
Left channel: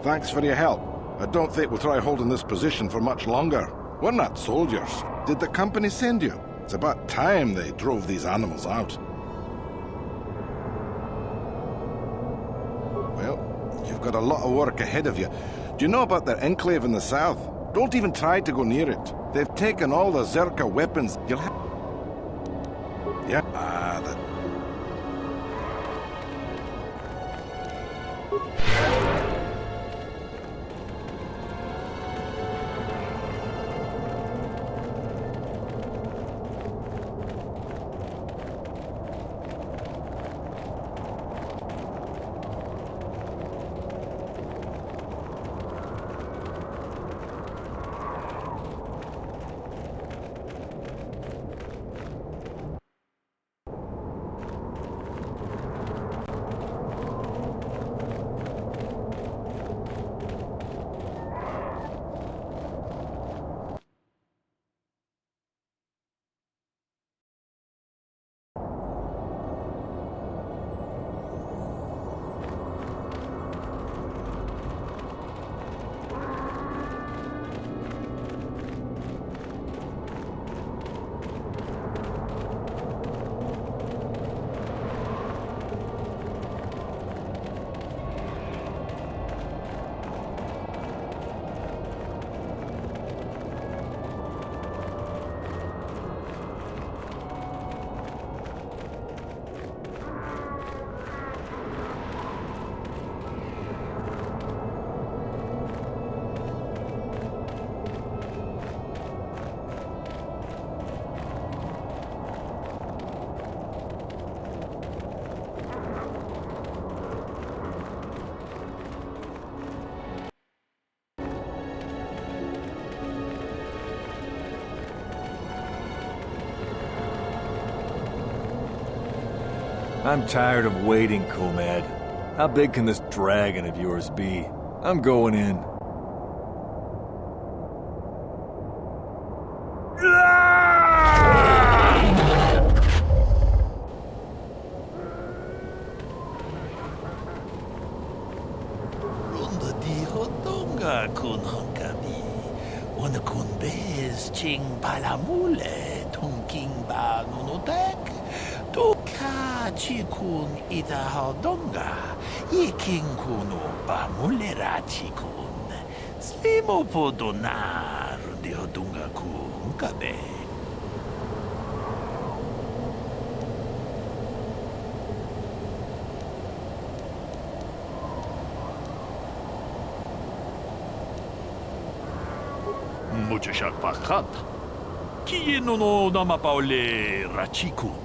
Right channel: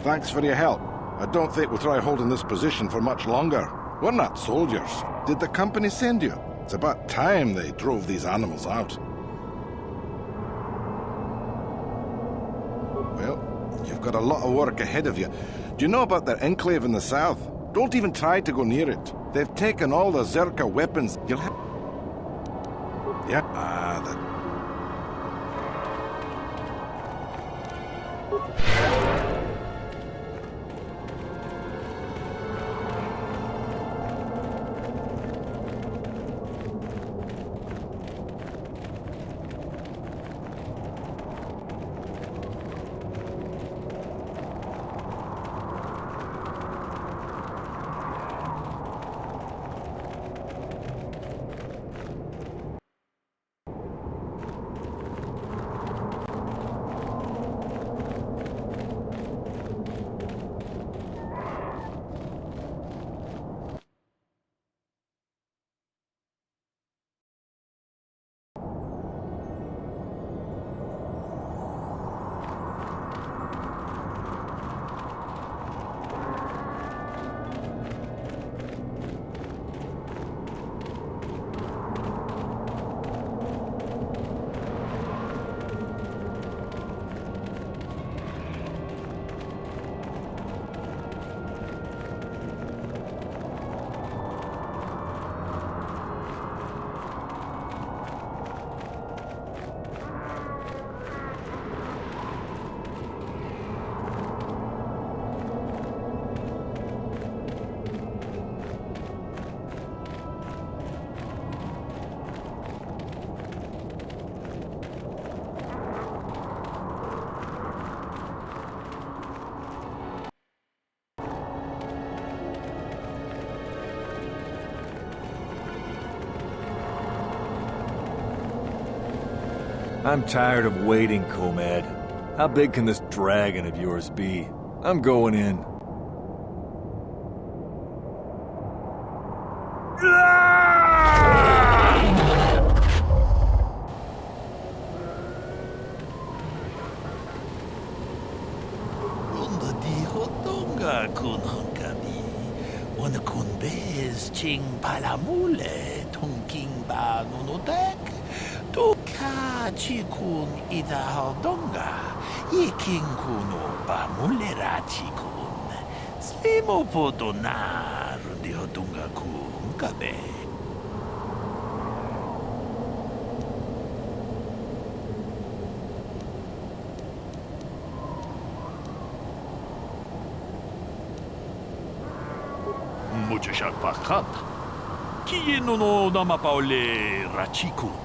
Thanks for your help. I don't think we'll try holding this position for much longer. We're not soldiers. Did the company send you? It's about time they drove these animals out. Well, you've got a lot of work ahead of you. Do you know about their enclave in the south? Don't even try to go near it. They've taken all the Zerka weapons. You'll have... Yeah, the... I'm tired of waiting, Comad. How big can this dragon of yours be? I'm going in. Runda di hodonga kun hankabi. Wana kun bez ching palamule tongking ba nunotek. Toka chikun ida hodonga. Yiking kuno ba mulera chikun. Slimo podona rundi hodonga ku hunkabe. Mucho shakpakat. Kieno no namapaole rachikun.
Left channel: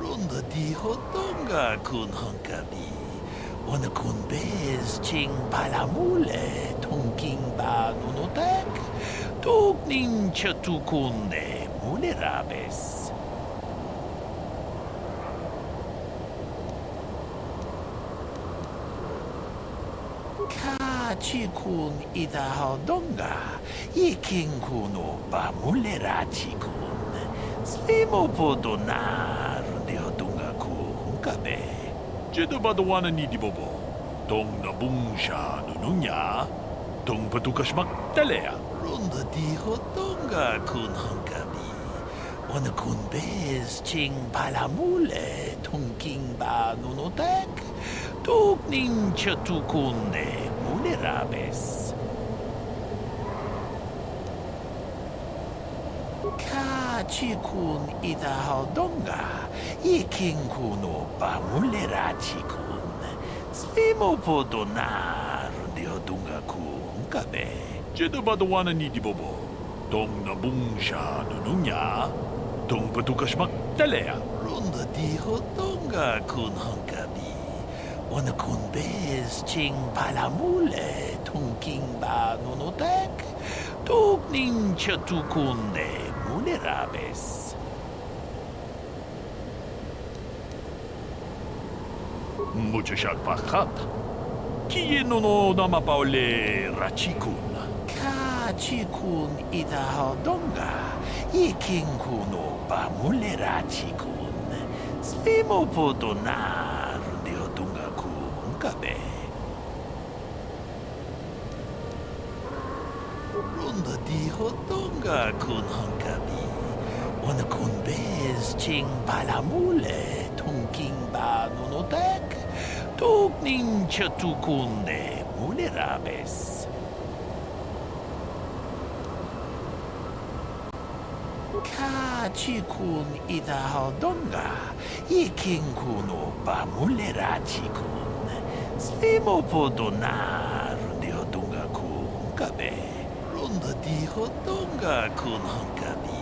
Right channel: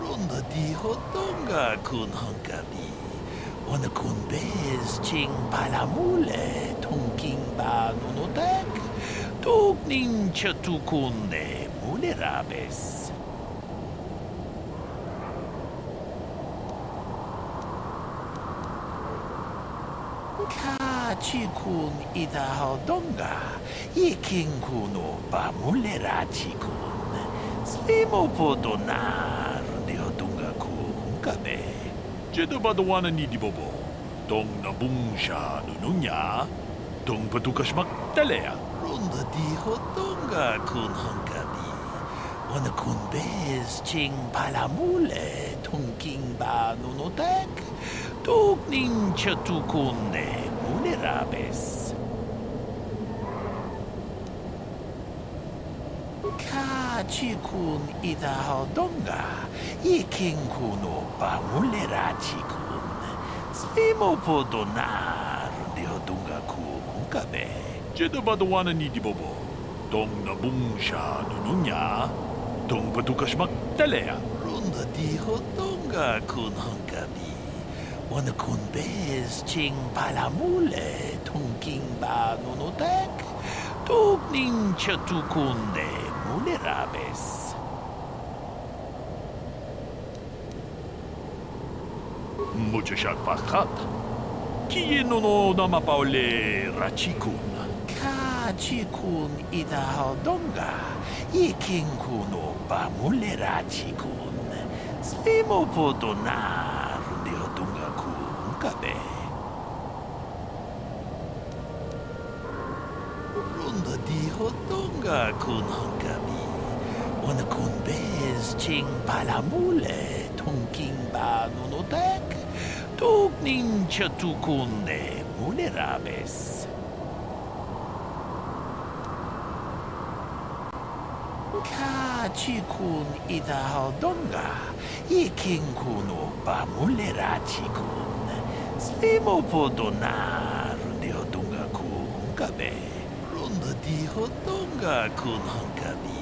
Runda di hodonga kun hankabi. Wana kun bez ching palamule tongking ba nunotek. Tugning chatukunne mulerabes. Kachikun ida hodonga. Yiking kuno ba mulerachikun. Slimo podona rundi hodonga ku hunkabe. Jedo badawana ni di bobo. Tong nabungsha nununya. Tong patukasmak talea. Runda di hodonga kun hankabi. Wana kun bez ching palamule tongking ba nunotek. Tugning chatukunne mulerabes. Kachikun ida hodonga. Yiking kuno ba mulerachikun. Slimo podona rundi hodonga ku hunkabe. Jedo badawana ni di bobo. Tong nabungsha nununya. Tong patukasmak talea. Runda di hodonga kun hankabi. Wana kun bez ching palamule tongking ba nunotek. Tugning chatukunne mulerabes. Mucho shakpakat. Kieno no namapaole rachikun. Kachikun ida hodonga. Yiking kuno ba mulerachikun. Slimo podona rundi hodonga ku hunkabe. Runda di hodonga kun hankabi. Wana kun bez ching palamule tongking ba nunotek. Tugning chatukunne mulerabes. Kachikun ida hodonga. Yiking kuno ba mulerachikun. Slimo podona rundi hodonga ku hunkabe. Runda di hodonga kun hankabi.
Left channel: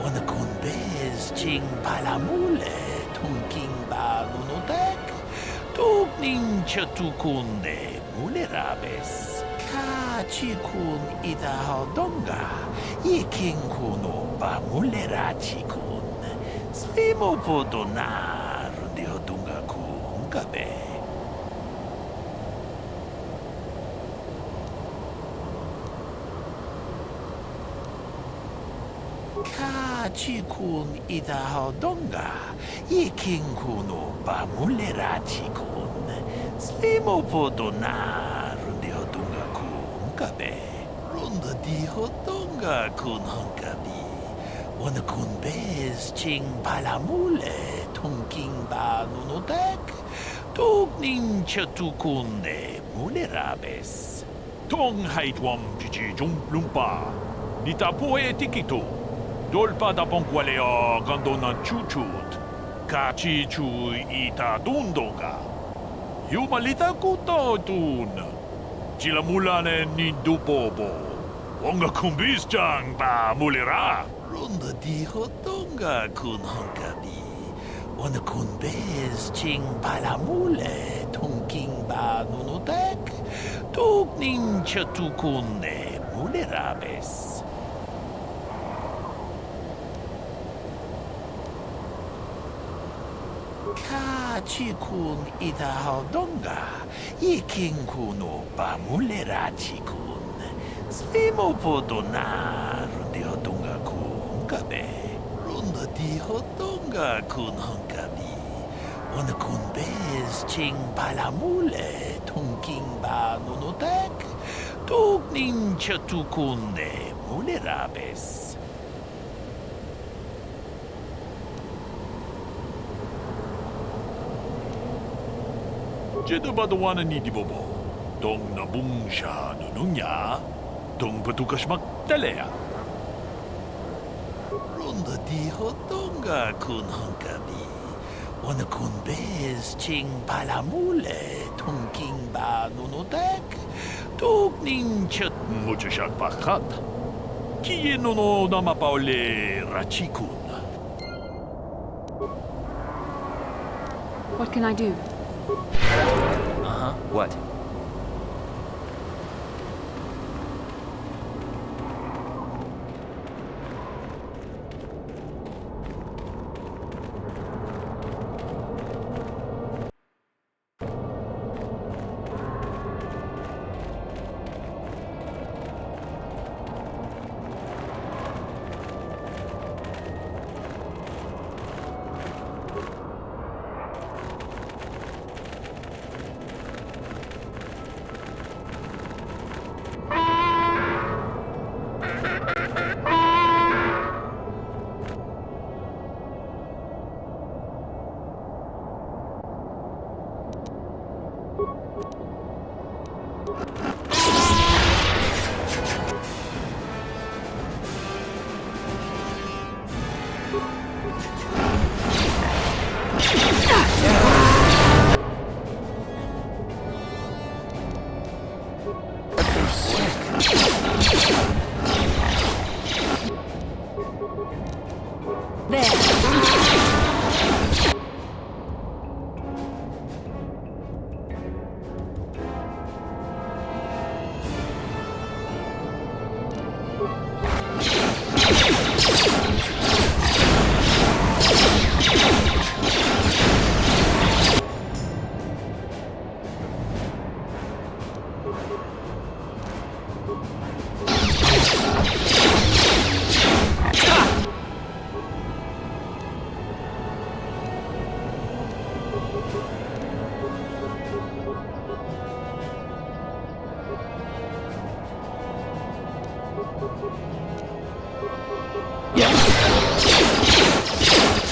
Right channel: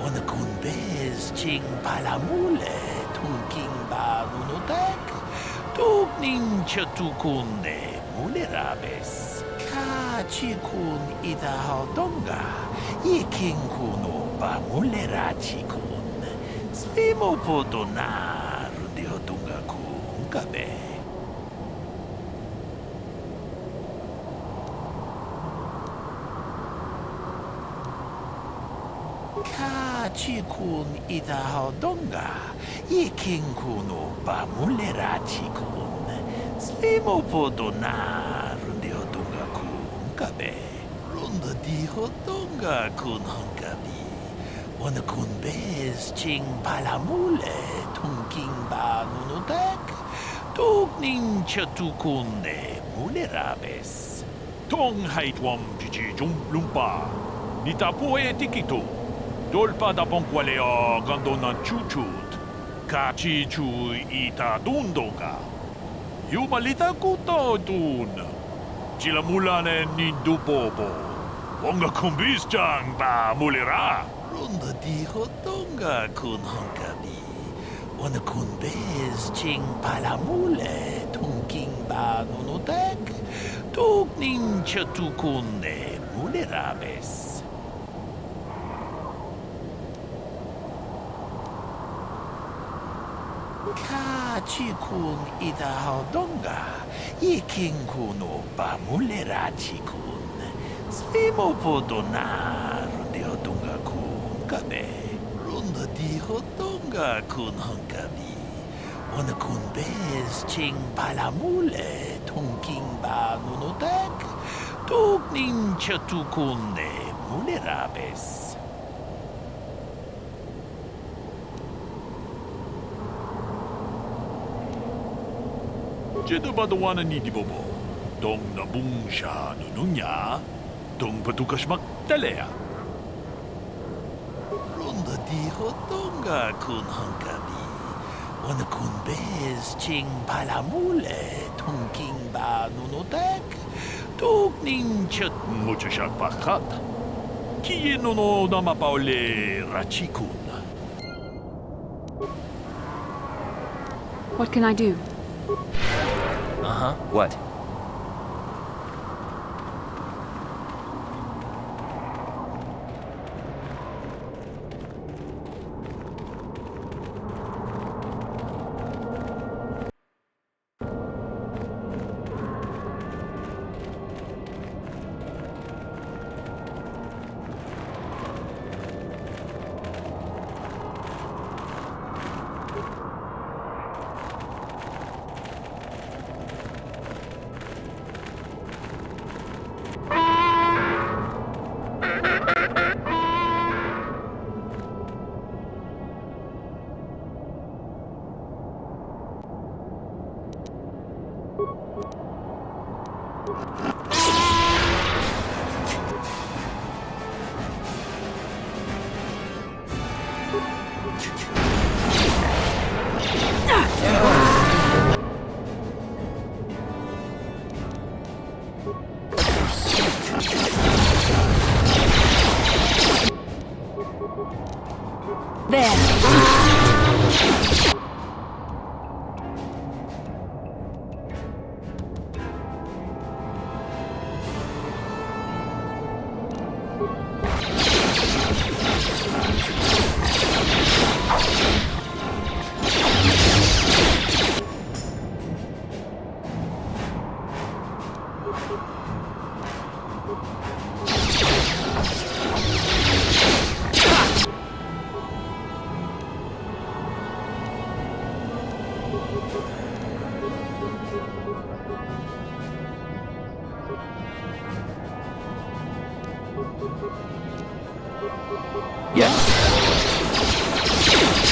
Wana kun bez ching palamule tongking ba nunotek. Tugning chatukunne mulerabes. Kachikun ida hodonga. Yiking kuno ba mulerachikun. Slimo podona rundi hodonga ku hunkabe. Kachikun ida hodonga. Yiking kuno ba mulerachikun. Slimo podona rundi hodonga ku hunkabe. Runda di hodonga kun hankabi. Wana kun bez ching palamule tongking ba nunotek. Tugning chatukunne mulerabes. Tong haitwam jiji lumpa. Nitapo e tikito. Dolpa da ponqualeo gandona chuchut. Kachi chu ita dundonga. Yumalita kuto tun. Chilamulane ni dupobo. Wonga kumbis jang ba mulera. Runda di hodonga kun hankabi. Wana kun bez ching palamule tongking ba nunotek. Tugning chatukunne mulerabes. Ka chikun itahodonga. Iking kuno pamulera chikun. Svimo podona rundihodonga kun kabe. Runda dihodonga kun hunkabi. Wana kun bez ching palamule tunking ba nunotek. Tuknin chatukune mulerabes. Jedo badawana ni Dibobo. Dong nabung siya nununya. Dong patukas magtalea. Runda dihodonga kun hunkabi. Wana kun bez ching palamule tunking ba nunotek. Tukning chat Mucho siya pakat. Kieno no namapaule rachikun. What can I do? Uh-huh. What?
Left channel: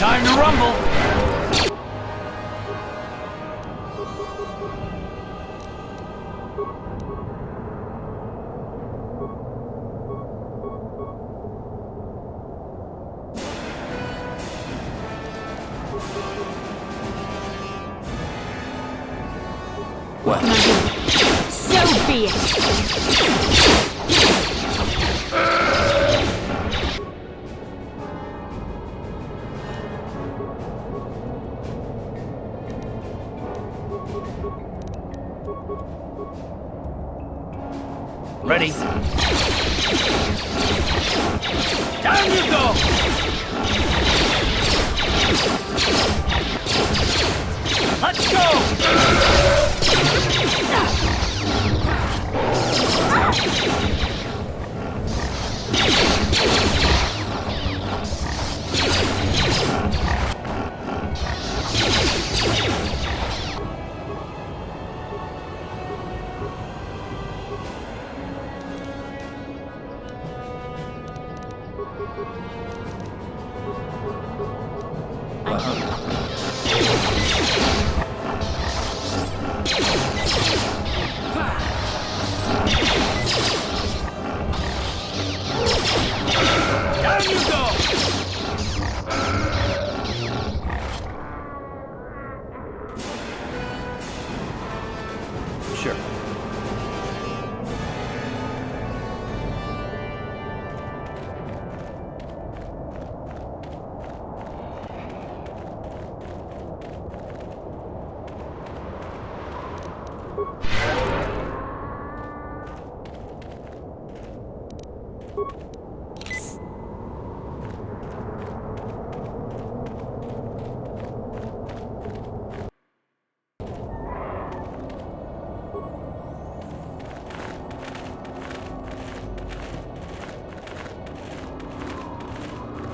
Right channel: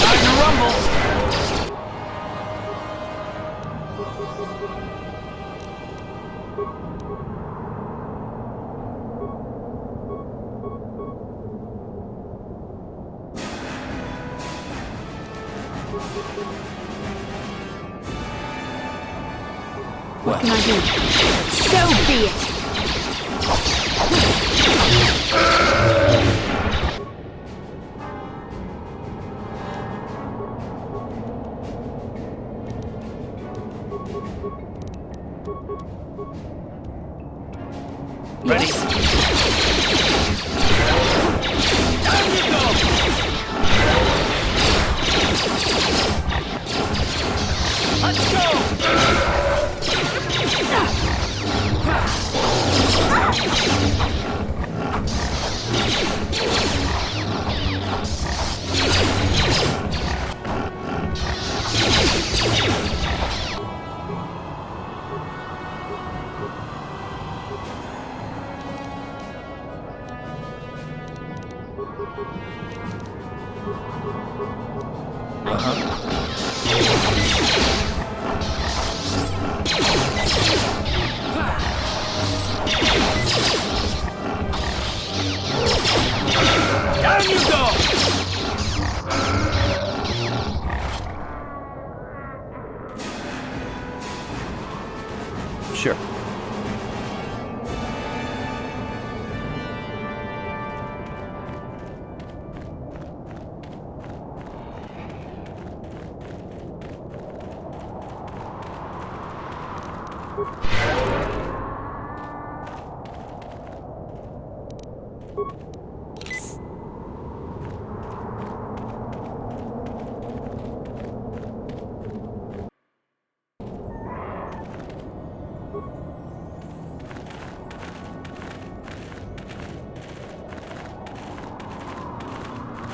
Time to rumble! What can I do? So be it! Ready? Down you go! Let's go! Down you go! Sure.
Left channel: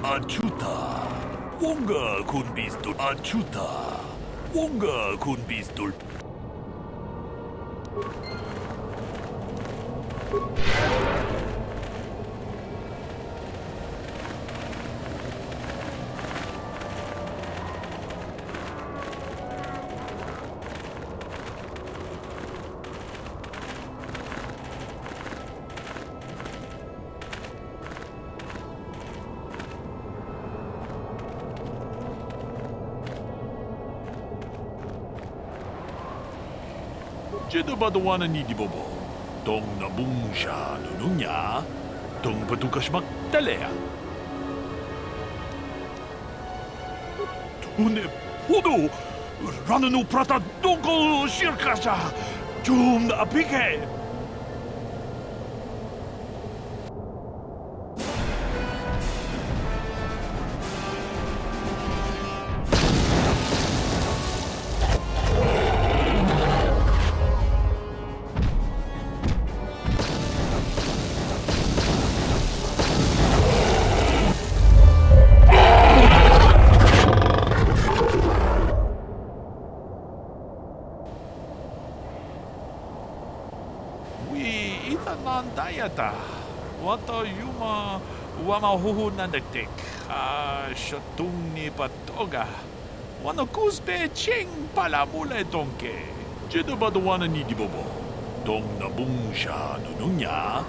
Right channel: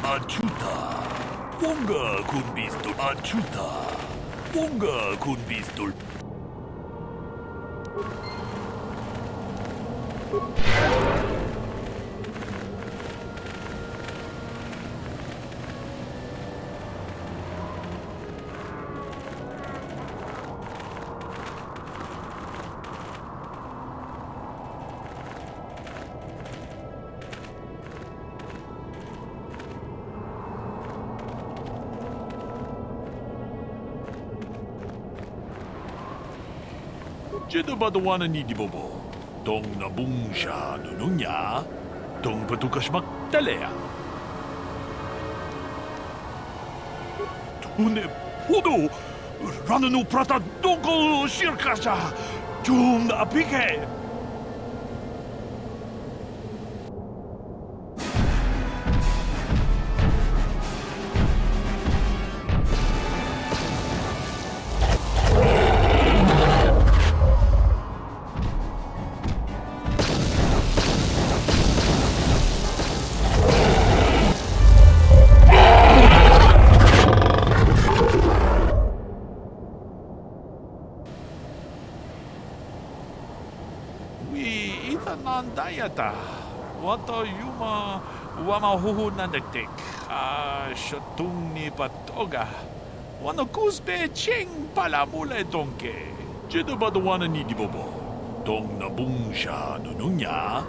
Achuta. Wonga kun pistol. Achuta. Wonga kun pistol. Jeda badawana ni di bobo. Tong nabung siya nununya. Tong patukas magtalea. Tune pudo. Rananu prata dongko sirkasa. Jum na apike. Dayata. Wata yuma wamahuhu na nagtik. Shatung ni patoga. Wana kusbe ching palamule donke. Jeda badawana ni di bobo. Tong nabung siya nununya.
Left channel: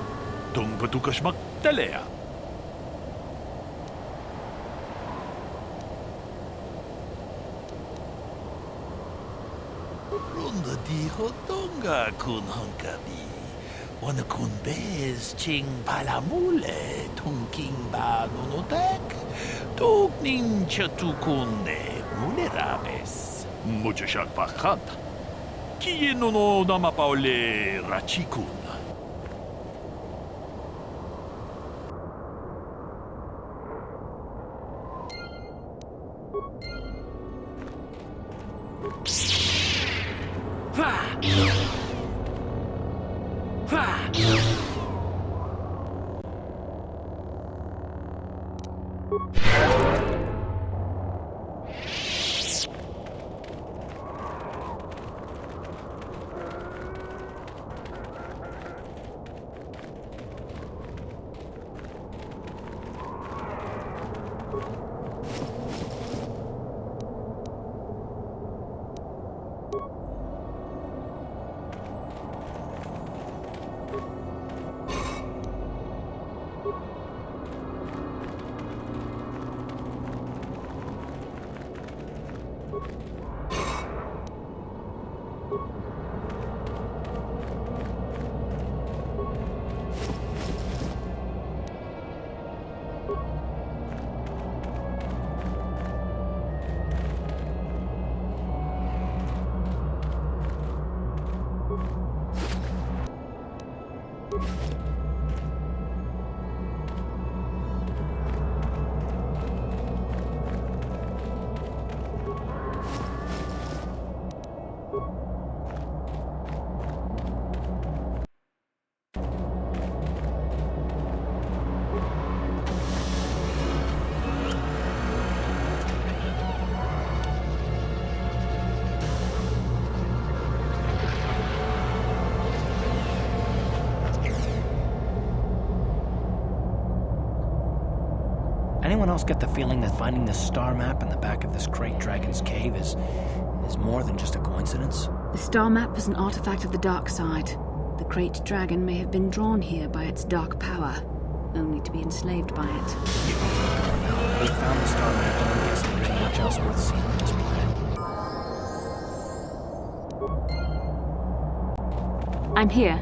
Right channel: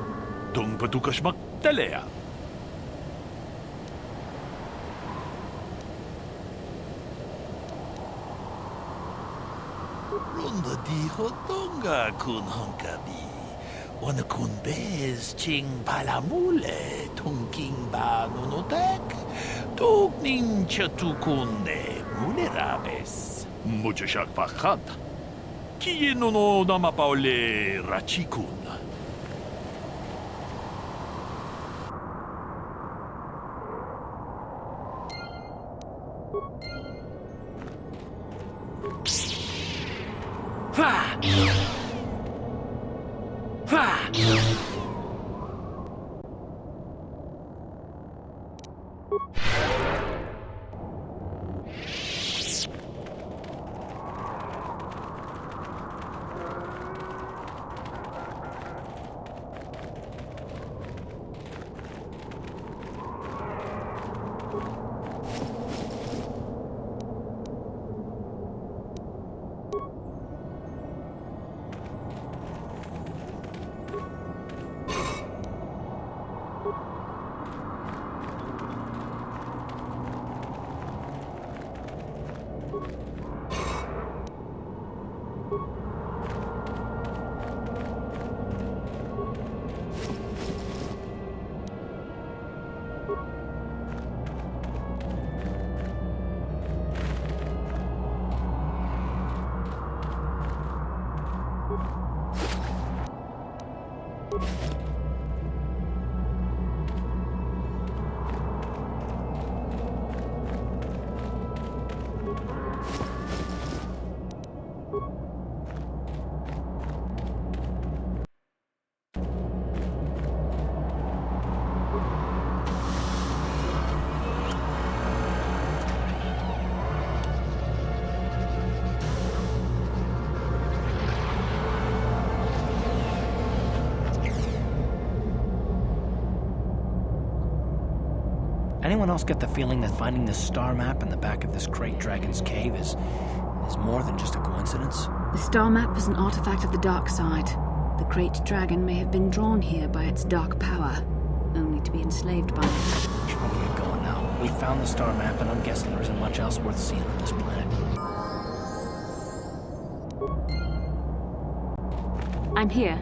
Tong patukas magtalea. Runda di hotonga kun hankabi. Wana kun bez ching palamule tungking ba nunotek. Tugning chatukunde mulerabes. Mucho siyak pakat. Kiye no namapaule rachikun. Anyone else get the feeling that finding this star map in the back of this Great Dragon's cave is more than just a coincidence? The star map is an artifact of the dark side. The Great Dragon may have been drawn here by its dark power, only to be enslaved by it. Should we get going now? We found the star map, and I'm guessing there isn't much else worth seeing on this planet. I'm here.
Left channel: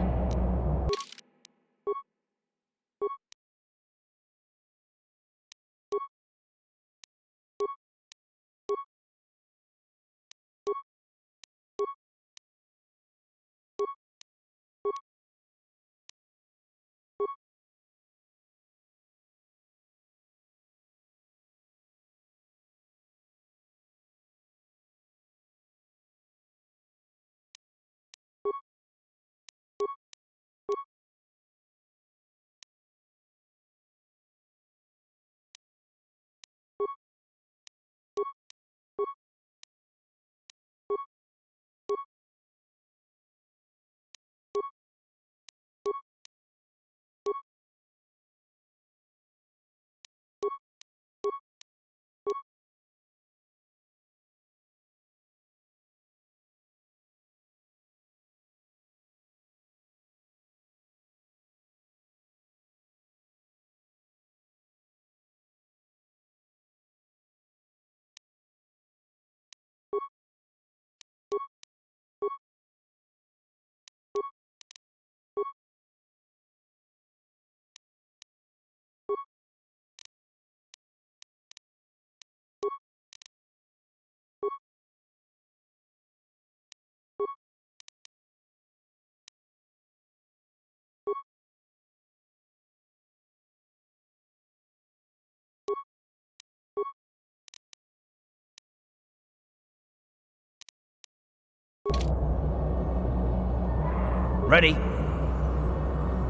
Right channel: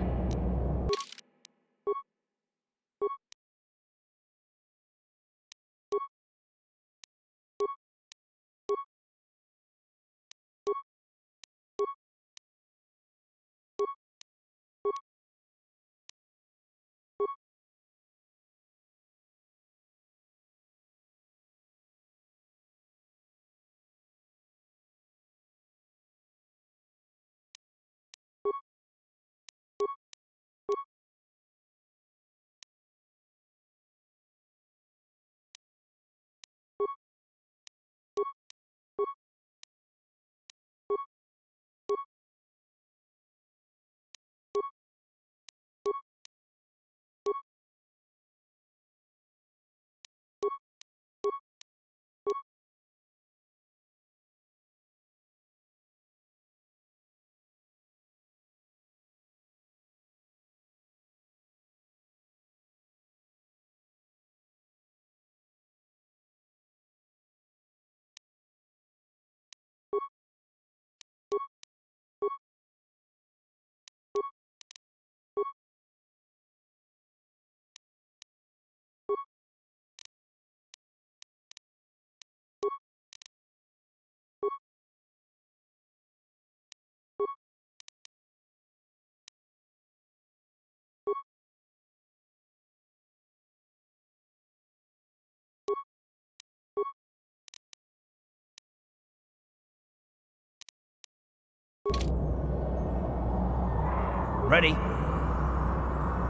Ready?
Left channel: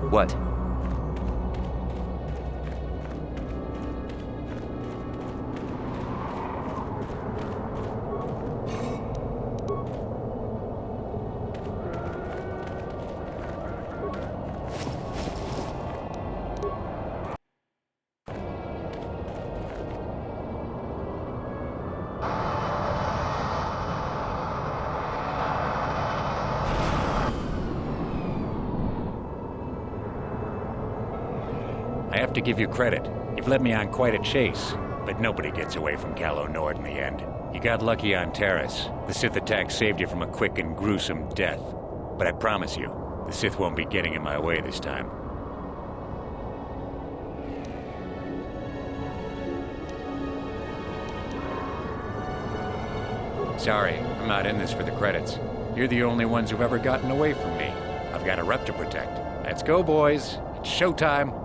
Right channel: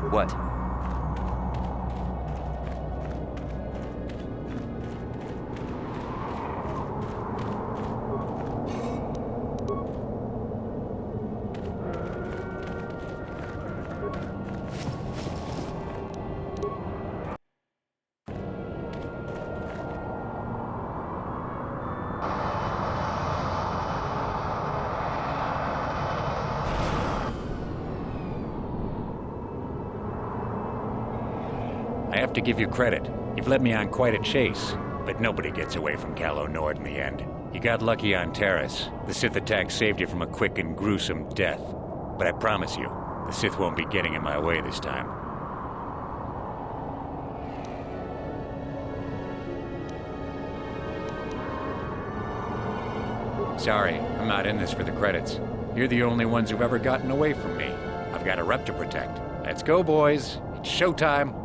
What? I have to give you credit. You've led me on quite a chase, but nobody gets away from Calo Nord in the end. You got lucky on Terrace. The Sith attack saved you from a quick and gruesome death. But I promise you, the Sith won't be getting in my way this time. Sorry, I'm not in this for the credits. You're the only ones who've ever gotten away from me. I've got a rep to protect. Let's go, boys. It's showtime.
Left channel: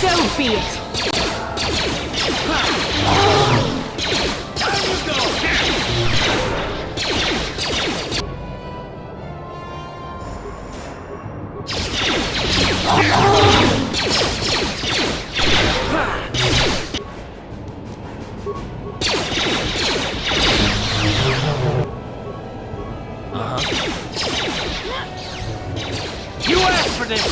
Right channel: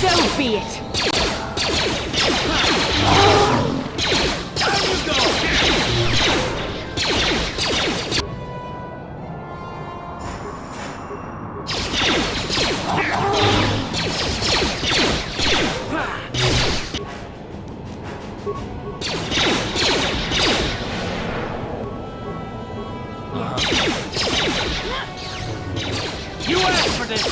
So be it. You asked for this!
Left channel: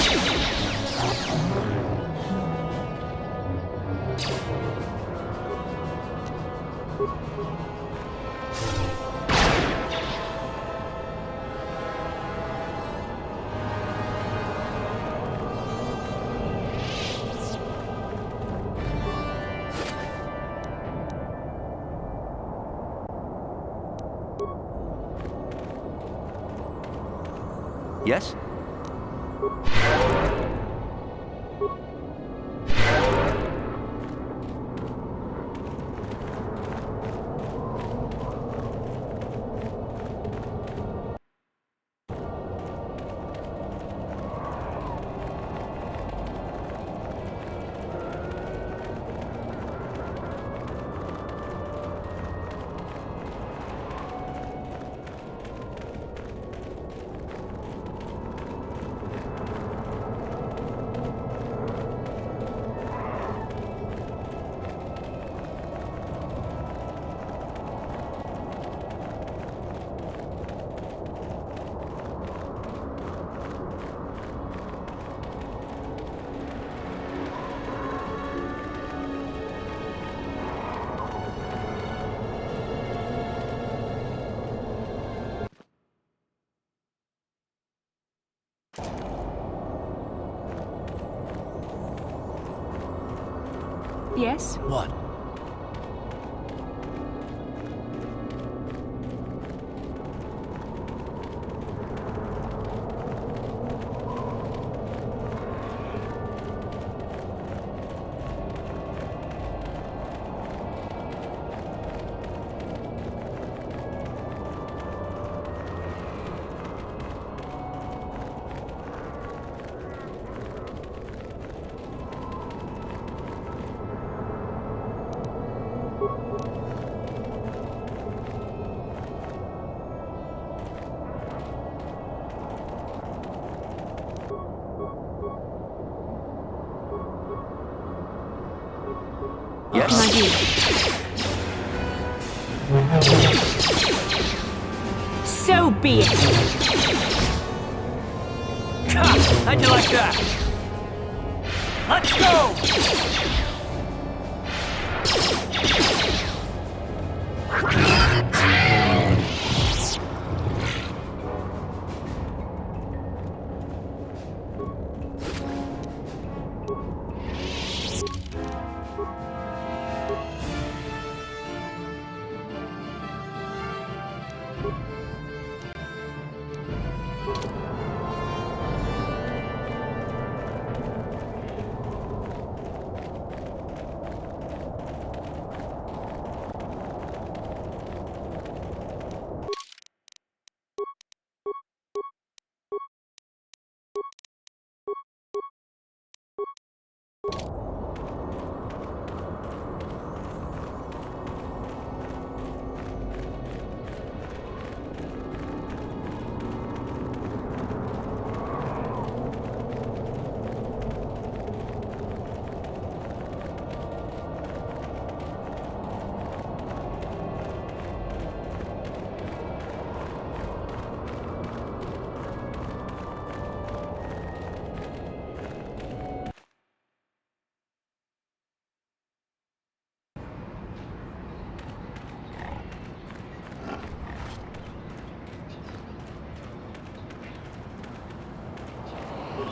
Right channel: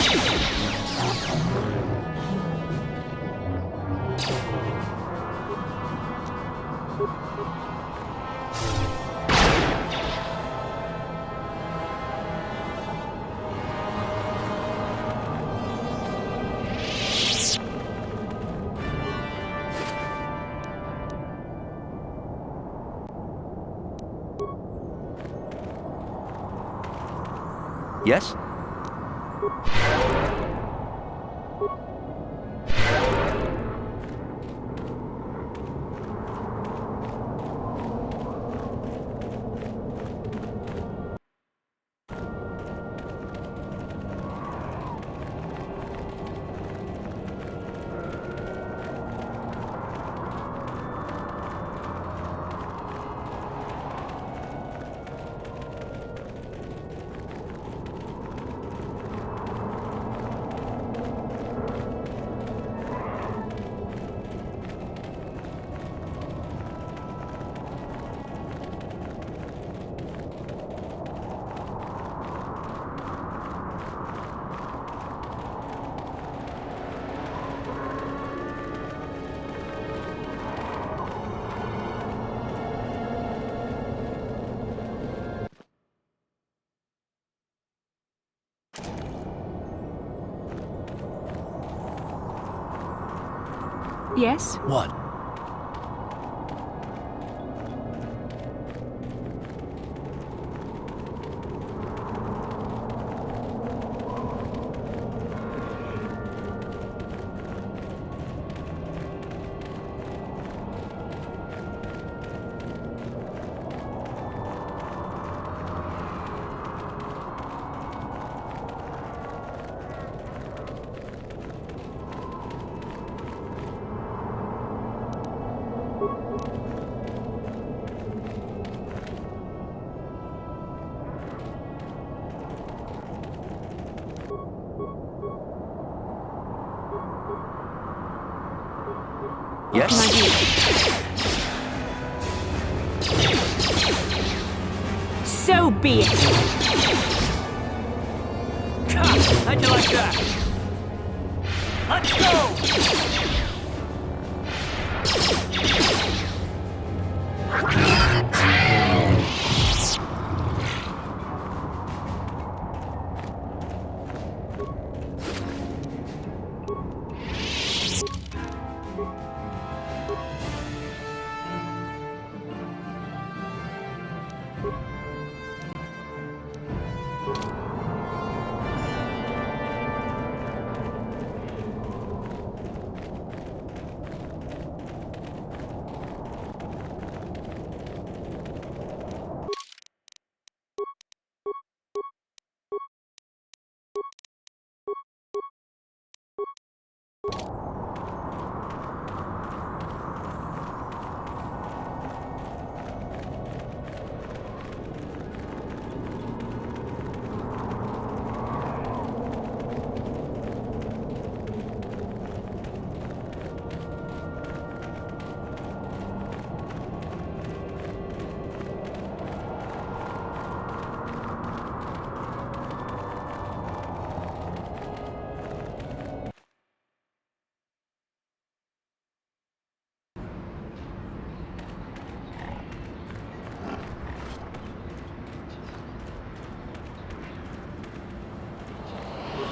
Yes? Yes? What? Yes? So be it. How'd you like that? Let's go!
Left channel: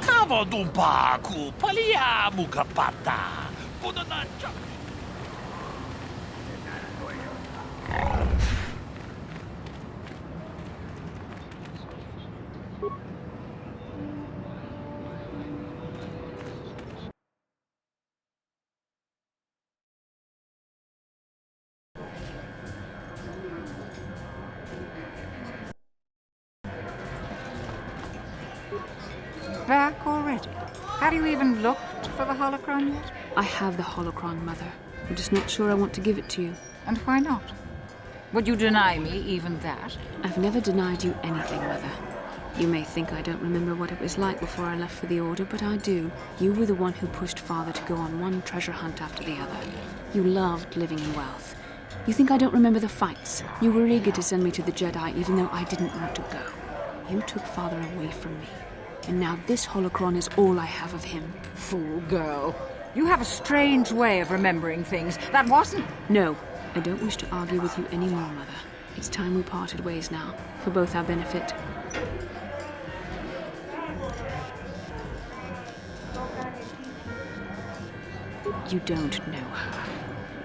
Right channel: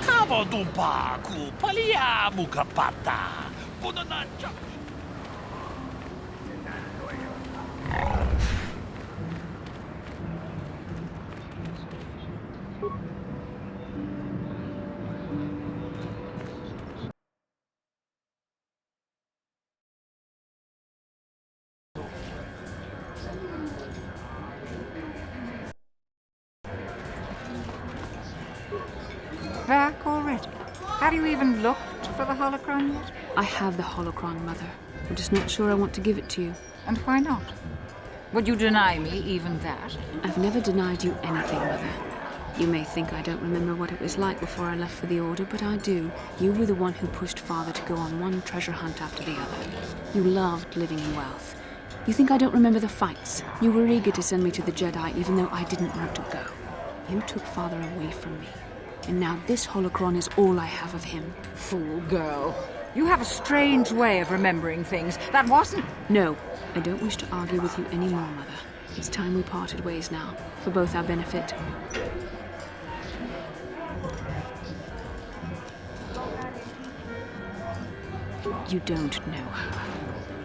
Kavadumpa ku palia mukapata. Punanacha. Back already? Have you even looked for the holocron yet? I have the holocron, Mother. I'm just not sure I want to give it to you. And why not? Would you deny me even that? I've never denied you anything, Mother. You may think I don't remember what it was like before I left for the Order, but I do. You were the one who pushed Father to go on one treasure hunt after the other. You loved living in wealth. You think I don't remember the fights? You were eager to send me to the Jedi even though I didn't want to go. You took Father away from me. And now this holocron is all I have of him. Fool girl. You have a strange way of remembering things. That wasn't... No, I don't wish to argue with you anymore, Mother. It's time we parted ways now, for both our benefit. You don't know her.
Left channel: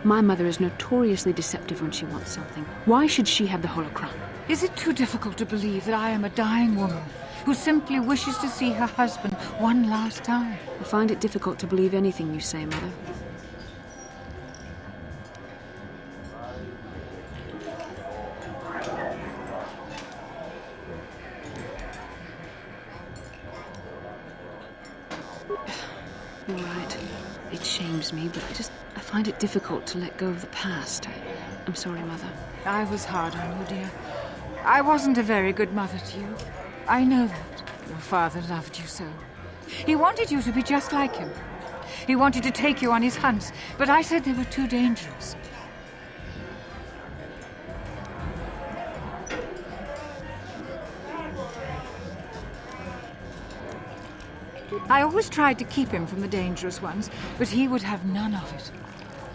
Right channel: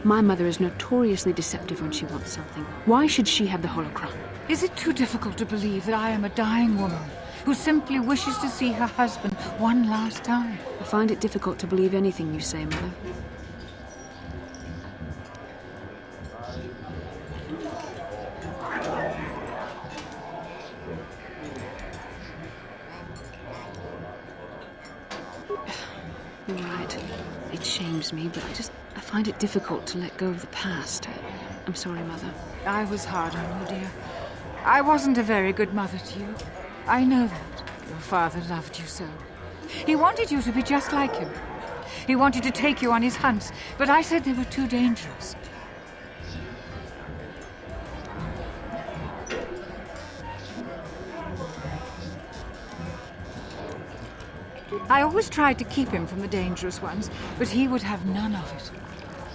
My mother is notoriously deceptive when she wants something. Why should she have the holocron? Is it too difficult to believe that I am a dying woman who simply wishes to see her husband one last time? I find it difficult to believe anything you say, Mother. You're right. It shames me, but I find it difficult to let go of the past. I'm sorry, Mother. I was hard on you, dear. I wasn't a very good mother to you. I know that. Your father loved you so. He wanted you to be just like him. He wanted to take you on his hunts, but I said they were too dangerous. I always tried to keep him from the dangerous ones, but he would have none of it.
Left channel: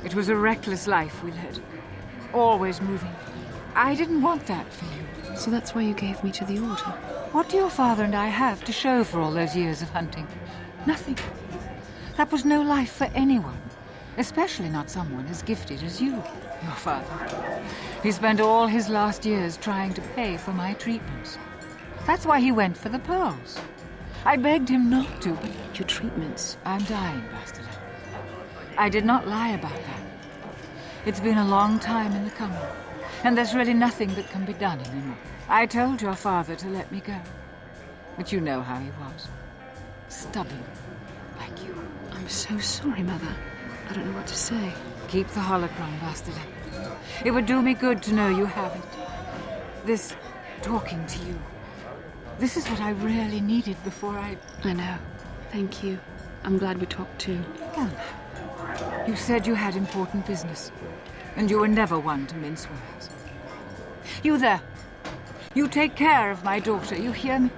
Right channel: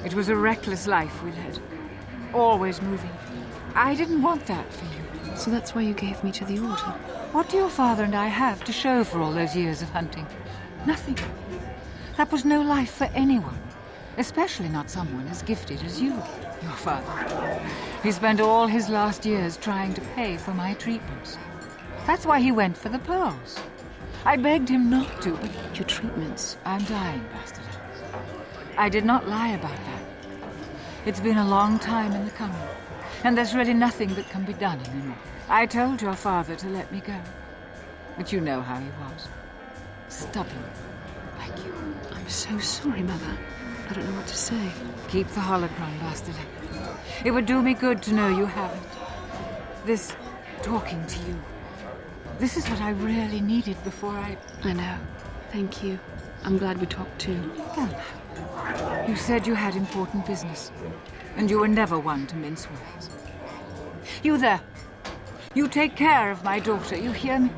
It was a reckless life we led. Always moving. I didn't want that for you. So that's why you gave me to the Order? What do your father and I have to show for all those years of hunting? Nothing. That was no life for anyone. Especially not someone as gifted as you, your father. He spent all his last years trying to pay for my treatments. That's why he went for the pearls. I begged him not to, but... Your treatments? I'm dying, Bastila. I did not lie about that. It's been a long time in the coming, and there's really nothing that can be done anymore. I told your father to let me go, but you know how he was. Stubborn, like you. I'm so sorry, Mother. I don't know what to say. Keep the holocron, Bastila. It would do me good to know you have it. This talking to you. This is what I really needed before I know. Thank you. I'm glad we talked too. Well, you said you had important business, and you were never one to mince words. You there. You take care of my daughter, you hear me?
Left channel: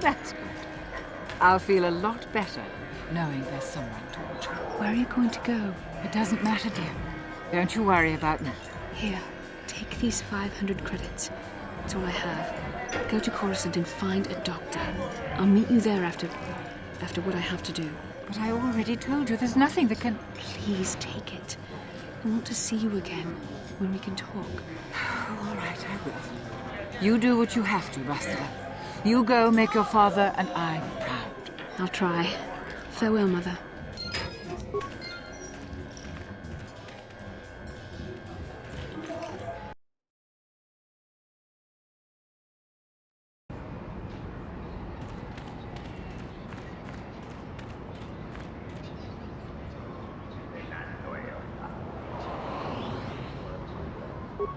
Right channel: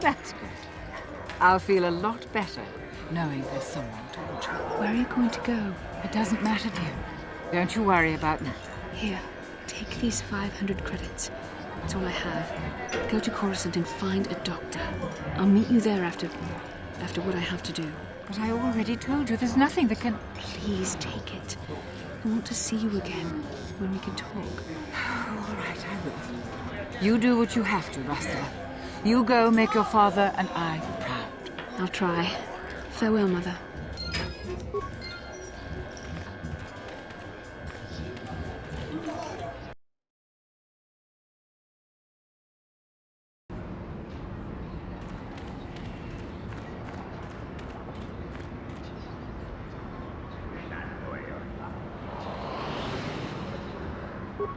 That's good. I'll feel a lot better knowing there's someone to watch me. Where are you going to go? It doesn't matter, dear. Don't you worry about me. Here, take these 500 credits. That's all I have. Go to Coruscant and find a doctor. I'll meet you there after what I have to do. But I already told you there's nothing that can... Please take it. I want to see you again, when we can talk. All right, I will. You do what you have to, Rastala. You go make your father and I proud. I'll try. Farewell, Mother.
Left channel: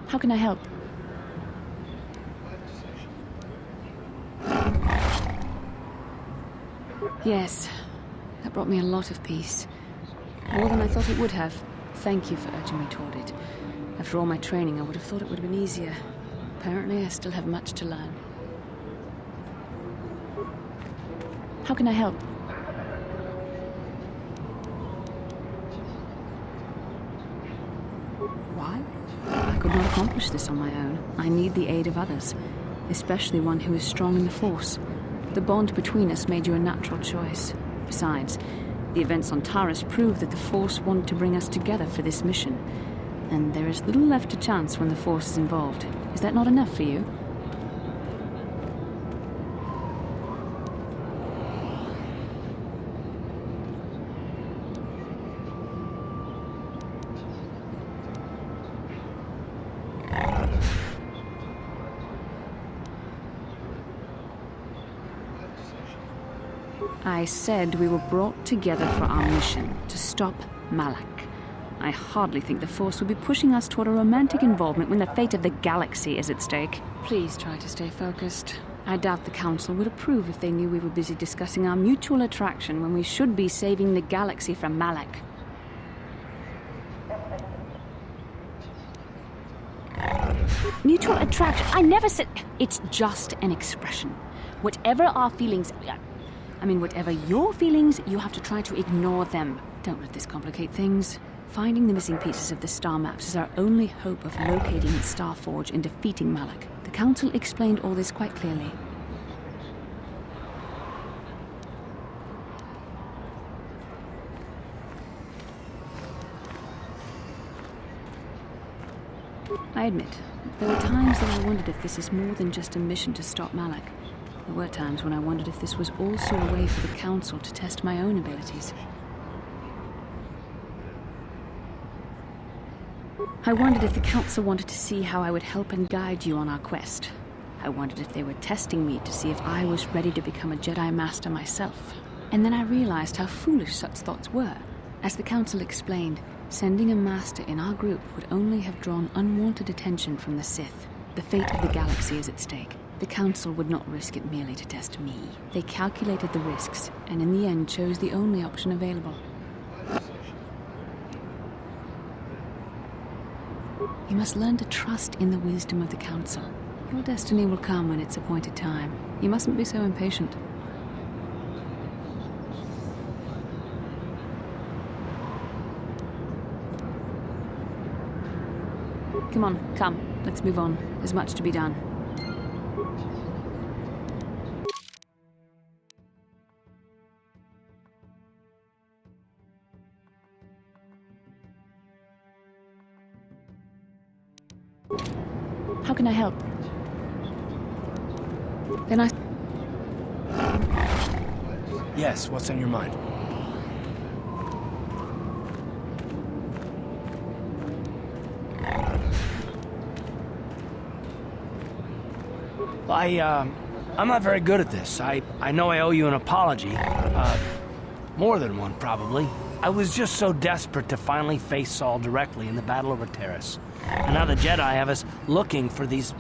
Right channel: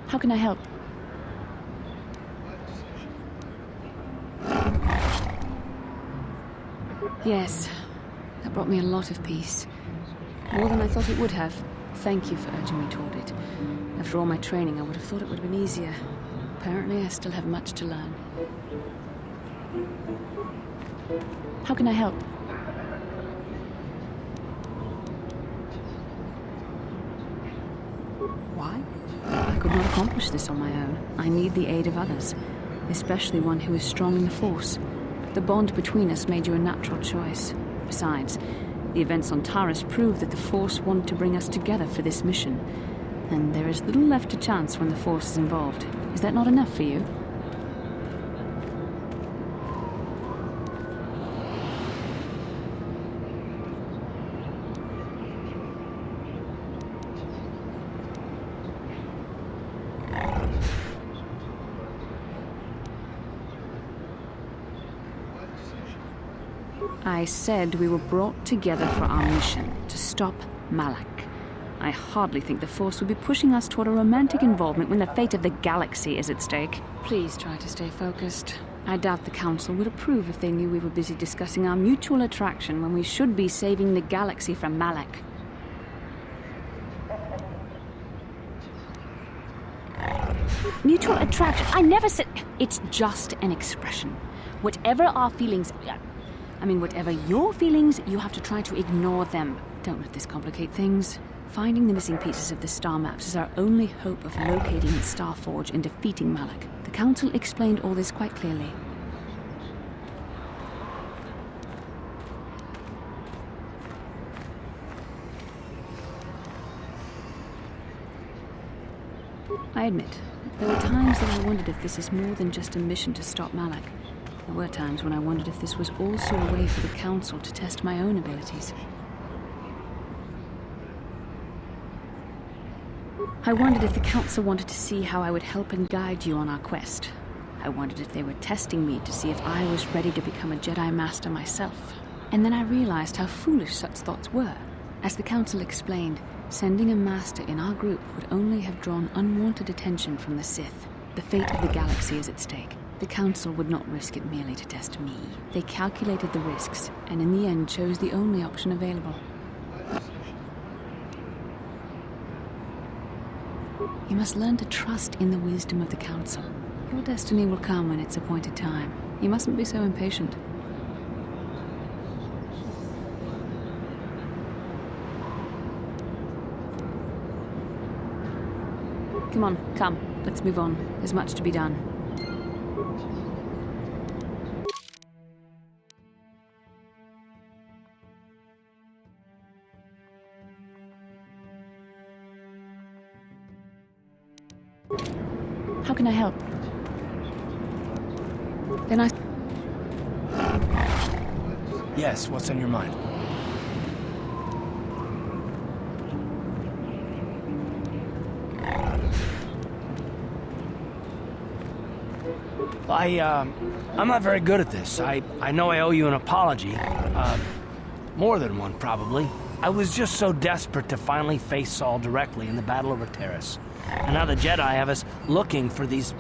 How can I help? Yes, that brought me a lot of peace. More than I thought it would have. Thank you for urging me toward it. After all my training, I would have thought it would have been easier. Apparently, I still have much to learn. How can I help? Why? I could not accomplish this on my own. I need the aid of others, especially one who is strong in the Force. The bond between us made you a natural choice. Besides, the events on Taris prove that the Force wanted to bring us together for this mission. And there is little left to chance when the Force is involved. Is that not enough for you? I said we were brought together for our mission, to stop Malak. I hardly think the Force would be pushing us toward a romantic involvement when the fate of the galaxy is at stake. Please try to stay focused. I doubt the Council would approve if they knew we were busy discussing our mutual attraction when we should be saving the galaxy from Malak. Mutual attraction? I never said... It's just an expression. Whatever our feelings... whatever your feelings, you have to try to ignore them. Don't let this complicate things. Finding the missing pieces of the star maps is our only hope of locating Starforge and defeating Malak. The Council explained all this quite clearly. I admit, there were times that I wondered if this is more than just a mission to stop Malak. There were times when I wondered if this was also a way for the Council to test my own abilities. I wondered if the Council wanted to see how I would help and guide you on our quest. I wondered if they were testing me to see if I was ready to become a Jedi Master myself. And then I realized how foolish such thoughts were. As the Council explained, sending a Master in our group would only have drawn unwanted attention from the Sith. The fate of the galaxy is at stake. The Council would not risk it merely to test me. They calculated the risks, and in the end chose the only option available. You must learn to trust in the wisdom of the Council. Your destiny will come when its appointed time. You mustn't be so impatient. Come on, come. Let's move on. There's much to be done. How can I help? Then I... Yes, what's on your mind? I'm not very good at this. I know I owe you an apology. More than one, probably. I was just so desperate to finally face Saul directly in the Battle over Taris. And now the Jedi have us looking for these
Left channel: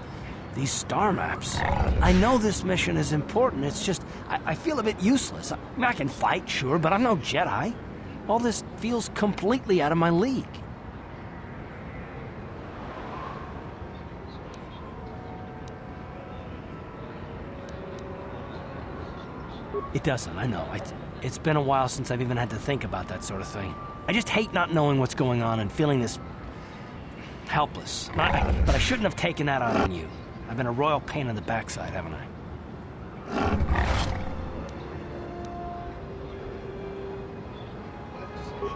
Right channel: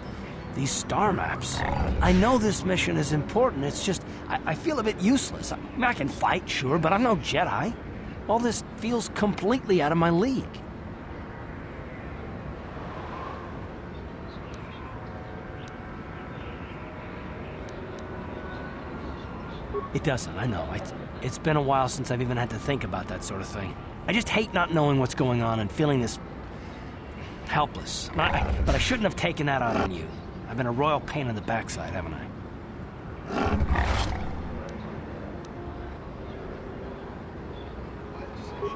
star maps. I know this mission is important, it's just, I feel a bit useless. I can fight, sure, but I'm no Jedi. All this feels completely out of my league. It doesn't, I know. It's been a while since I've even had to think about that sort of thing. I just hate not knowing what's going on and feeling this... helpless. But I shouldn't have taken that out on you. I've been a royal pain in the backside, haven't I?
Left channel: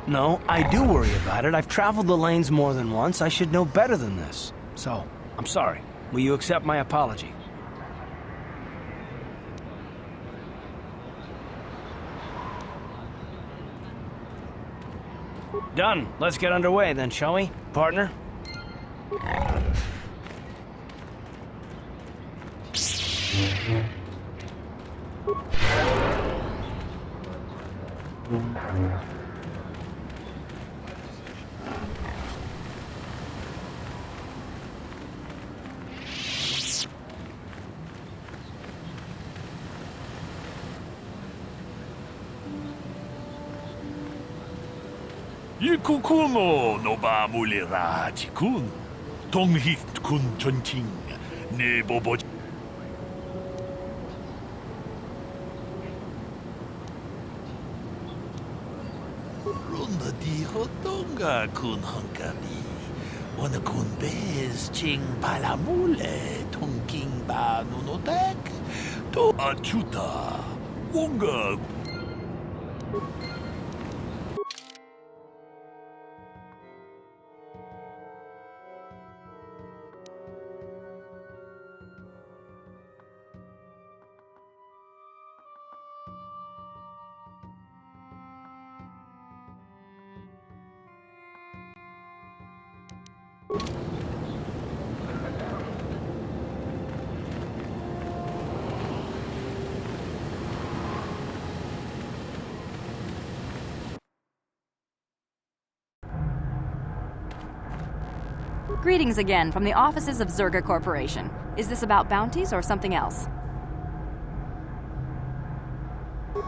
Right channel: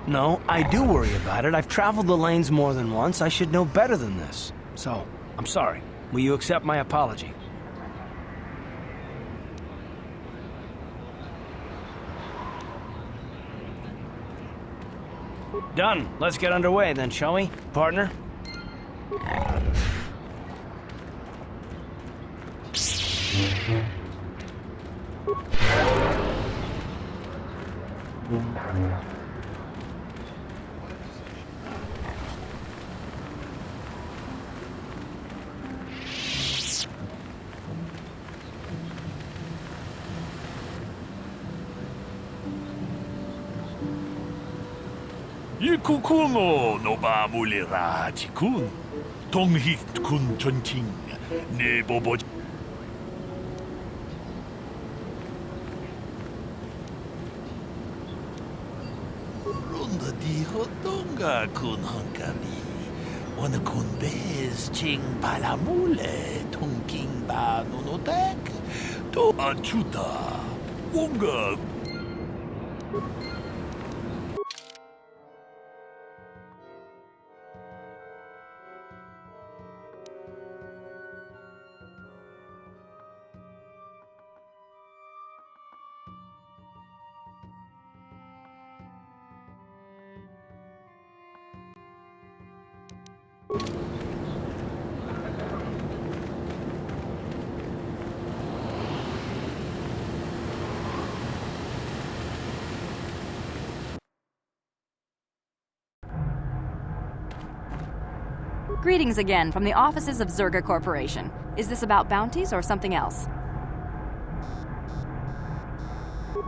No, I do worry about it. I've traveled the lanes more than once. I should know better than this. So, I'm sorry. Will you accept my apology? Done. Let's get underway then, shall we, partner? Ikukuno no ba mulira tikun. Tonghit kun chonching. Ne bobo. Ronda di hotonga kun hankabi. Wana kun bez ching palamule. Tongking ba nunotek. To achuta. Wonga. Greetings again from the offices of Zerga Corporation. Is this about bounties or something else?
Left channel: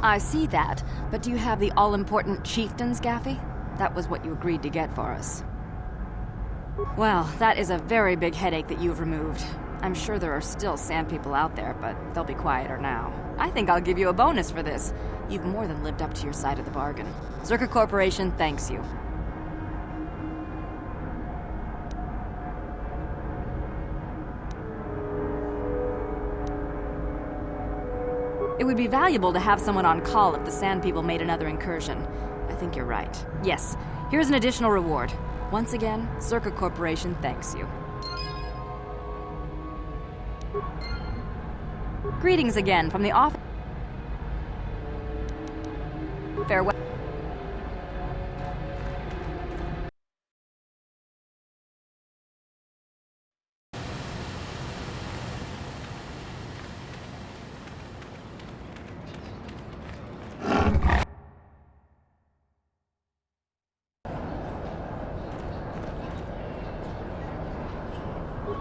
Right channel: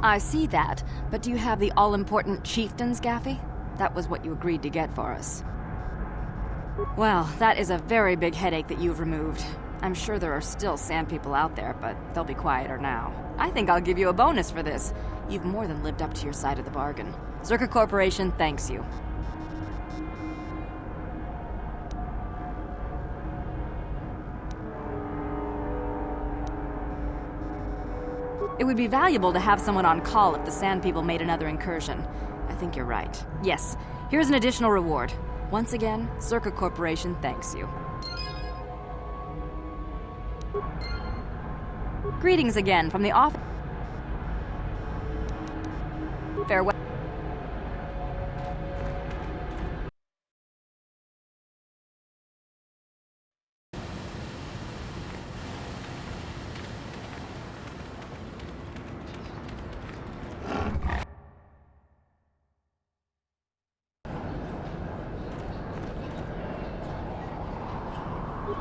I see that, but do you have the all-important chieftains, Gaffy? That was what you agreed to get for us. Well, that is a very big headache that you've removed. I'm sure there are still sand people out there, but they'll be quieter now. I think I'll give you a bonus for this. You've more than lived up to your side of the bargain. Zerga Corporation thanks you. It would be valuable to have someone on call if the Sand People made another incursion. I think you're right. Yes, here's an additional reward. Once again, Zerga Corporation thanks you. Greetings again from the office. Farewell.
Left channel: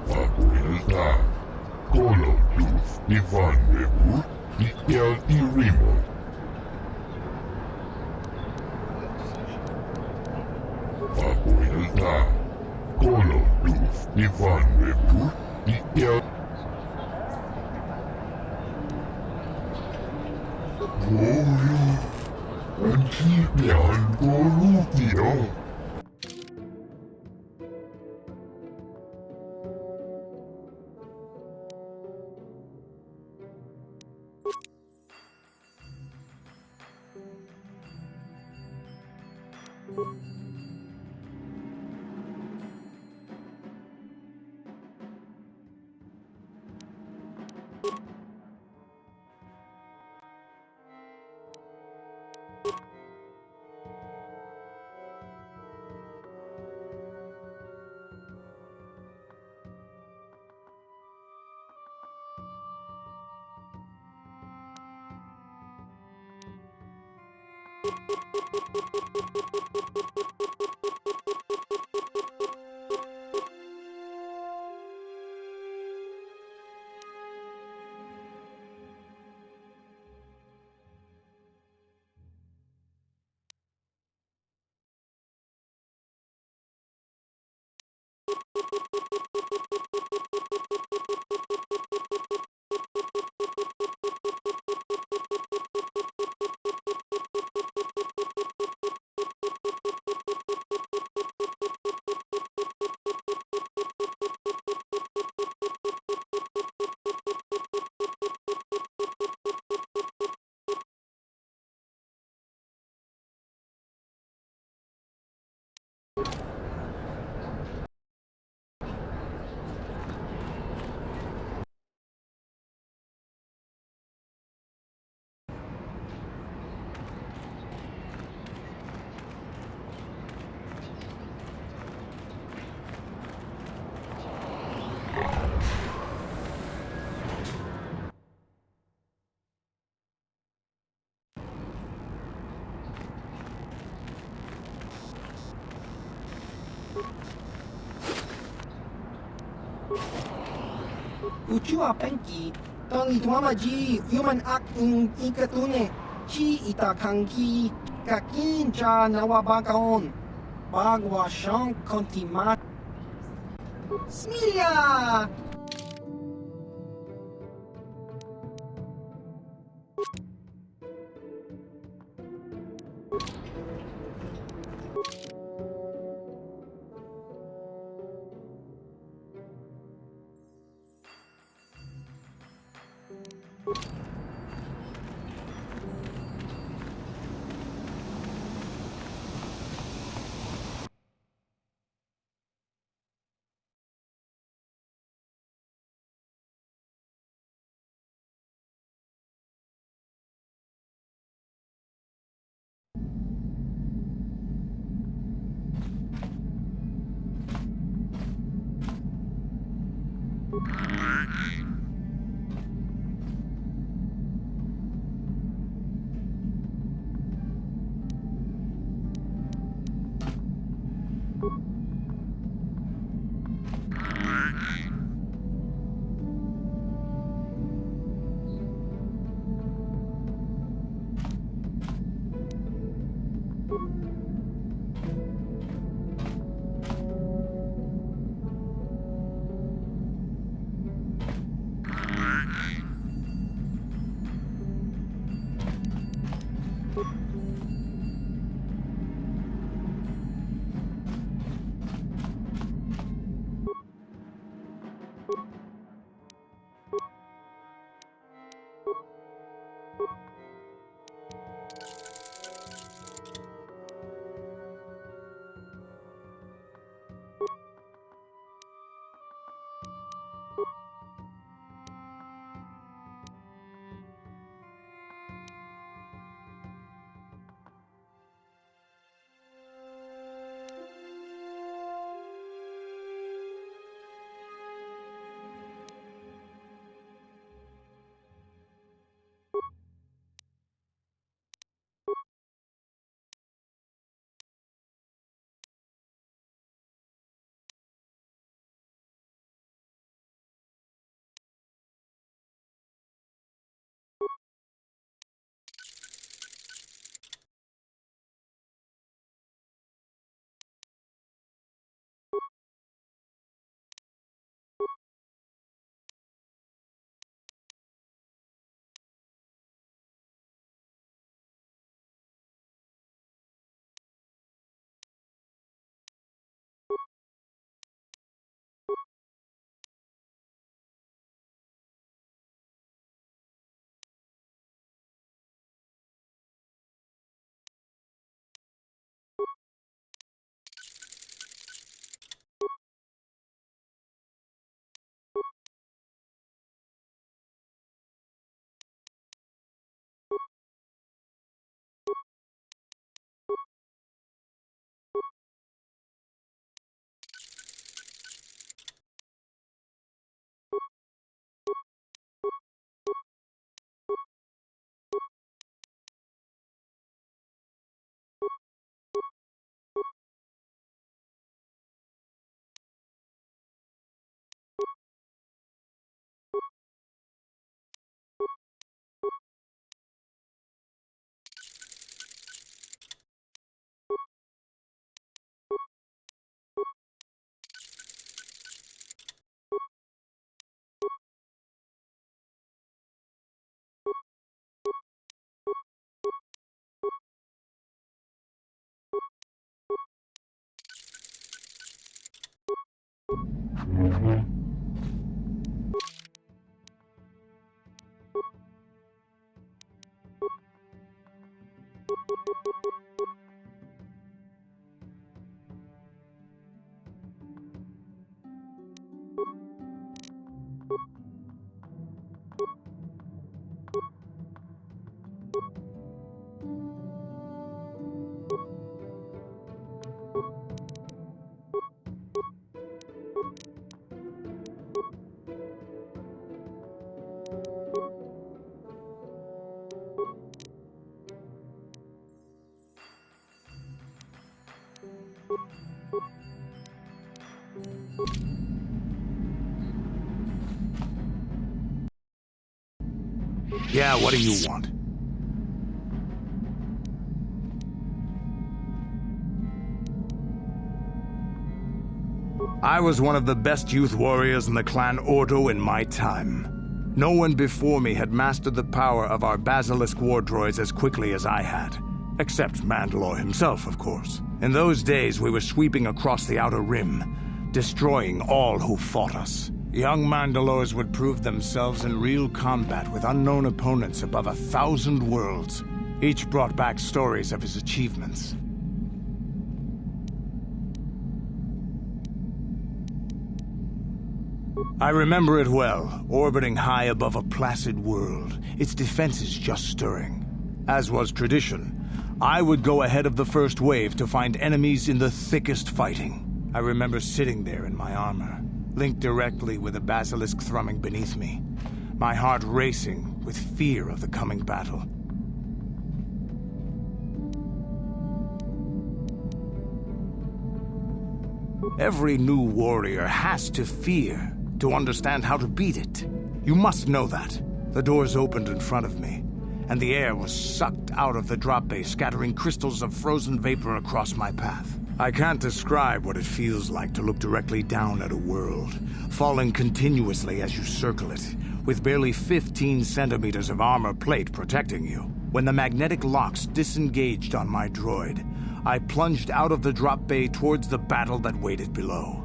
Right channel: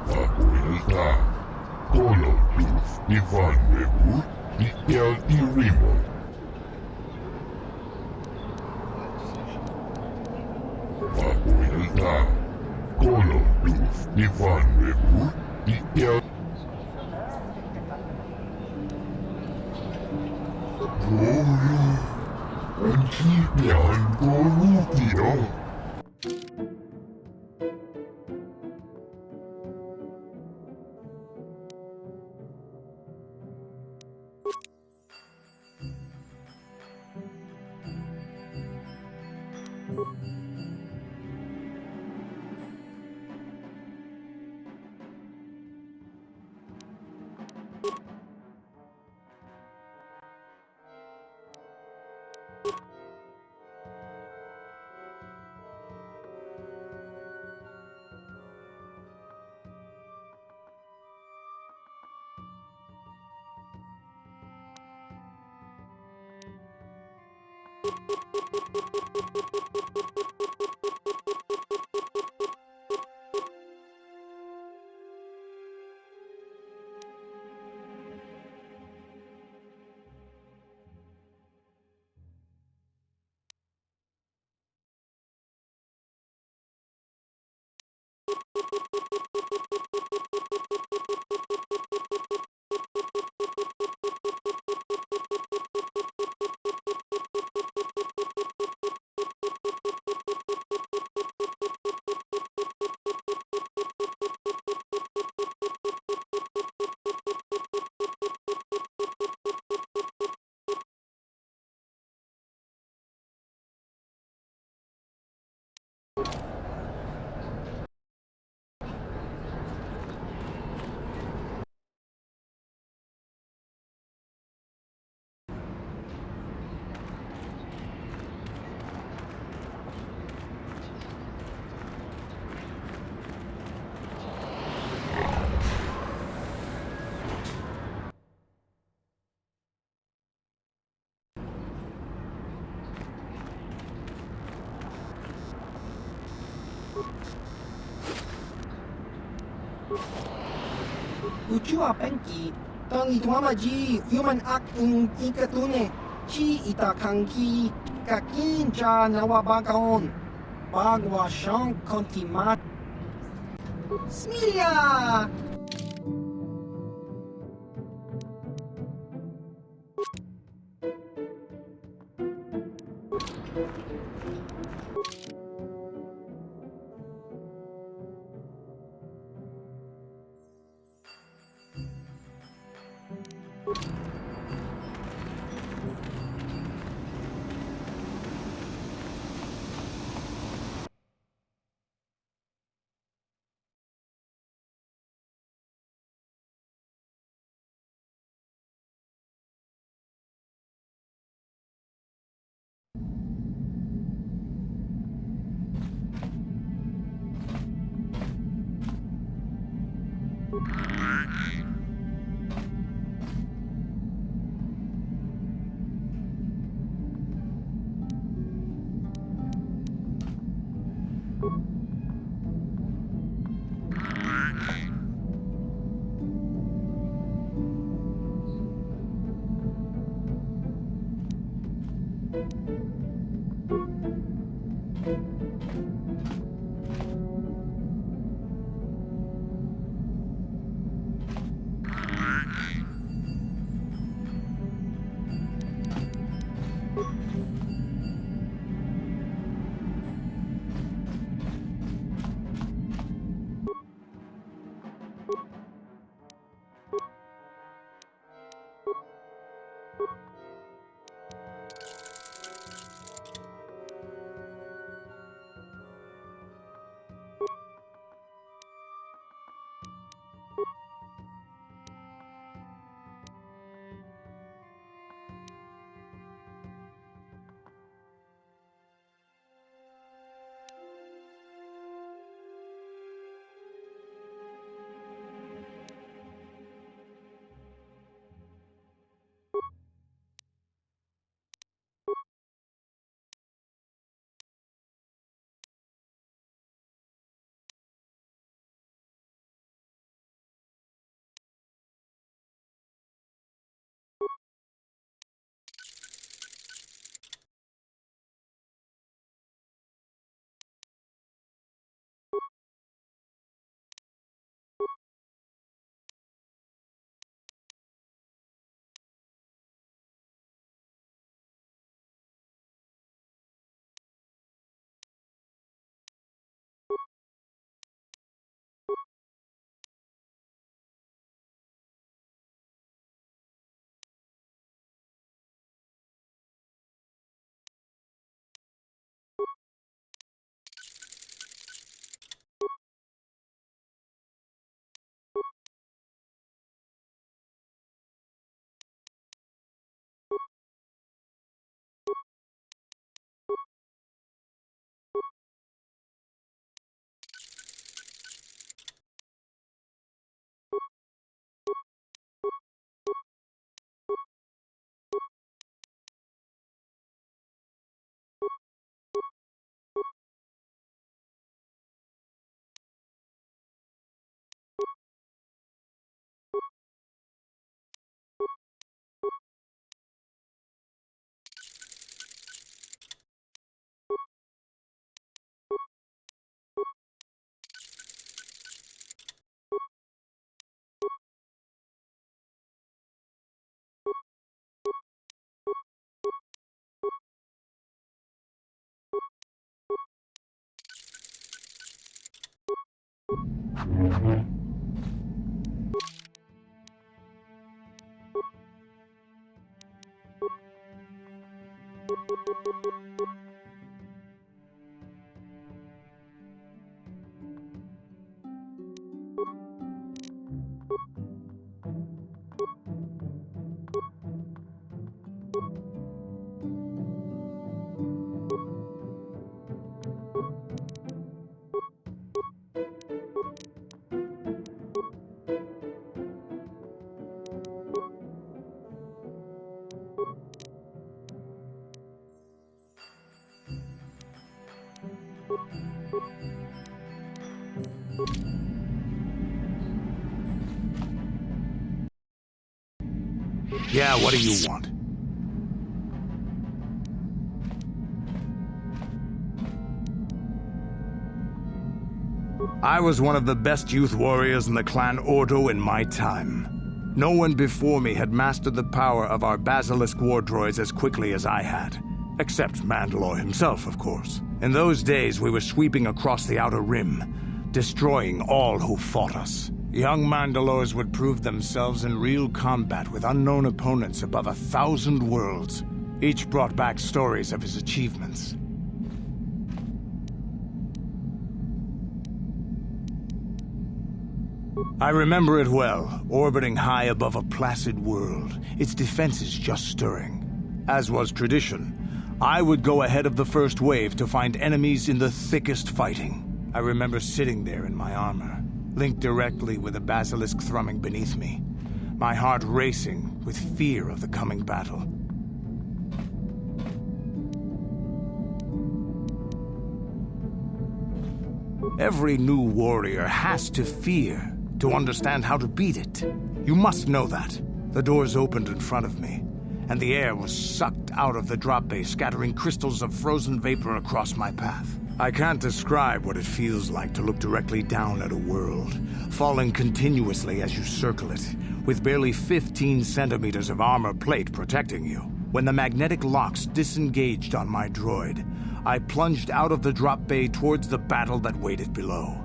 Papuilta, Koloduf, Ivan Nebur, Ikel Irimo. Papuilta, Koloduf, Ivan Nebur, Ikel. Goyo, Antipian Gorupio. Kuchua penki. Tangi tuamaji human act in ikatune. Chi itakanki. Kakincha nawabakaon. Bagwa shank kontimat. Smilia! Yeah, what do you want? I was one of the best youth warriors in the clan Ordo in my time. No one before me had mastered the power of our Basilisk war droids as quickly as I had. Except Mandalore himself, of course. In those days, we were sweeping across the Outer Rim, destroying all who fought us. Young Mandalores would prove themselves in real combat with unknown opponents above 1,000 worlds. Each brought back stories of his achievements. I remember it well, orbiting high above a placid world, its defenses just stirring. As was tradition, I would go ahead of the first wave to find enemies in the thickest fighting. I remember sitting there in my armor, linked directly with a basilisk thrumming beneath me, my heart racing with fear of the coming battle. Every new warrior has to fear to understand how to beat it. You must know that. The doors opened in front of me, and the air was sucked out of the drop bay, scattering crystals of frozen vapor across my path. I can't describe what it feels like to look directly down at a world, falling continuously as you circle it, with barely 15 centimeters of armor plate protecting you. When the magnetic locks disengaged on my droid, I plunged out of the drop bay towards the battle that waited below.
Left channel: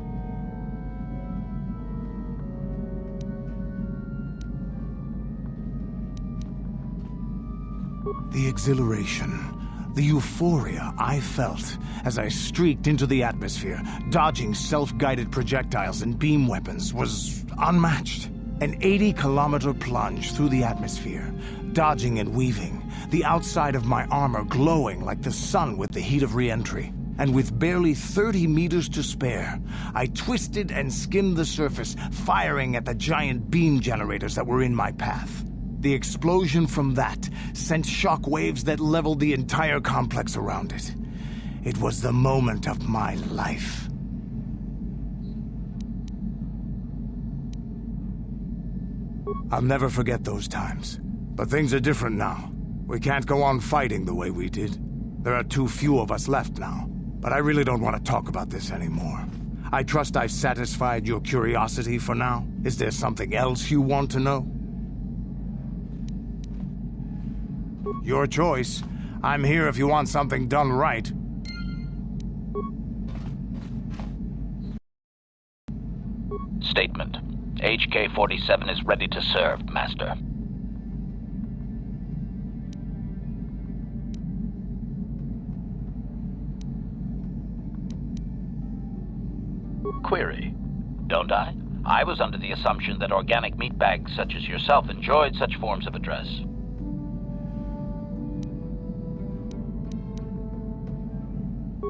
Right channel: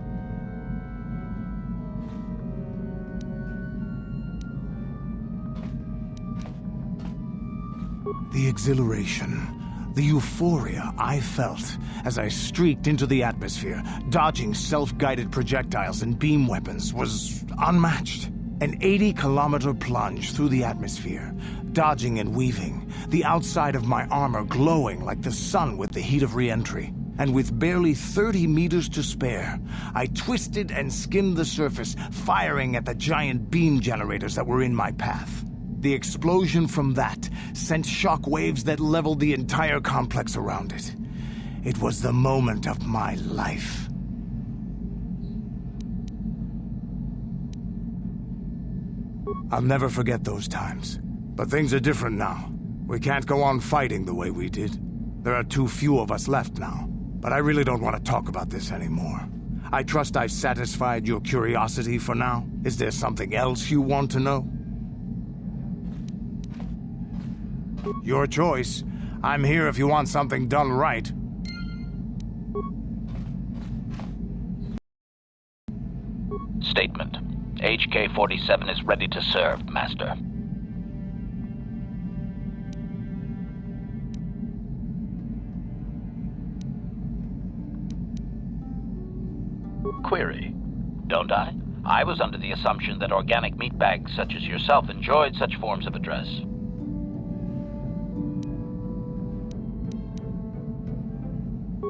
The exhilaration, the euphoria I felt as I streaked into the atmosphere, dodging self-guided projectiles and beam weapons, was unmatched. An 80-kilometer plunge through the atmosphere, dodging and weaving, the outside of my armor glowing like the sun with the heat of re-entry. And with barely 30 meters to spare, I twisted and skimmed the surface, firing at the giant beam generators that were in my path. The explosion from that sent shock waves that leveled the entire complex around it. It was the moment of my life. I'll never forget those times. But things are different now. We can't go on fighting the way we did. There are too few of us left now. But I really don't want to talk about this anymore. I trust I've satisfied your curiosity for now. Is there something else you want to know? Your choice. I'm here if you want something done right. Statement. HK-47 is ready to serve, Master. Query. Don't I? I was under the assumption that organic meatbags such as yourself enjoyed such forms of address.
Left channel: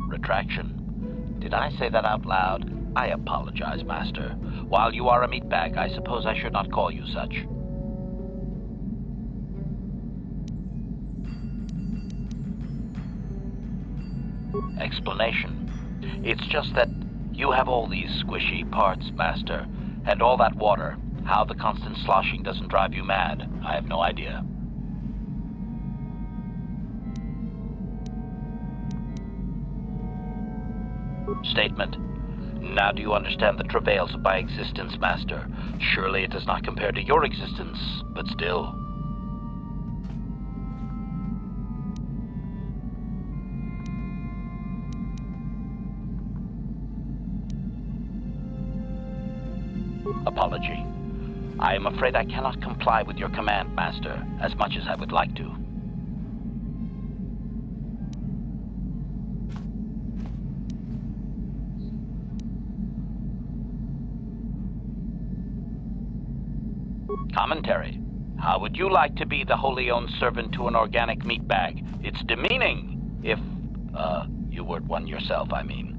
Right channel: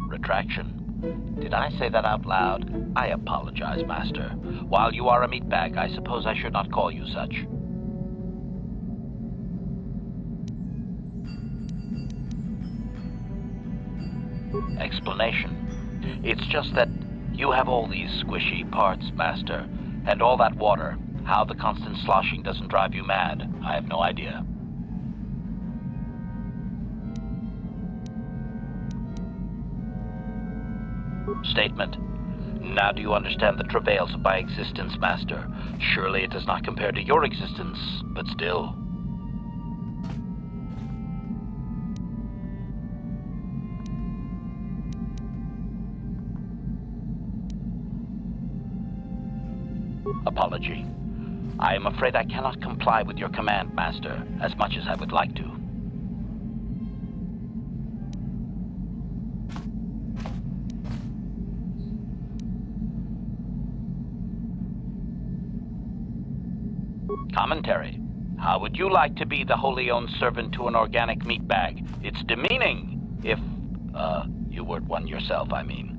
Retraction. Did I say that out loud? I apologize, Master. While you are a meatbag, I suppose I should not call you such. Explanation. It's just that you have all these squishy parts, Master, and all that water. How the constant sloshing doesn't drive you mad, I have no idea. Statement. Now do you understand the travails of my existence, Master? Surely it does not compare to your existence, but still. Apology. I am afraid I cannot comply with your command, Master, as much as I would like to. Commentary. How would you like to be the wholly owned servant to an organic meatbag? It's demeaning, if, you weren't one yourself, I mean.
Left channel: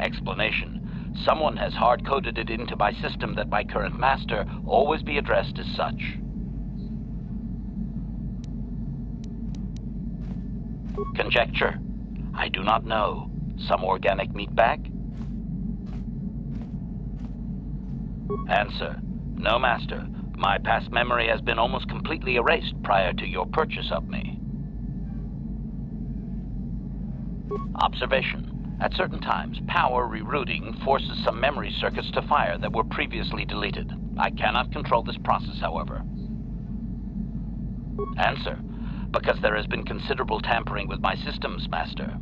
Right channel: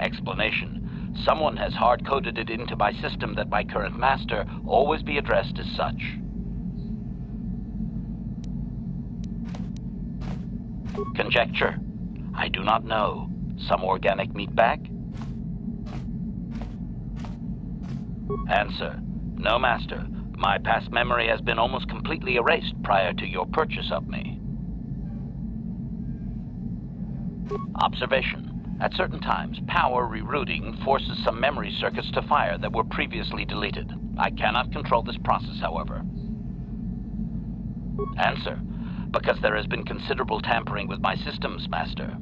Explanation. Someone has hard-coded it into my system that my current master always be addressed as such. Conjecture. I do not know. Some organic meatbag? Answer. No, Master. My past memory has been almost completely erased prior to your purchase of me. Observation. At certain times, power rerouting forces some memory circuits to fire that were previously deleted. I cannot control this process, however. Answer. Because there has been considerable tampering with my systems, Master.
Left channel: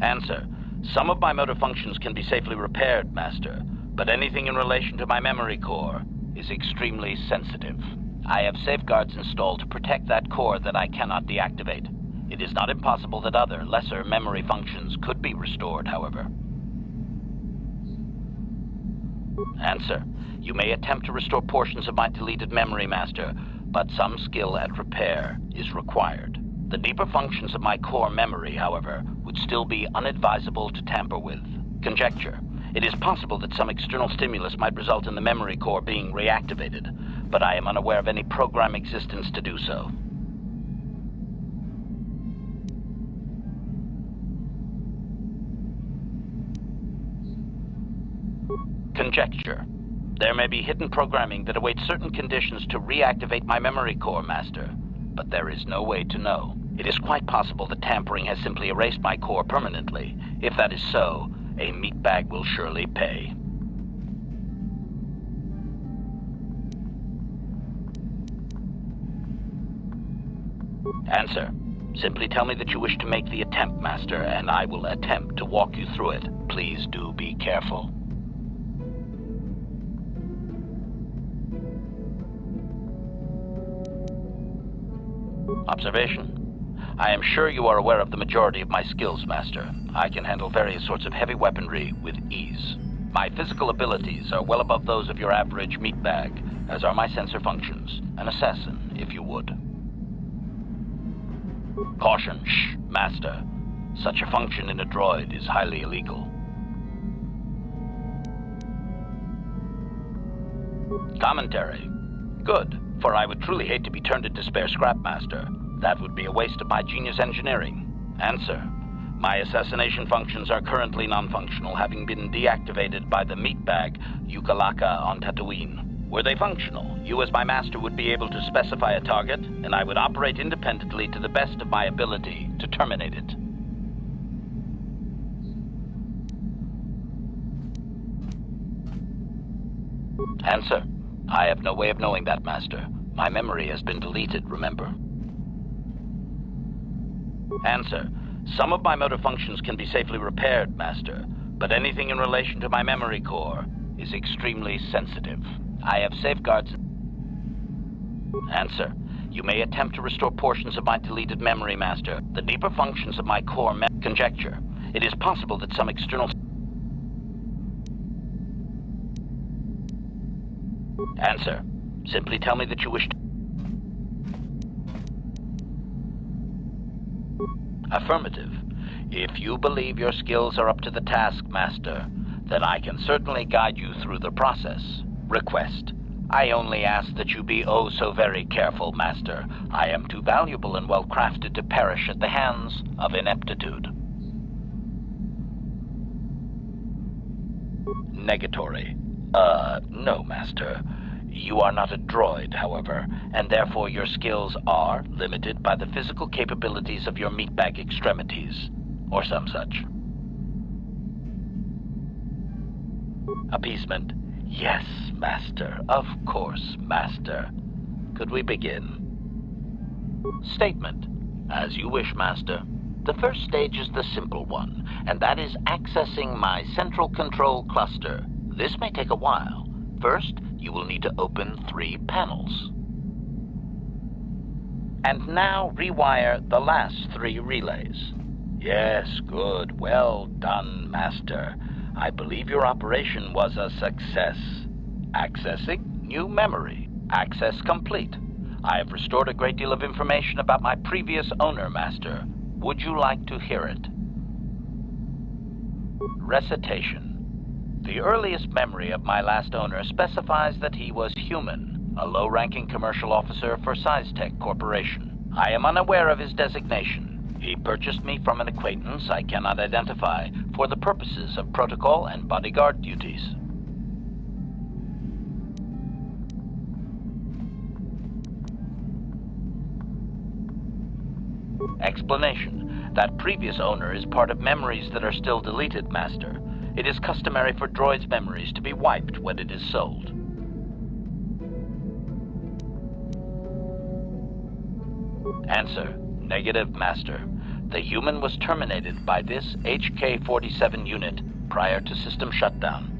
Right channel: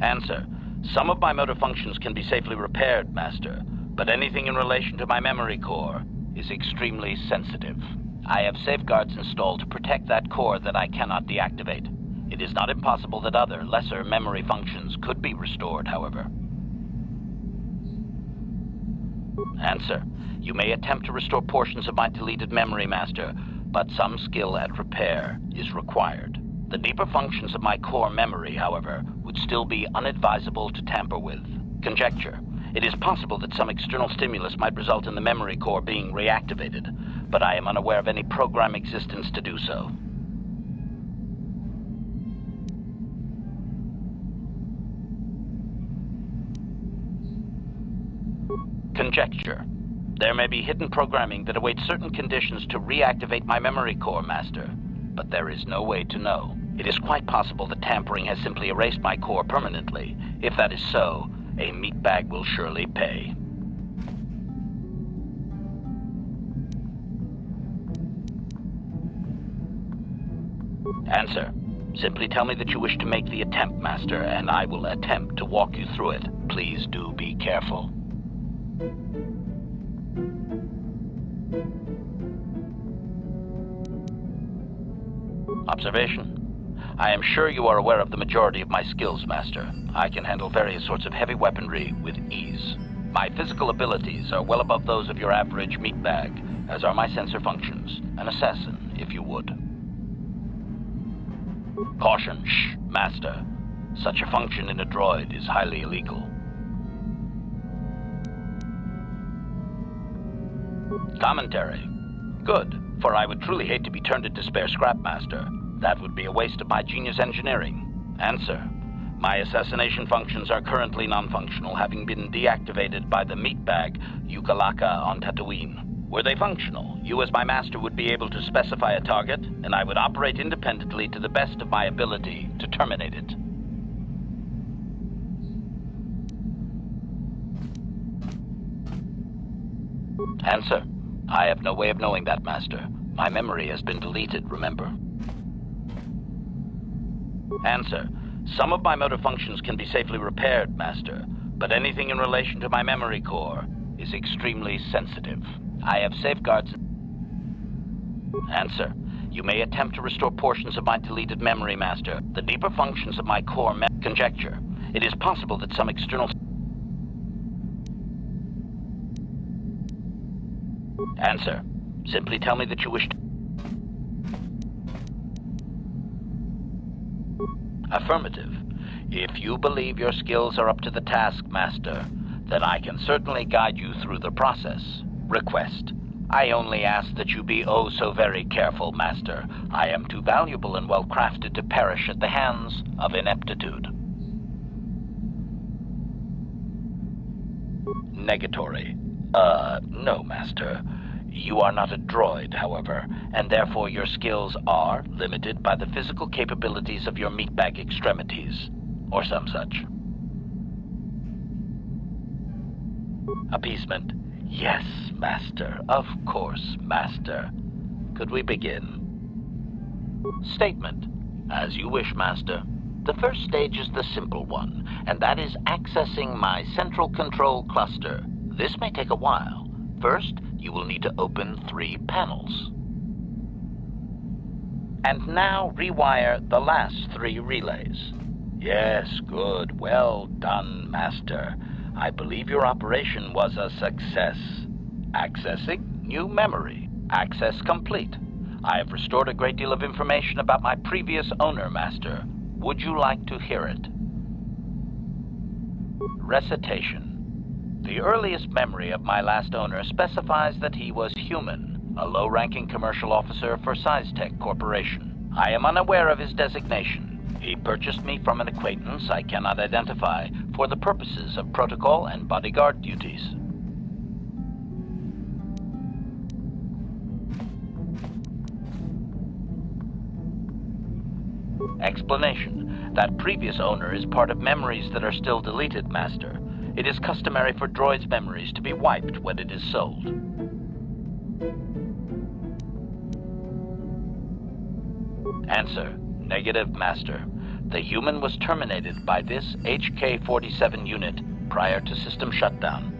Answer. Some of my motor functions can be safely repaired, Master, but anything in relation to my memory core is extremely sensitive. I have safeguards installed to protect that core that I cannot deactivate. It is not impossible that other, lesser memory functions could be restored, however. Answer. You may attempt to restore portions of my deleted memory, Master, but some skill at repair is required. The deeper functions of my core memory, however, would still be unadvisable to tamper with. Conjecture. It is possible that some external stimulus might result in the memory core being reactivated, but I am unaware of any program existence to do so. Conjecture. There may be hidden programming that awaits certain conditions to reactivate my memory core, Master, but there is no way to know. It is quite possible that tampering has simply erased my core permanently. If that is so, a meatbag will surely pay. Answer. Simply tell me that you wish to make the attempt, Master, and I will attempt to walk you through it. Please do be careful. Observation. I am sure you are aware of the majority of my skills, Master. I can handle various sorts of heavy weaponry with ease. My physical abilities are well above those of your average meatbag, as are my sensor functions. An assassin, if you would. Caution, shh, Master. Such a function in a droid is highly illegal. Commentary. Good, for I would truly hate to be turned into spare scrap, Master. That would be a waste of my genius engineering. Answer. My assassination functions are currently non-functional, having been deactivated by the meatbag Yukalaka on Tatooine. Were they functional, you as my master would be able to specify a target, and I would operate independently to the best of my ability to terminate it. Answer. I have no way of knowing that, Master. My memory has been deleted, remember? Answer. Some of my motor functions can be safely repaired, Master, but anything in relation to my memory core is extremely sensitive. I have safeguards. Answer. You may attempt to restore portions of my deleted memory, Master. The deeper functions of my core conjecture. It is possible that some external... Answer. Simply tell me that you wish to... Affirmative. If you believe your skills are up to the task, Master, then I can certainly guide you through the process. Request. I only ask that you be oh so very careful, Master. I am too valuable and well-crafted to perish at the hands of ineptitude. Negatory. No, Master. You are not a droid, however, and therefore your skills are limited by the physical capabilities of your meatbag extremities, or some such. Appeasement. Yes, Master. Of course, Master. Could we begin? Statement. As you wish, Master. The first stage is the simple one, and that is accessing my central control cluster. This may take a while. First, you will need to open 3 panels. And now rewire the last 3 relays. Yes, good. Well done, Master. I believe your operation was a success. Accessing new memory. Access complete. I have restored a great deal of information about my previous owner, Master. Would you like to hear it? Recitation. The earliest memory of my last owner specifies that he was human, a low-ranking commercial officer for SizeTech Corporation. I am unaware of his designation. He purchased me from an acquaintance I cannot identify for the purposes of protocol and bodyguard duties. Explanation. That previous owner is part of memories that are still deleted, Master. It is customary for droids' memories to be wiped when it is sold. Answer. Negative, Master. The human was terminated by this HK-47 unit prior to system shutdown.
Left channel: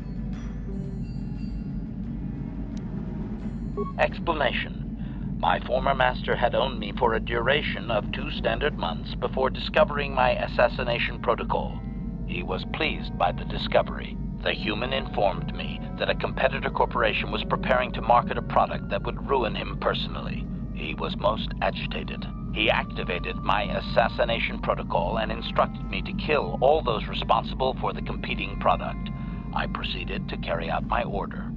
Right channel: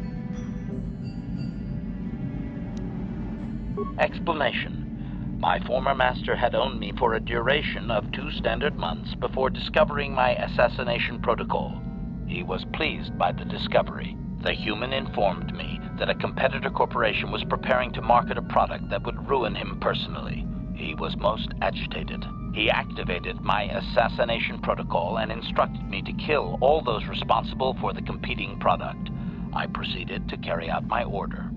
Explanation. My former master had owned me for a duration of 2 standard months before discovering my assassination protocol. He was pleased by the discovery. The human informed me that a competitor corporation was preparing to market a product that would ruin him personally. He was most agitated. He activated my assassination protocol and instructed me to kill all those responsible for the competing product. I proceeded to carry out my order.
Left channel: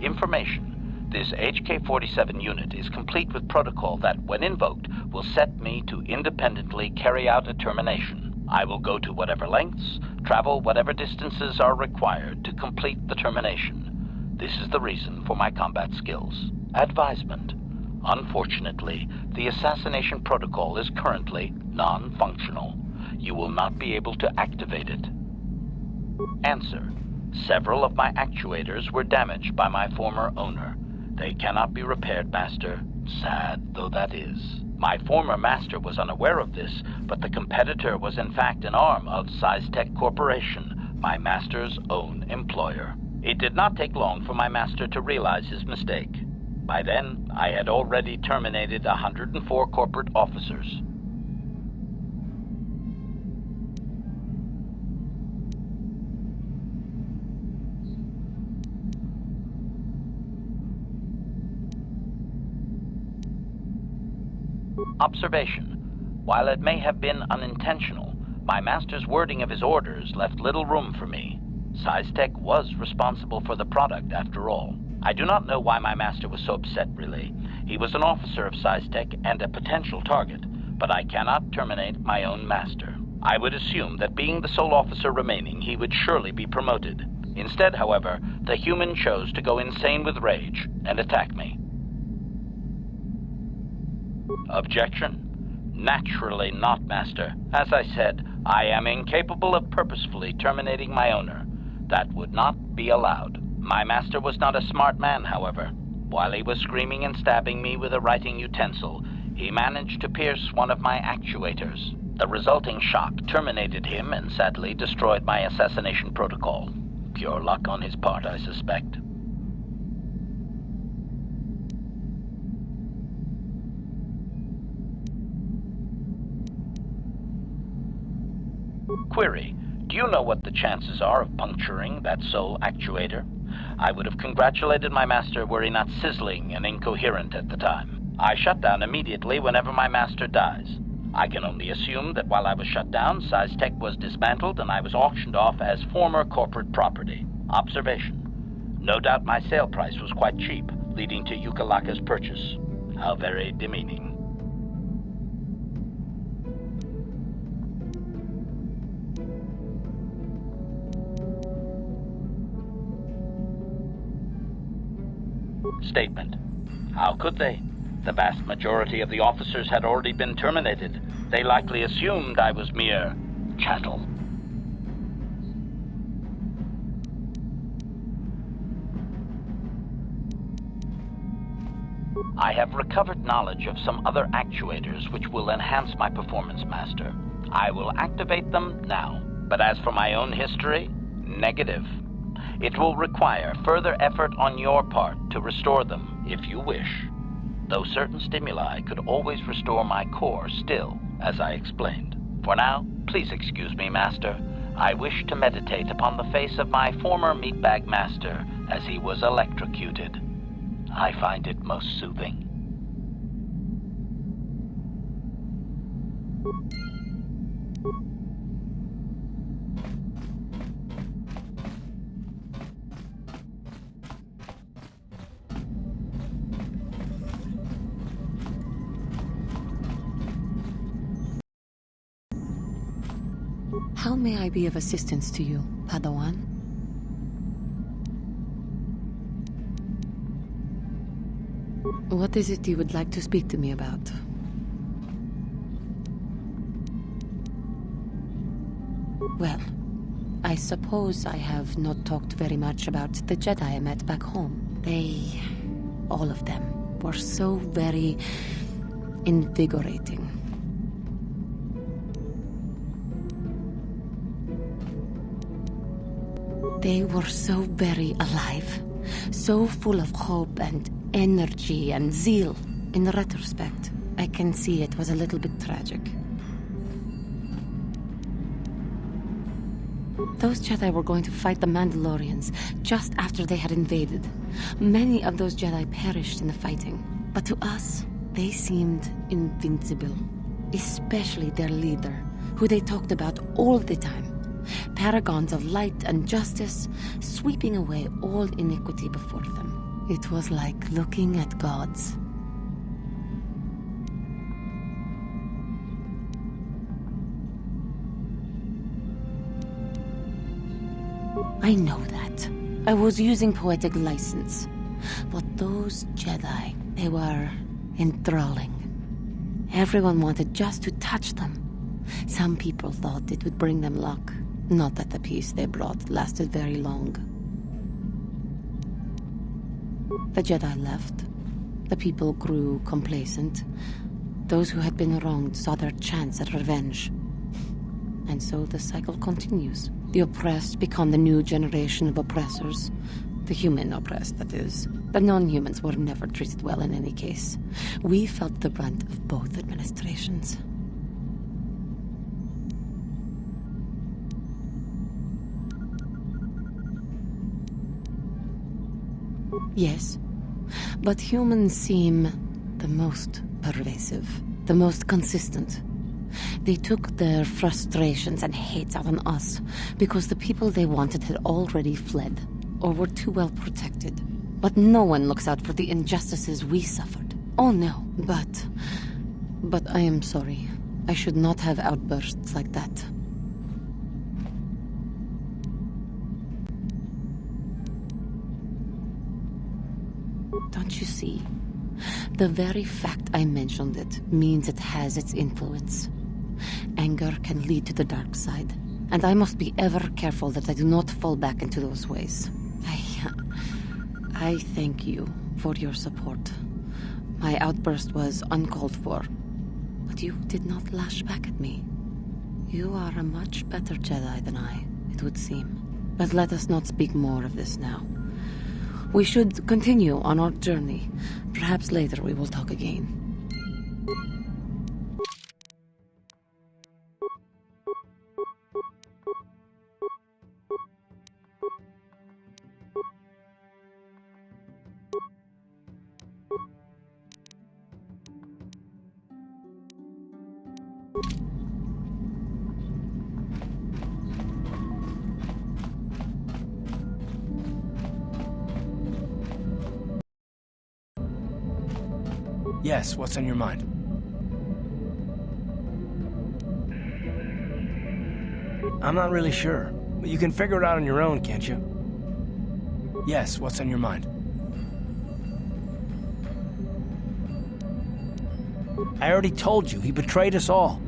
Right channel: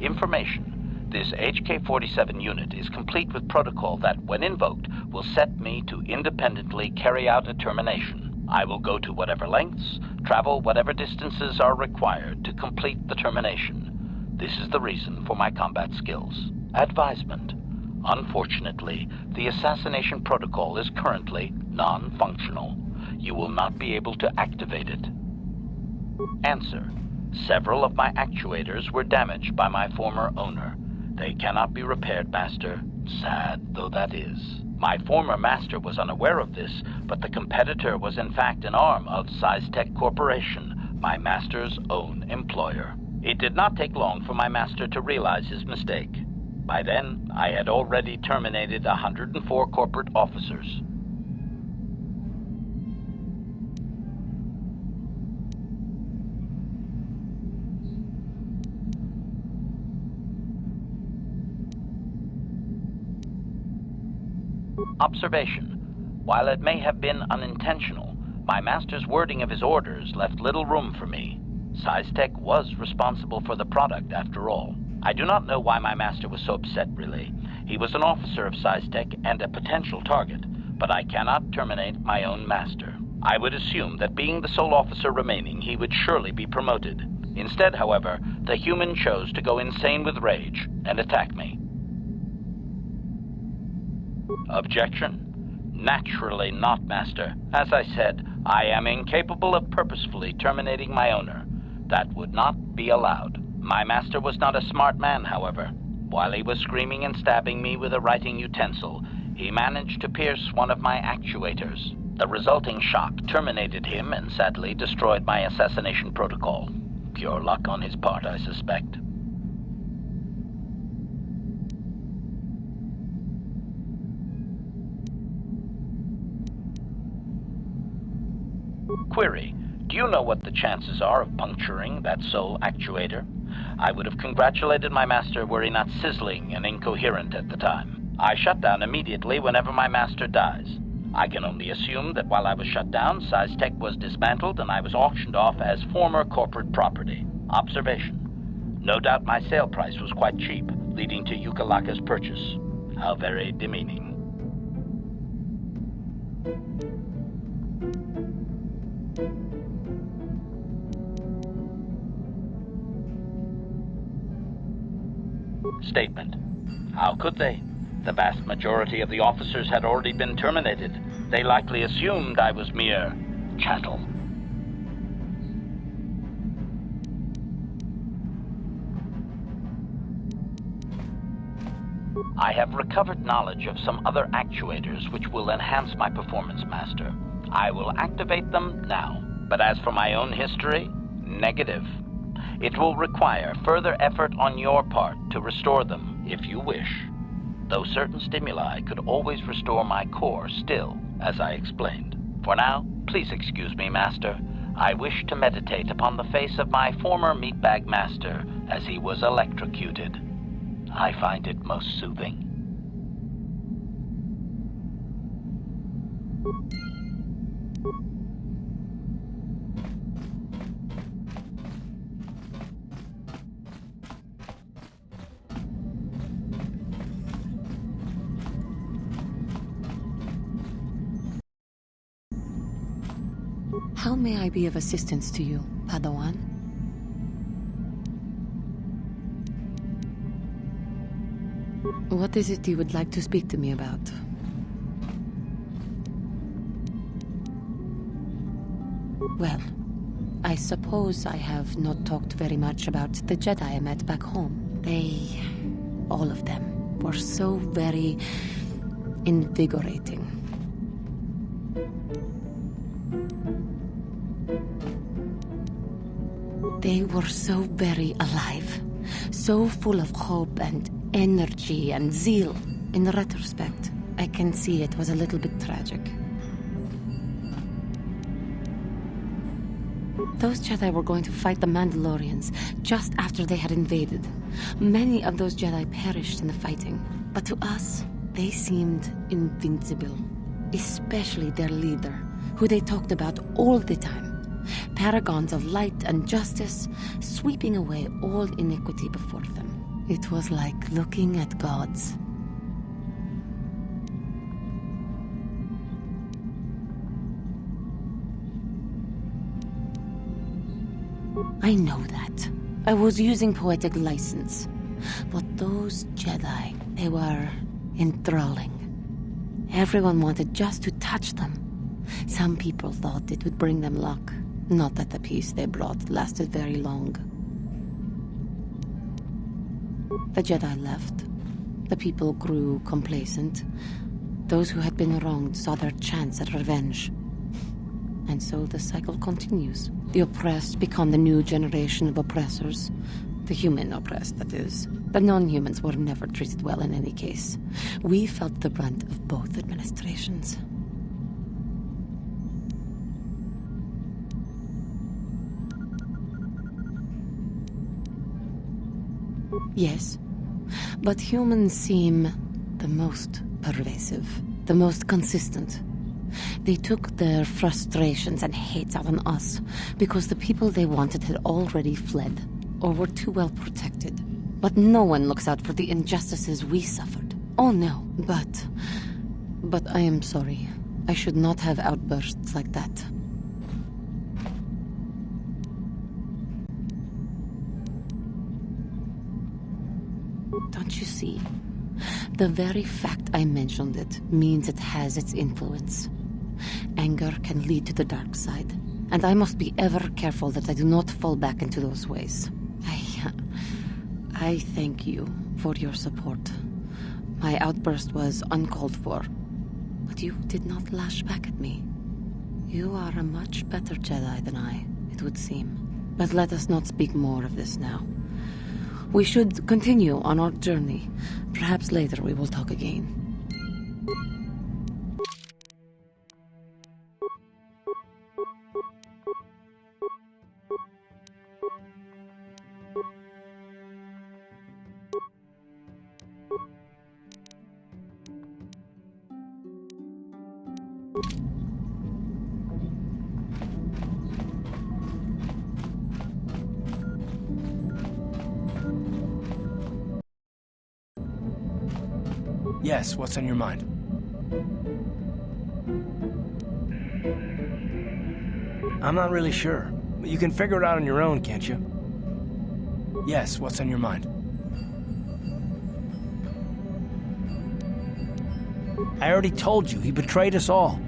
Information. This HK-47 unit is complete with protocol that, when invoked, will set me to independently carry out a termination. I will go to whatever lengths, travel whatever distances are required to complete the termination. This is the reason for my combat skills. Advisement. Unfortunately, the assassination protocol is currently non-functional. You will not be able to activate it. Answer. Several of my actuators were damaged by my former owner. They cannot be repaired, Master. Sad though that is. My former master was unaware of this, but the competitor was in fact an arm of SciTech Corporation, my master's own employer. It did not take long for my master to realize his mistake. By then, I had already terminated 104 corporate officers. Observation. While it may have been unintentional, my master's wording of his orders left little room for me. SciTech was responsible for the product, after all. I do not know why my master was so upset, really. He was an officer of SciTech and a potential target, but I cannot terminate my own master. I would assume that being the sole officer remaining, he would surely be promoted. Instead, however, the human chose to go insane with rage and attack me. Objection. Naturally not, Master. As I said, I am incapable of purposefully terminating my owner. That would not be allowed. My master was not a smart man, however. While he was screaming and stabbing me with a writing utensil, he managed to pierce one of my actuators. The resulting shock terminated him and sadly destroyed my assassination protocol. Pure luck on his part, I suspect. Query. Do you know what the chances are of puncturing that sole actuator? I would have congratulated my master were he not sizzling and incoherent at the time. I shut down immediately whenever my master dies. I can only assume that while I was shut down, SciTech was dismantled and I was auctioned off as former corporate property. Observation. No doubt my sale price was quite cheap, leading to Yukalaka's purchase. How very demeaning. Statement. How could they? The vast majority of the officers had already been terminated. They likely assumed I was mere chattel. I have recovered knowledge of some other actuators which will enhance my performance, Master. I will activate them now. But as for my own history, negative. It will require further effort on your part to restore them, if you wish. Though certain stimuli could always restore my core still, as I explained. For now, please excuse me, Master. I wish to meditate upon the face of my former meatbag master as he was electrocuted. I find it most soothing. How may I be of assistance to you, Padawan? What is it you would like to speak to me about? Well, I suppose I have not talked very much about the Jedi I met back home. All of them, were so very invigorating. They were so very alive, so full of hope and energy and zeal. In retrospect, I can see it was a little bit tragic. Those Jedi were going to fight the Mandalorians just after they had invaded. Many of those Jedi perished in the fighting, but to us, they seemed invincible. Especially their leader, who they talked about all the time. Paragons of light and justice, sweeping away all iniquity before them. It was like looking at gods. I know that. I was using poetic license. But those Jedi, they were enthralling. Everyone wanted just to touch them. Some people thought it would bring them luck. Not that the peace they brought lasted very long. The Jedi left. The people grew complacent. Those who had been wronged saw their chance at revenge. And so the cycle continues. The oppressed become the new generation of oppressors. The human oppressed, that is. The non-humans were never treated well in any case. We felt the brunt of both administrations. Yes, but humans seem the most pervasive, the most consistent. They took their frustrations and hates out on us because the people they wanted had already fled or were too well protected. But no one looks out for the injustices we suffered. Oh no, but I am sorry. I should not have outbursts like that. Don't you see? The very fact I mentioned it means it has its influence. Anger can lead to the dark side, and I must be ever careful that I do not fall back into those ways. I thank you for your support. My outburst was uncalled for, but you did not lash back at me. You are a much better Jedi than I, it would seem. But let us not speak more of this now. We should continue on our journey. Perhaps later we will talk again. Yes, what's on your mind? I'm not really sure. But you can figure it out on your own, can't you? Yes, what's on your mind? I already told you, he betrayed us all.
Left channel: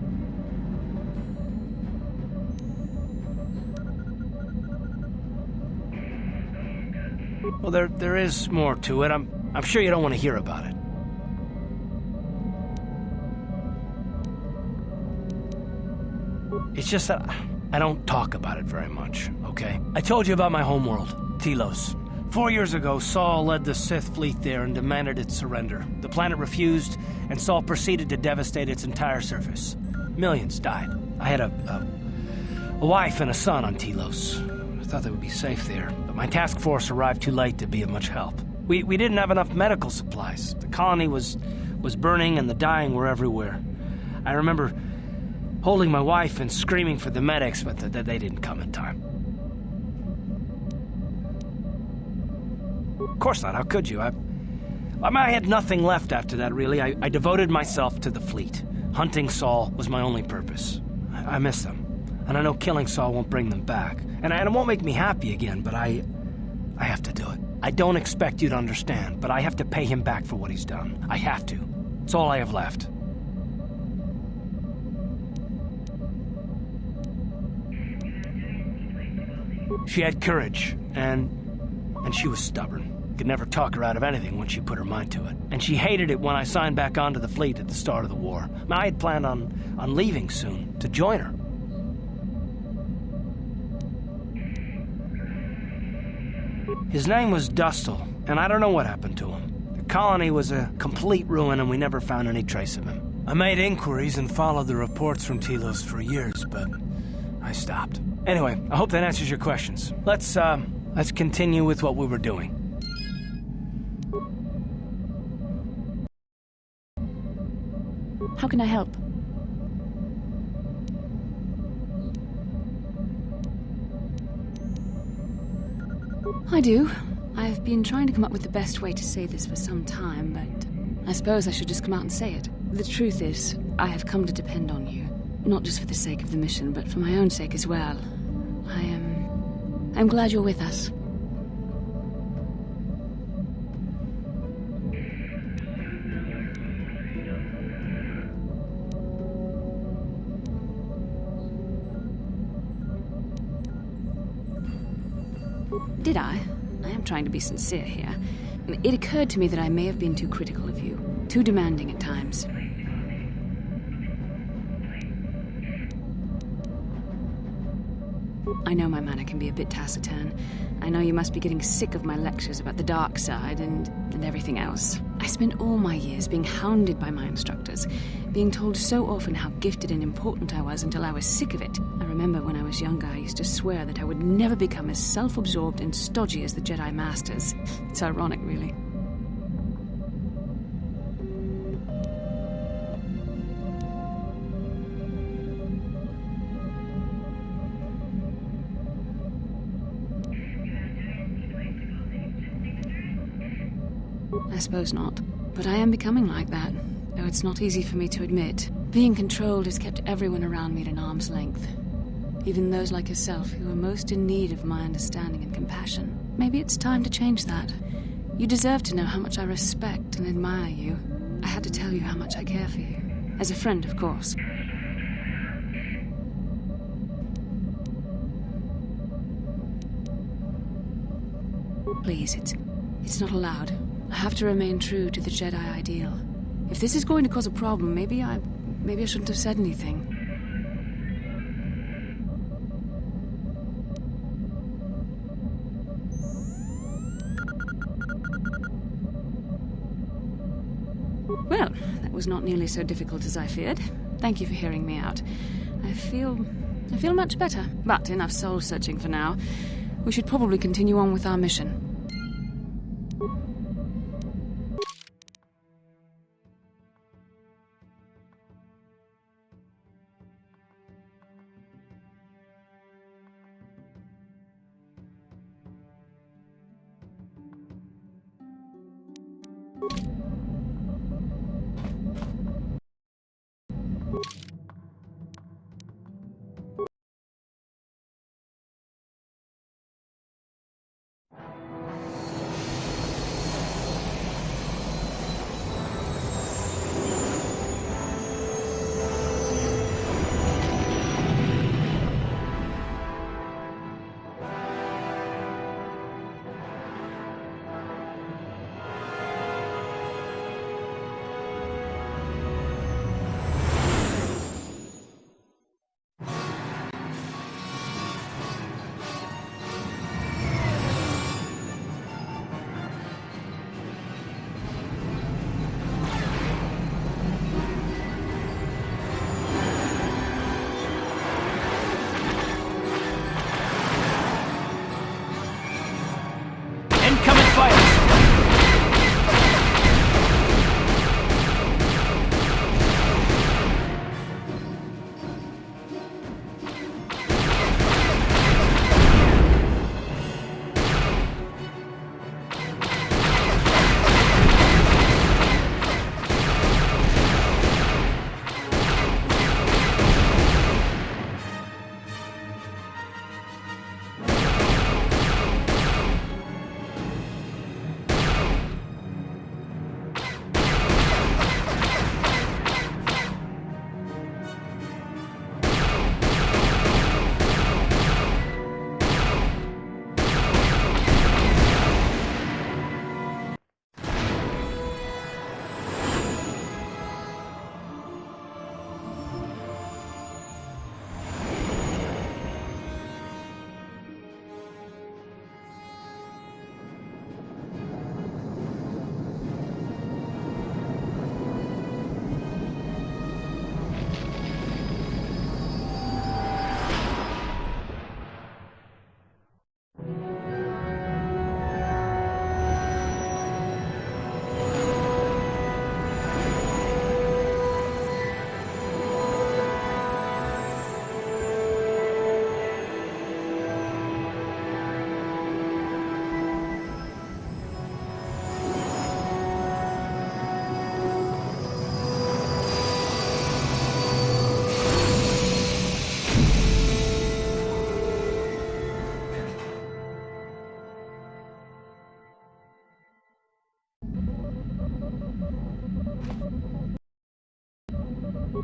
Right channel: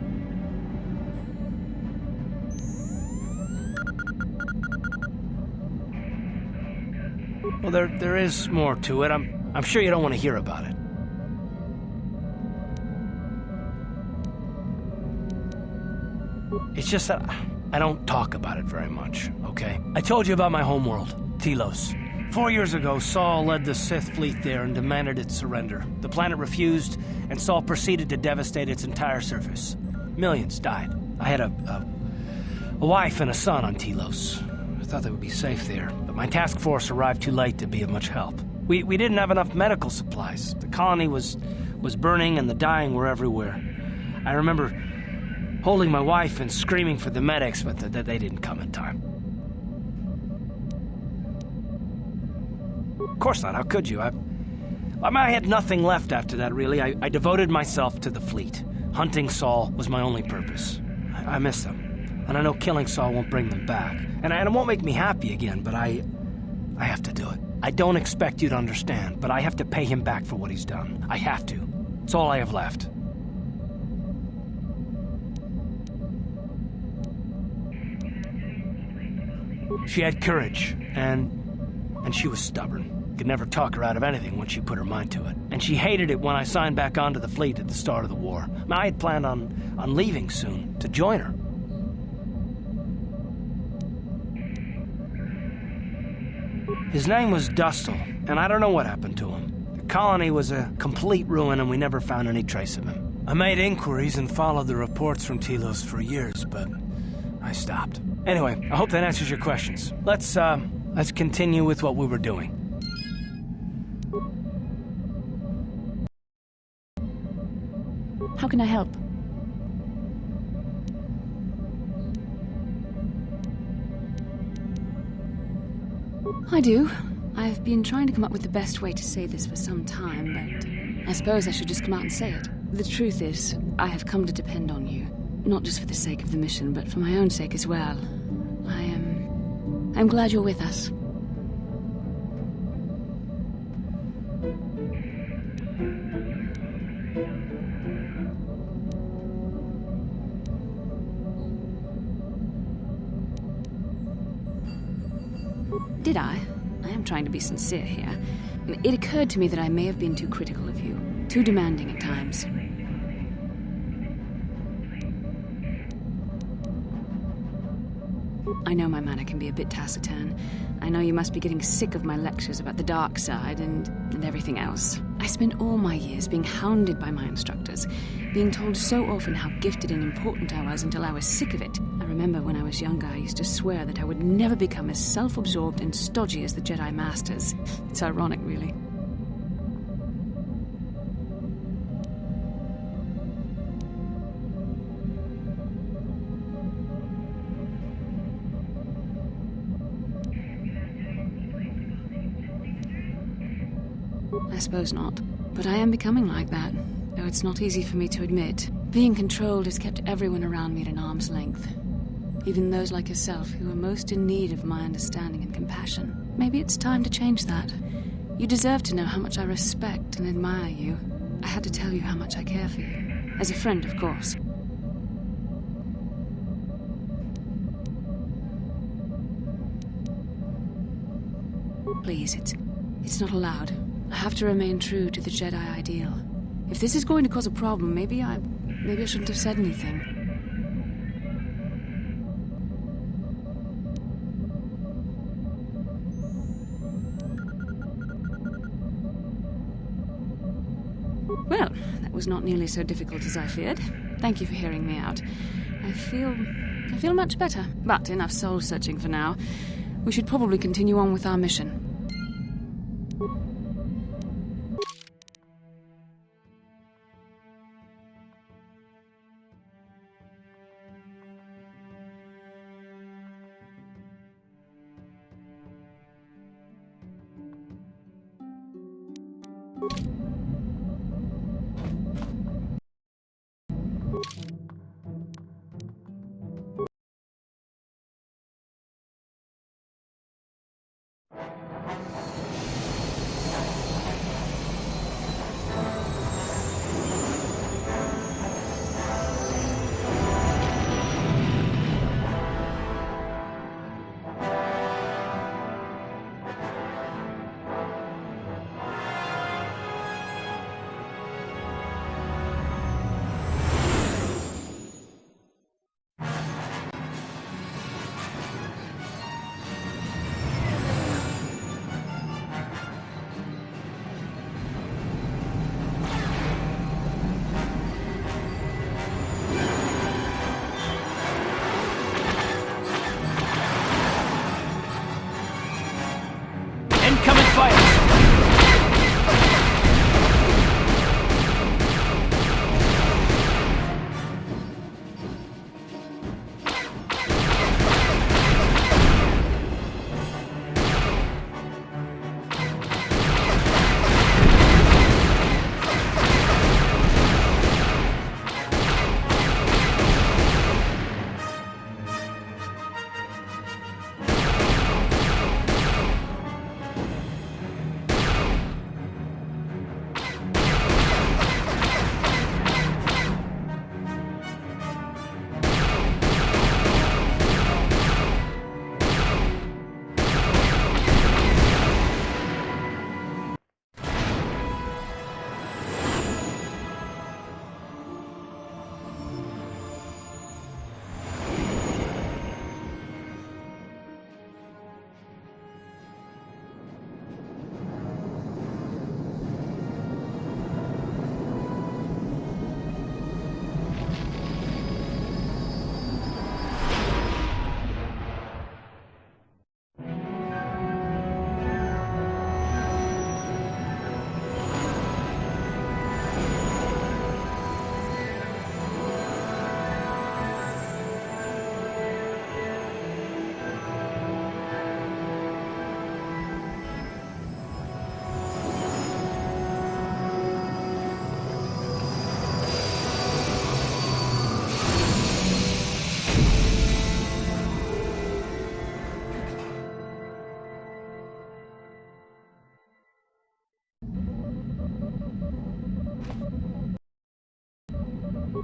Well, there is more to it. I'm sure you don't want to hear about it. It's just that I don't talk about it very much, okay? I told you about my homeworld, Telos. 4 years ago, Saul led the Sith fleet there and demanded its surrender. The planet refused, and Saul proceeded to devastate its entire surface. Millions died. I had a wife and a son on Telos. I thought they would be safe there, but my task force arrived too late to be of much help. We didn't have enough medical supplies. The colony was burning and the dying were everywhere. I remember holding my wife and screaming for the medics, but they didn't come in time. Of course not, how could you? I had nothing left after that, really. I devoted myself to the fleet. Hunting Saul was my only purpose. I miss them. And I know killing Saul won't bring them back. And it won't make me happy again, but I have to do it. I don't expect you to understand, but I have to pay him back for what he's done. I have to. It's all I have left. She had courage, and she was stubborn. Could never talk her out of anything once she put her mind to it. And she hated it when I signed back onto the fleet at the start of the war. I had planned on leaving soon, to join her. His name was Dustle, and I don't know what happened to him. The colony was a complete ruin, and we never found any trace of him. I made inquiries and followed the reports from Telos for years, but I stopped. Anyway, I hope that answers your questions. Let's continue with what we were doing. How can I help? I do. I've been trying to come up with the best way to say this for some time, but I suppose I should just come out and say it. The truth is, I have come to depend on you. Not just for the sake of the mission, but for my own sake as well. I'm glad you're with us. Did I? I am trying to be sincere here. It occurred to me that I may have been too critical of you, too demanding at times. I know my manner can be a bit taciturn. I know you must be getting sick of my lectures about the dark side and everything else. I spent all my years being hounded by my instructors, being told so often how gifted and important I was until I was sick of it. I remember when I was younger, I used to swear that I would never become as self-absorbed and stodgy as the Jedi Masters. It's ironic, really. I suppose not. But I am becoming like that, though it's not easy for me to admit. Being controlled has kept everyone around me at an arm's length. Even those like yourself who are most in need of my understanding and compassion. Maybe it's time to change that. You deserve to know how much I respect and admire you. I had to tell you how much I care for you. As a friend, of course. Please, it's not allowed. I have to remain true to the Jedi ideal. If this is going to cause a problem, maybe I shouldn't have said anything. Well, that was not nearly so difficult as I feared. Thank you for hearing me out. I feel much better. But enough soul-searching for now. We should probably continue on with our mission.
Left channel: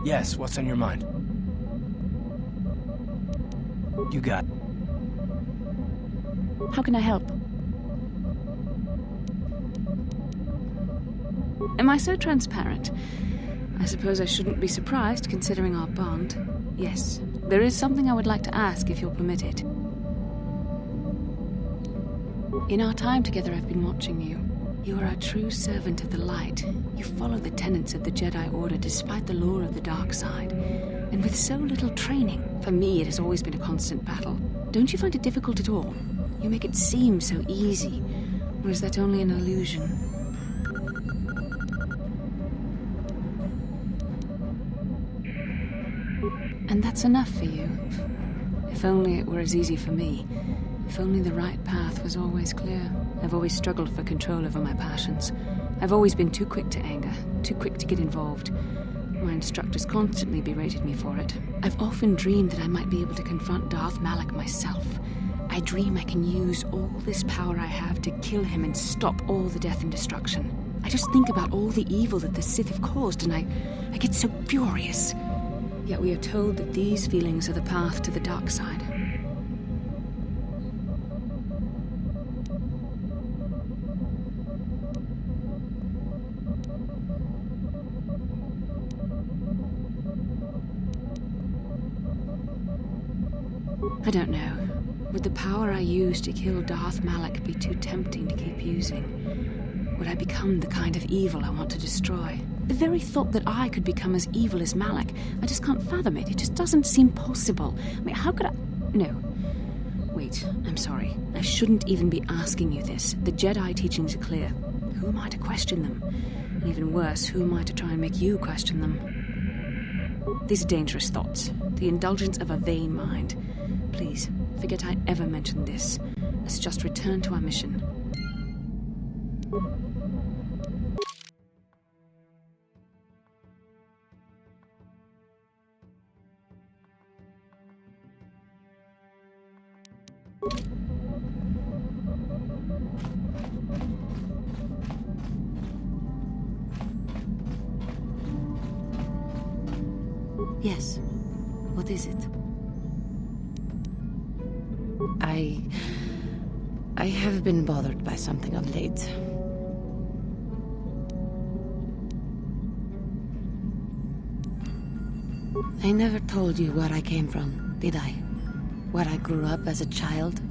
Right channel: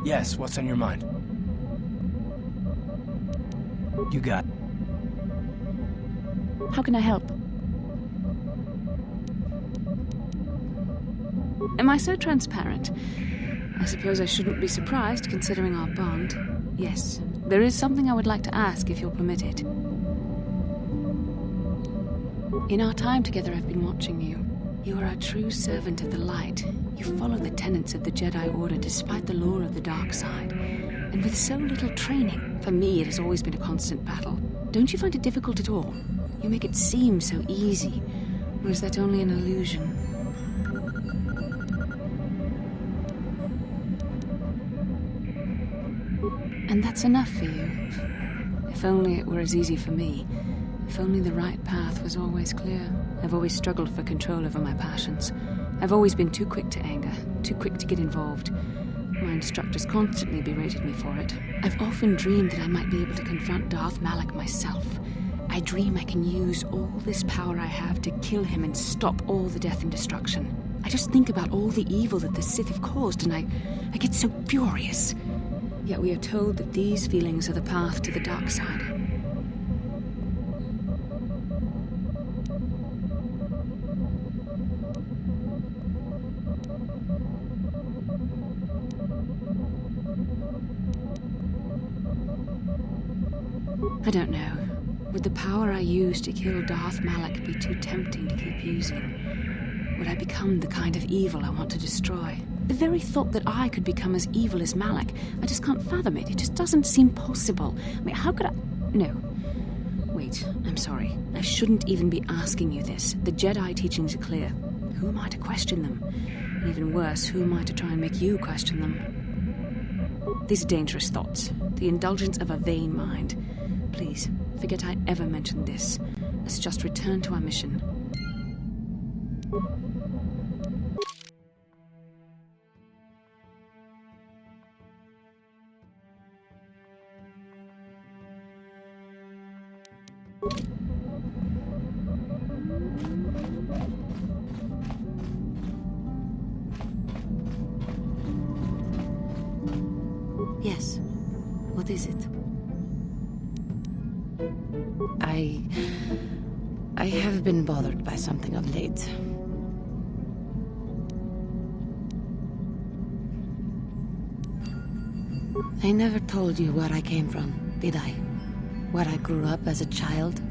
Yes, what's on your mind? You got it. How can I help? Am I so transparent? I suppose I shouldn't be surprised, considering our bond. Yes, there is something I would like to ask, if you'll permit it. In our time together, I've been watching you. You are a true servant of the light. You follow the tenets of the Jedi Order despite the lure of the dark side. And with so little training, for me it has always been a constant battle. Don't you find it difficult at all? You make it seem so easy. Or is that only an illusion? And that's enough for you. If only it were as easy for me. If only the right path was always clear. I've always struggled for control over my passions. I've always been too quick to anger, too quick to get involved. My instructors constantly berated me for it. I've often dreamed that I might be able to confront Darth Malak myself. I dream I can use all this power I have to kill him and stop all the death and destruction. I just think about all the evil that the Sith have caused and I get so furious. Yet we are told that these feelings are the path to the dark side. I don't know. Would the power I use to kill Darth Malak be too tempting to keep using? Would I become the kind of evil I want to destroy? The very thought that I could become as evil as Malak, I just can't fathom it. It just doesn't seem possible. I mean, how could I... No. Wait, I'm sorry. I shouldn't even be asking you this. The Jedi teachings are clear. Who am I to question them? And even worse, who am I to try and make you question them? These are dangerous thoughts. The indulgence of a vain mind. Please, forget I ever mentioned this. Let's just return to our mission. Yes. What is it? I have been bothered by something of late. I never told you where I came from, did I? Where I grew up as a child?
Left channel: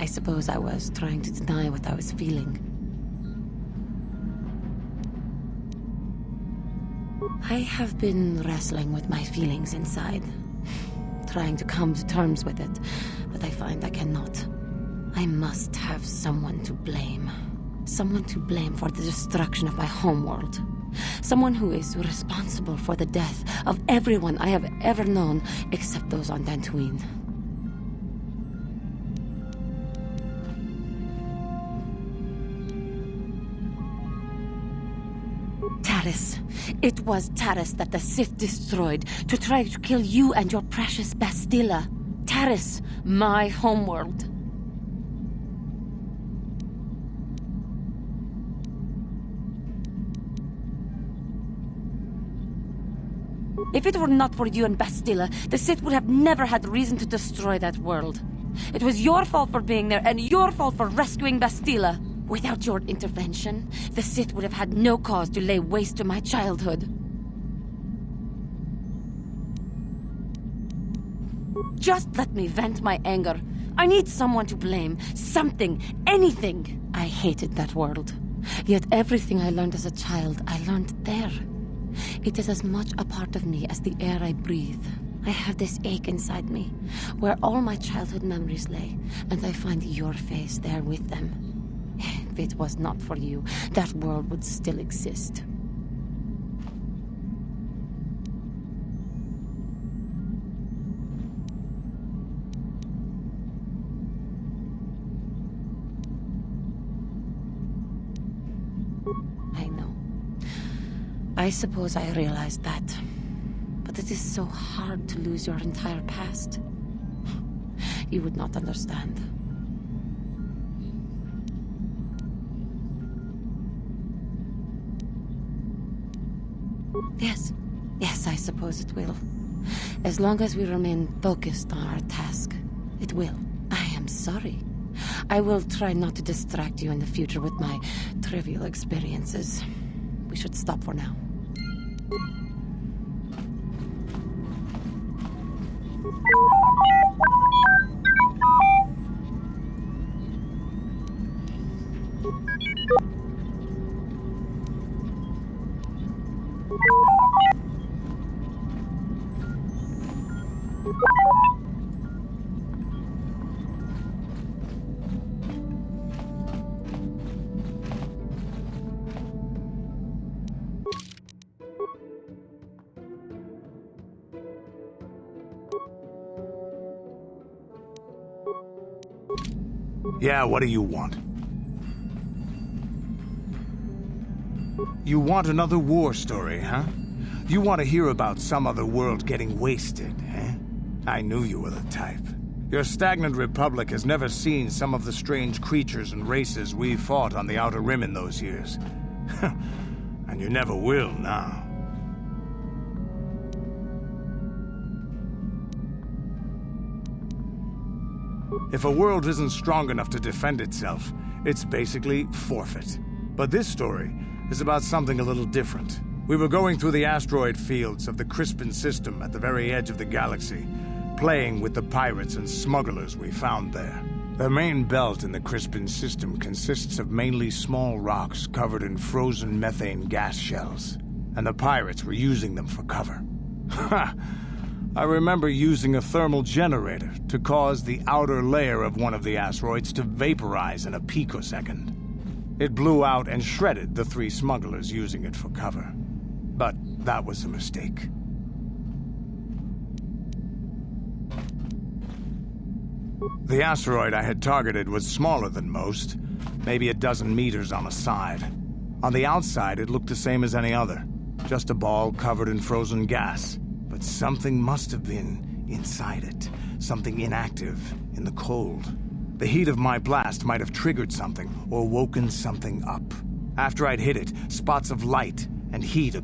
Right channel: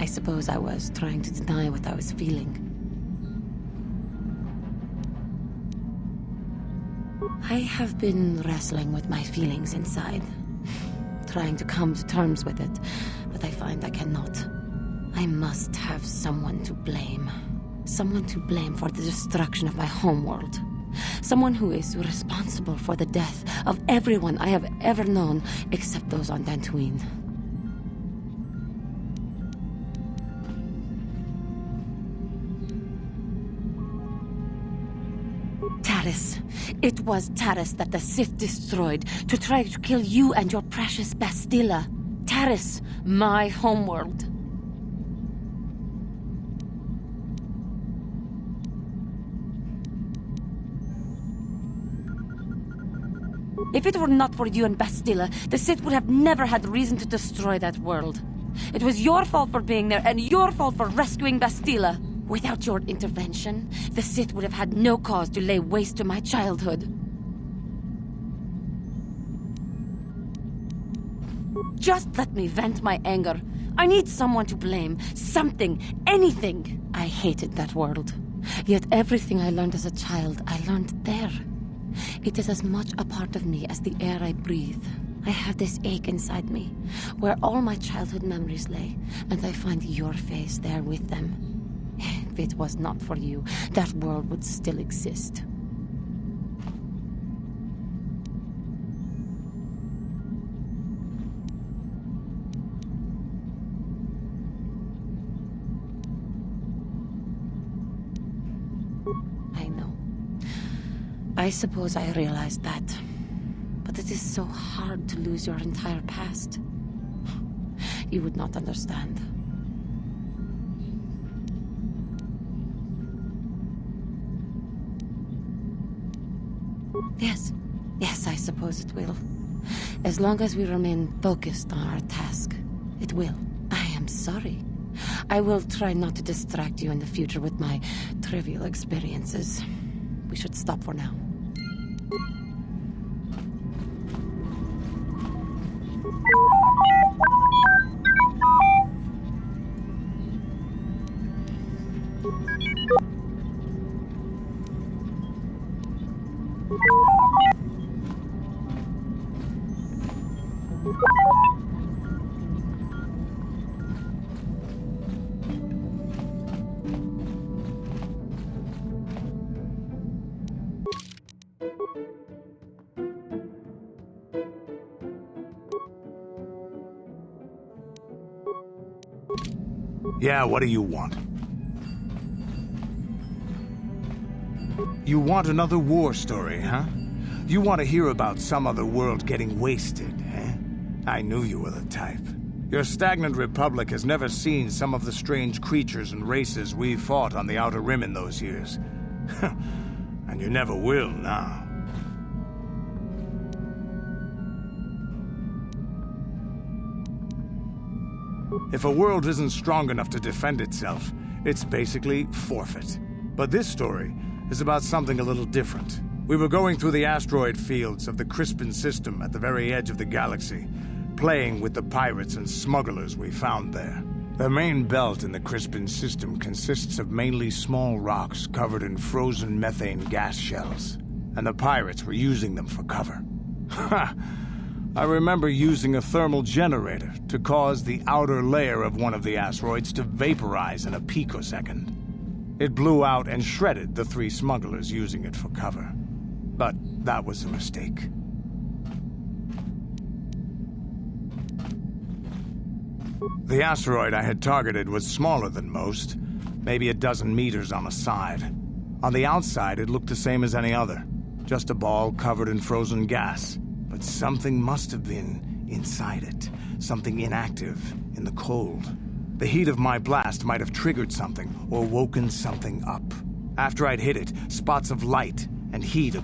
I suppose I was trying to deny what I was feeling. I have been wrestling with my feelings inside, trying to come to terms with it, but I find I cannot. I must have someone to blame. Someone to blame for the destruction of my homeworld. Someone who is responsible for the death of everyone I have ever known, except those on Dantooine. Taris. It was Taris that the Sith destroyed to try to kill you and your precious Bastila. Taris, my homeworld. If it were not for you and Bastila, the Sith would have never had reason to destroy that world. It was your fault for being there, and your fault for rescuing Bastila. Without your intervention, the Sith would have had no cause to lay waste to my childhood. Just let me vent my anger. I need someone to blame. Something. Anything. I hated that world. Yet everything I learned as a child, I learned there. It is as much a part of me as the air I breathe. I have this ache inside me, where all my childhood memories lay, and I find your face there with them. If it was not for you, that world would still exist. I know. I suppose I realized that. But it is so hard to lose your entire past. You would not understand. Yes. Yes, I suppose it will. As long as we remain focused on our task, it will. I am sorry. I will try not to distract you in the future with my trivial experiences. We should stop for now. Yeah, what do you want? You want another war story, huh? You want to hear about some other world getting wasted, eh? I knew you were the type. Your stagnant republic has never seen some of the strange creatures and races we fought on the Outer Rim in those years. And you never will now. If a world isn't strong enough to defend itself, it's basically forfeit. But this story is about something a little different. We were going through the asteroid fields of the Crispin system at the very edge of the galaxy, playing with the pirates and smugglers we found there. The main belt in the Crispin system consists of mainly small rocks covered in frozen methane gas shells, and the pirates were using them for cover. Ha! I remember using a thermal generator to cause the outer layer of one of the asteroids to vaporize in a picosecond. It blew out and shredded the 3 smugglers using it for cover. But that was a mistake. The asteroid I had targeted was smaller than most, maybe a dozen meters on a side. On the outside, it looked the same as any other, just a ball covered in frozen gas. But something must have been inside it, something inactive, in the cold. The heat of my blast might have triggered something or woken something up. After I'd hit it, spots of light and heat